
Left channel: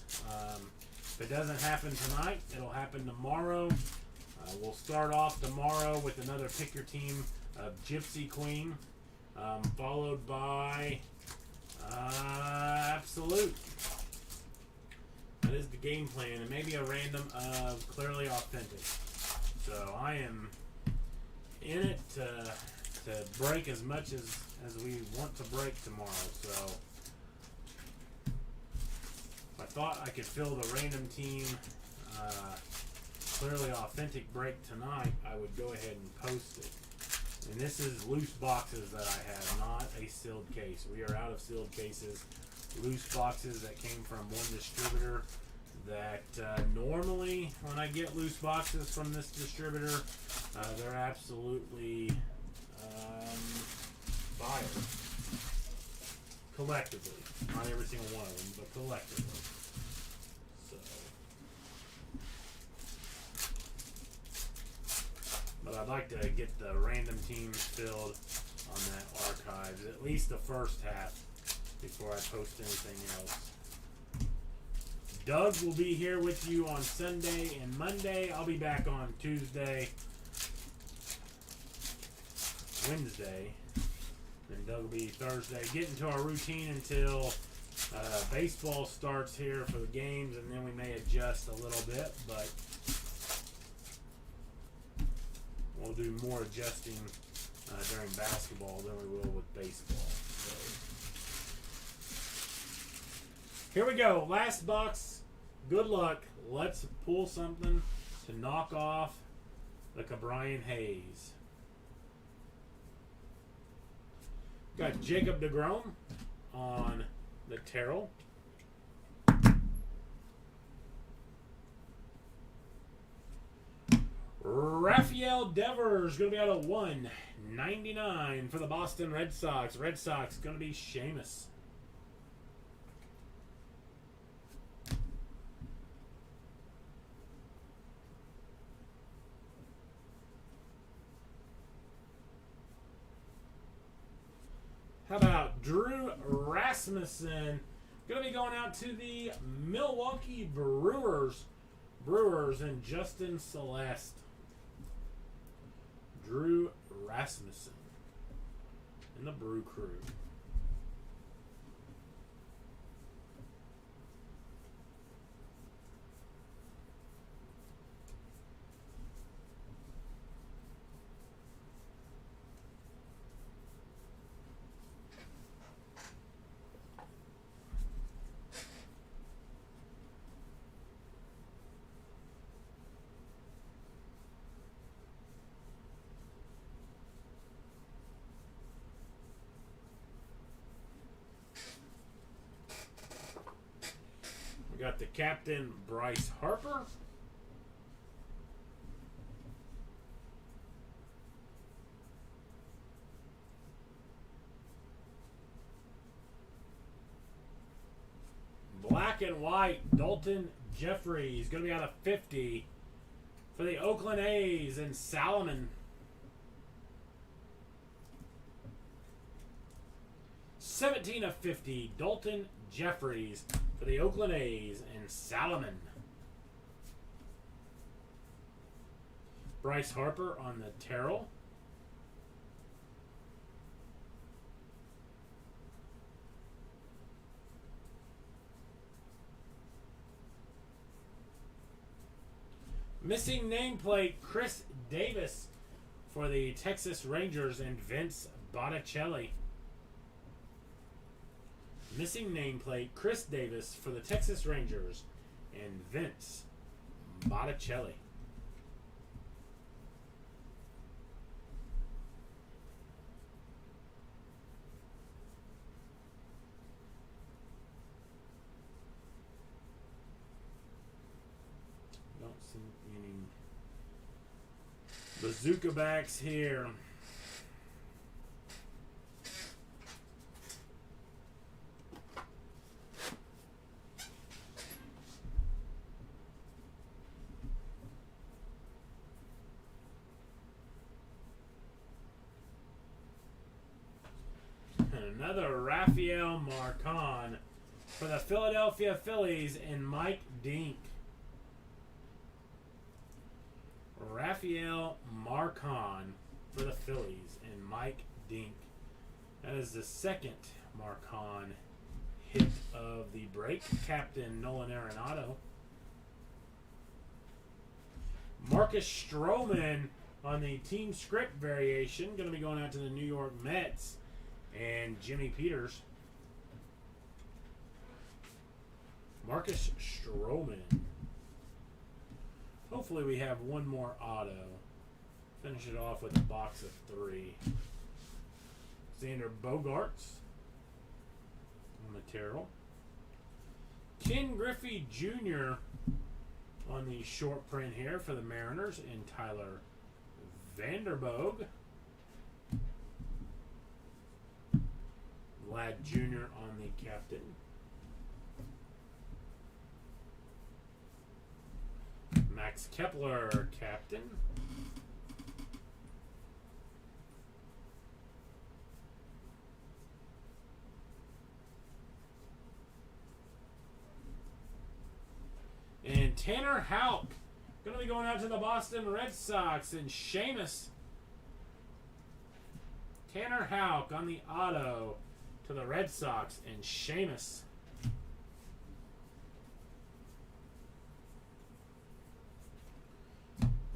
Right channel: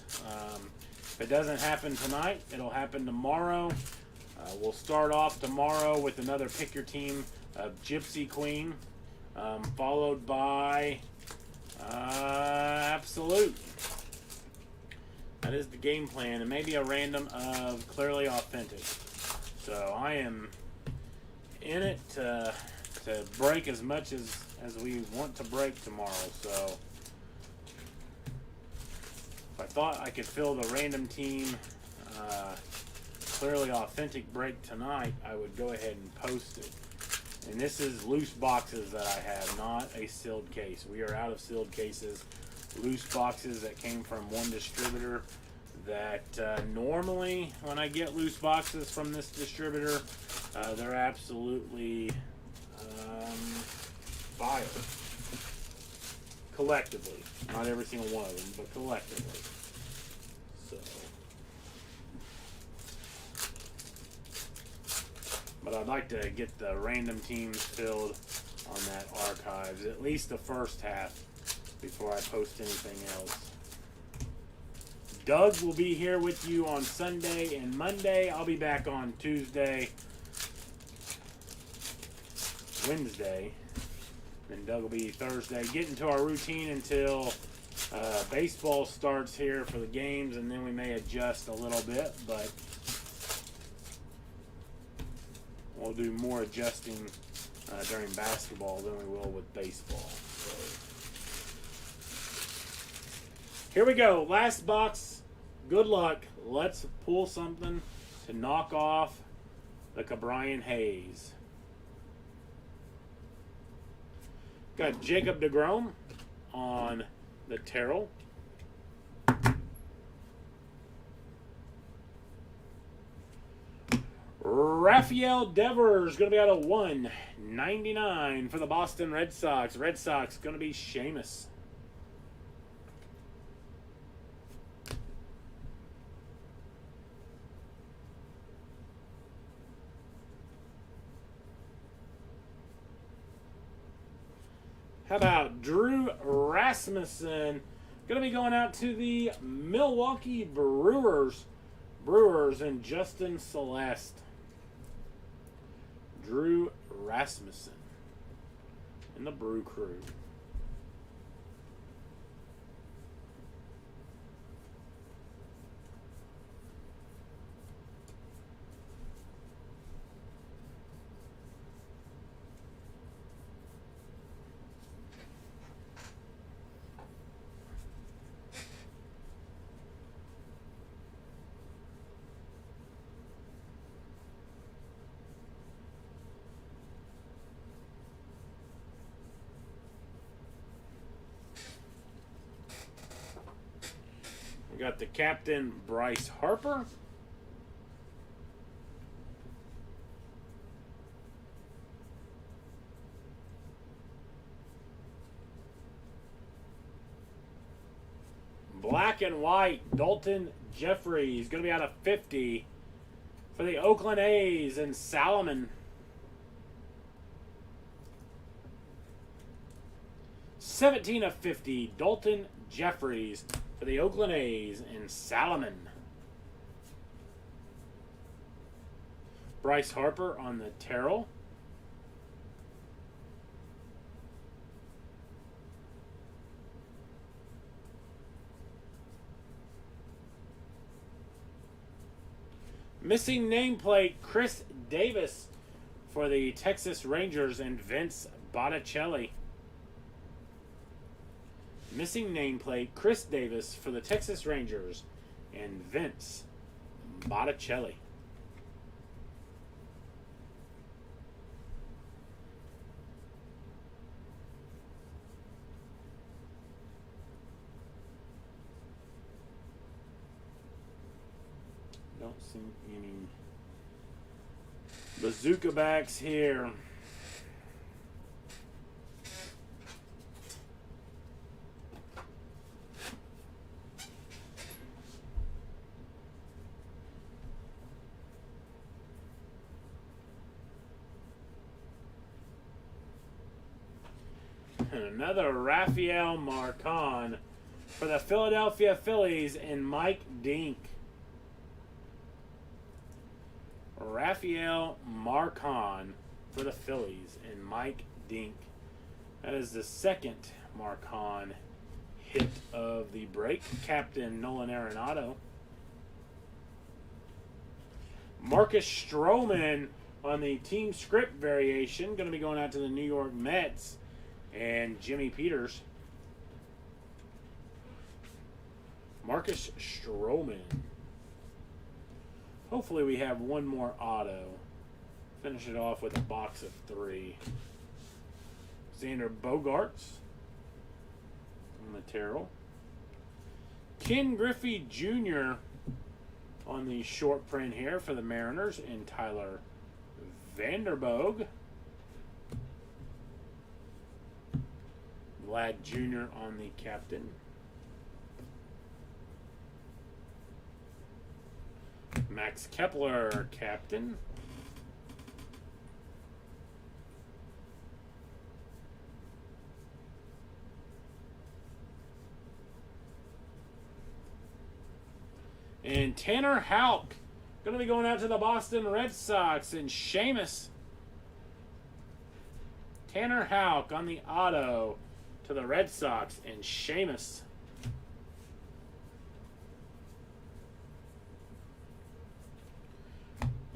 If it doesn't happen tonight, it'll happen tomorrow. We'll start off tomorrow with another pick your team of Gypsy Queen, followed by Absolute. That is the game plan, and maybe a random of Clearly Authentic. So I am in it to break as much as we want to break tomorrow. So if I thought I could fill the random team Clearly Authentic break tonight, I would go ahead and post it. And this is loose boxes that I have, not a sealed case. We are out of sealed cases. Loose boxes that came from one distributor that normally when I get loose boxes from this distributor, they're absolutely fire. Collectively. Not every single one of them, but collectively. So. But I'd like to get the random teams filled on that archives, at least the first half, before I post anything else. Doug will be here with you on Sunday and Monday. I'll be back on Tuesday, Wednesday, then Doug will be Thursday. Get into our routine until baseball starts here for the games, and then we may adjust a little bit, but We'll do more adjusting during basketball than we will with baseball. So. Here we go. Last box. Good luck. Let's pull something to knock off the Cabrian Hayes. Got Jacob DeGrom on the Terrell. Rafael Devers going to be out of 199 for the Boston Red Sox. Red Sox going to be Seamus. How about Drew Rasmussen? Going to be going out to the Milwaukee Brewers. Brewers and Justin Celeste. Drew Rasmussen and the Brew Crew. We got the captain, Bryce Harper. Black and white, Dalton Jeffries. Going to be out of 50 for the Oakland A's and Salomon. 17 of 50, Dalton Jeffries for the Oakland A's and Salomon. Bryce Harper on the Terrell. Missing nameplate, Chris Davis for the Texas Rangers and Vince Botticelli. Missing nameplate, Chris Davis for the Texas Rangers and Vince Botticelli. Don't see any bazooka backs here. Another Rafael Marcon for the Philadelphia Phillies and Mike Dink. Rafael Marcon for the Phillies and Mike Dink. That is the second Marcon hit of the break. Captain Nolan Arenado. Marcus Stroman on the team script variation. Going to be going out to the New York Mets. And Jimmy Peters. Marcus Stroman. Hopefully we have one more auto. Finish it off with a box of 3. Xander Bogaerts on the Terrell. Ken Griffey Jr. on the short print here for the Mariners and Tyler Vanderboog. Vlad Jr. on the captain. Max Kepler, captain. And Tanner Houck, going to be going out to the Boston Red Sox and Seamus. Tanner Houck on the auto to the Red Sox and Seamus.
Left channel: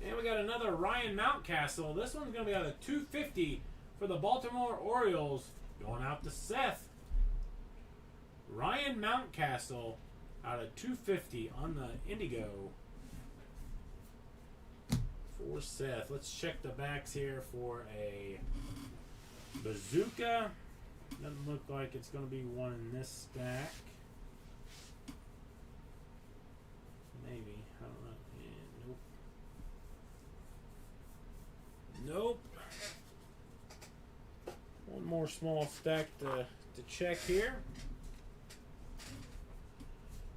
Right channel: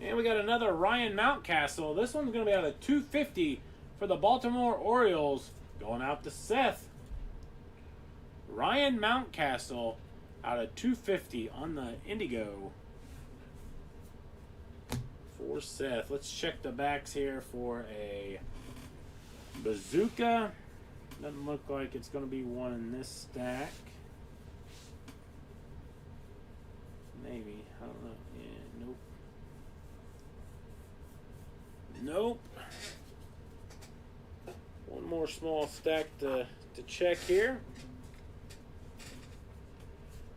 And And we got another Ryan Mountcastle. This one's going to be out of 250 for the Baltimore Orioles. Going out to Seth. Ryan Mountcastle out of 250 on the Indigo. For Seth. Let's check the backs here for a Bazooka. Doesn't look like it's going to be one in this stack. Maybe. I don't know. Yeah, nope. Nope. One more small stack to check here.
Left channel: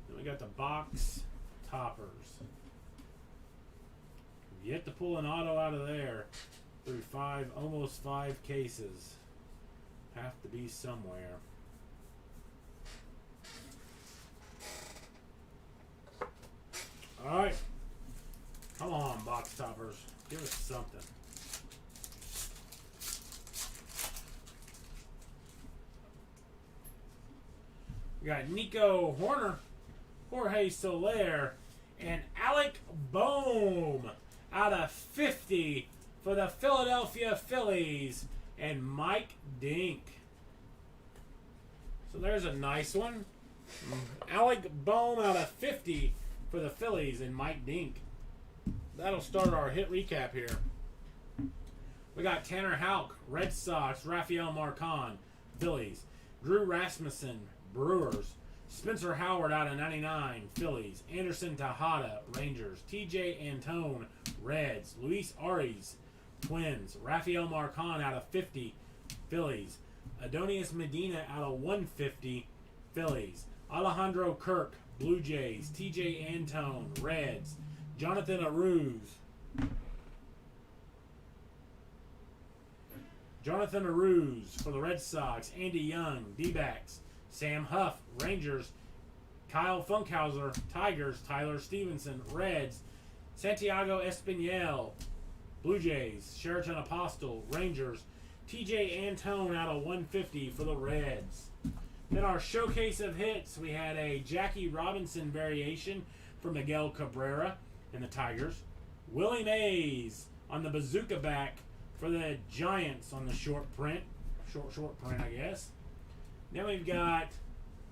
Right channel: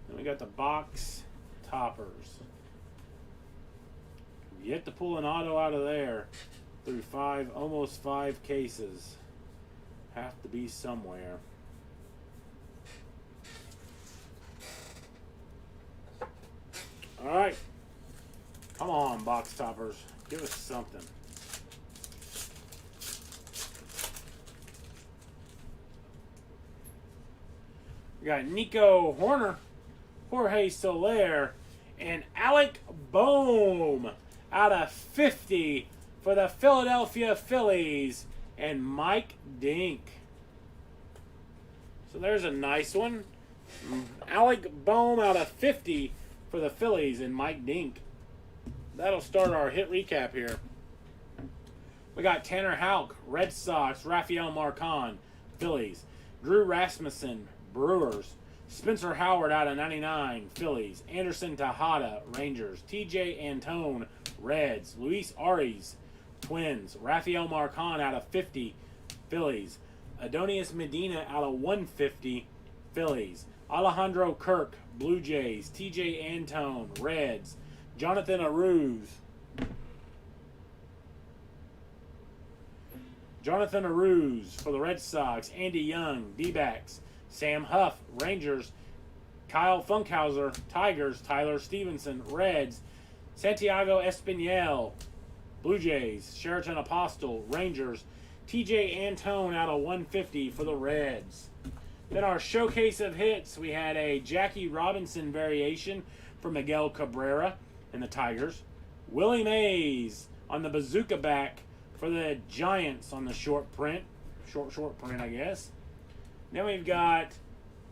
Then we got the box toppers. Yet to pull an auto out of there through almost five cases. Have to be somewhere. All right. Come on, box toppers. Give us something. We got Nico Horner, Jorge Soler, and Alec Bohm out of 50 for the Philadelphia Phillies, and Mike Dink. So there's a nice one. Alec Bohm out of 50 for the Phillies, and Mike Dink. That'll start our hit recap here. We got Tanner Houck, Red Sox, Rafael Marcon, Phillies, Drew Rasmussen, Brewers, Spencer Howard out of 99, Phillies, Anderson Tejada, Rangers, TJ Antone, Reds, Luis Arias, Twins, Rafael Marcon out of 50, Phillies, Adonis Medina out of 150, Phillies, Alejandro Kirk, Blue Jays, TJ Antone, Reds, Jonathan Aruz, for the Red Sox, Andy Young, D-backs, Sam Huff, Rangers, Kyle Funkhauser, Tigers, Tyler Stevenson, Reds, Santiago Espinal, Blue Jays, Sheraton Apostle, Rangers, TJ Antone out of 150 for the Reds. Then our showcase of hits, we had a Jackie Robinson variation for Miguel Cabrera and the Tigers. Willie Mays on the Bazooka back for the Giants on the short print. Short print, I guess. Then we've got,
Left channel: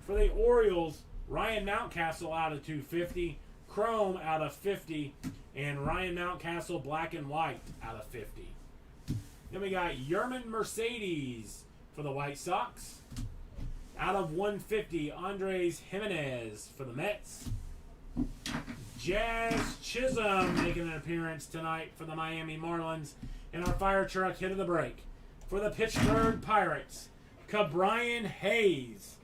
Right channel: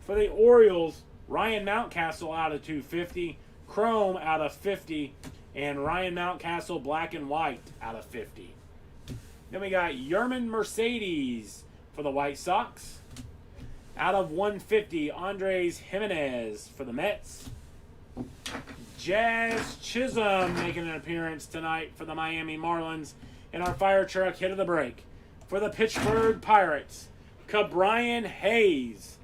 for the Orioles, Ryan Mountcastle out of 250, Chrome out of 50, and Ryan Mountcastle black and white out of 50. Then we got Yerman Mercedes for the White Sox. Out of 150, Andres Jimenez for the Mets. Jazz Chisholm making an appearance tonight for the Miami Marlins. And our fire truck hit of the break for the Pittsburgh Pirates, Cabrian Hayes.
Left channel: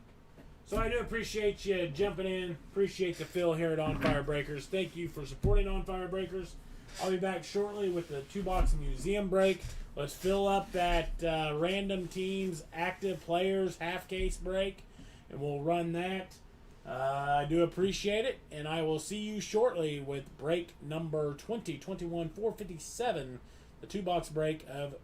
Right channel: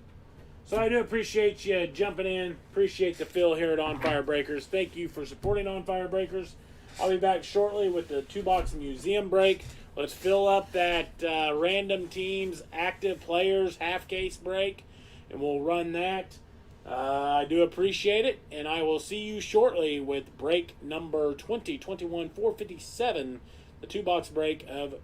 So I do appreciate you jumping in. Appreciate the fill here at On Fire Breakers. Thank you for supporting On Fire Breakers. I'll be back shortly with the 2-box museum break. Let's fill up that random teams, active players, half case break, and we'll run that. I do appreciate it, and I will see you shortly with break number 2021-457, the 2-box break of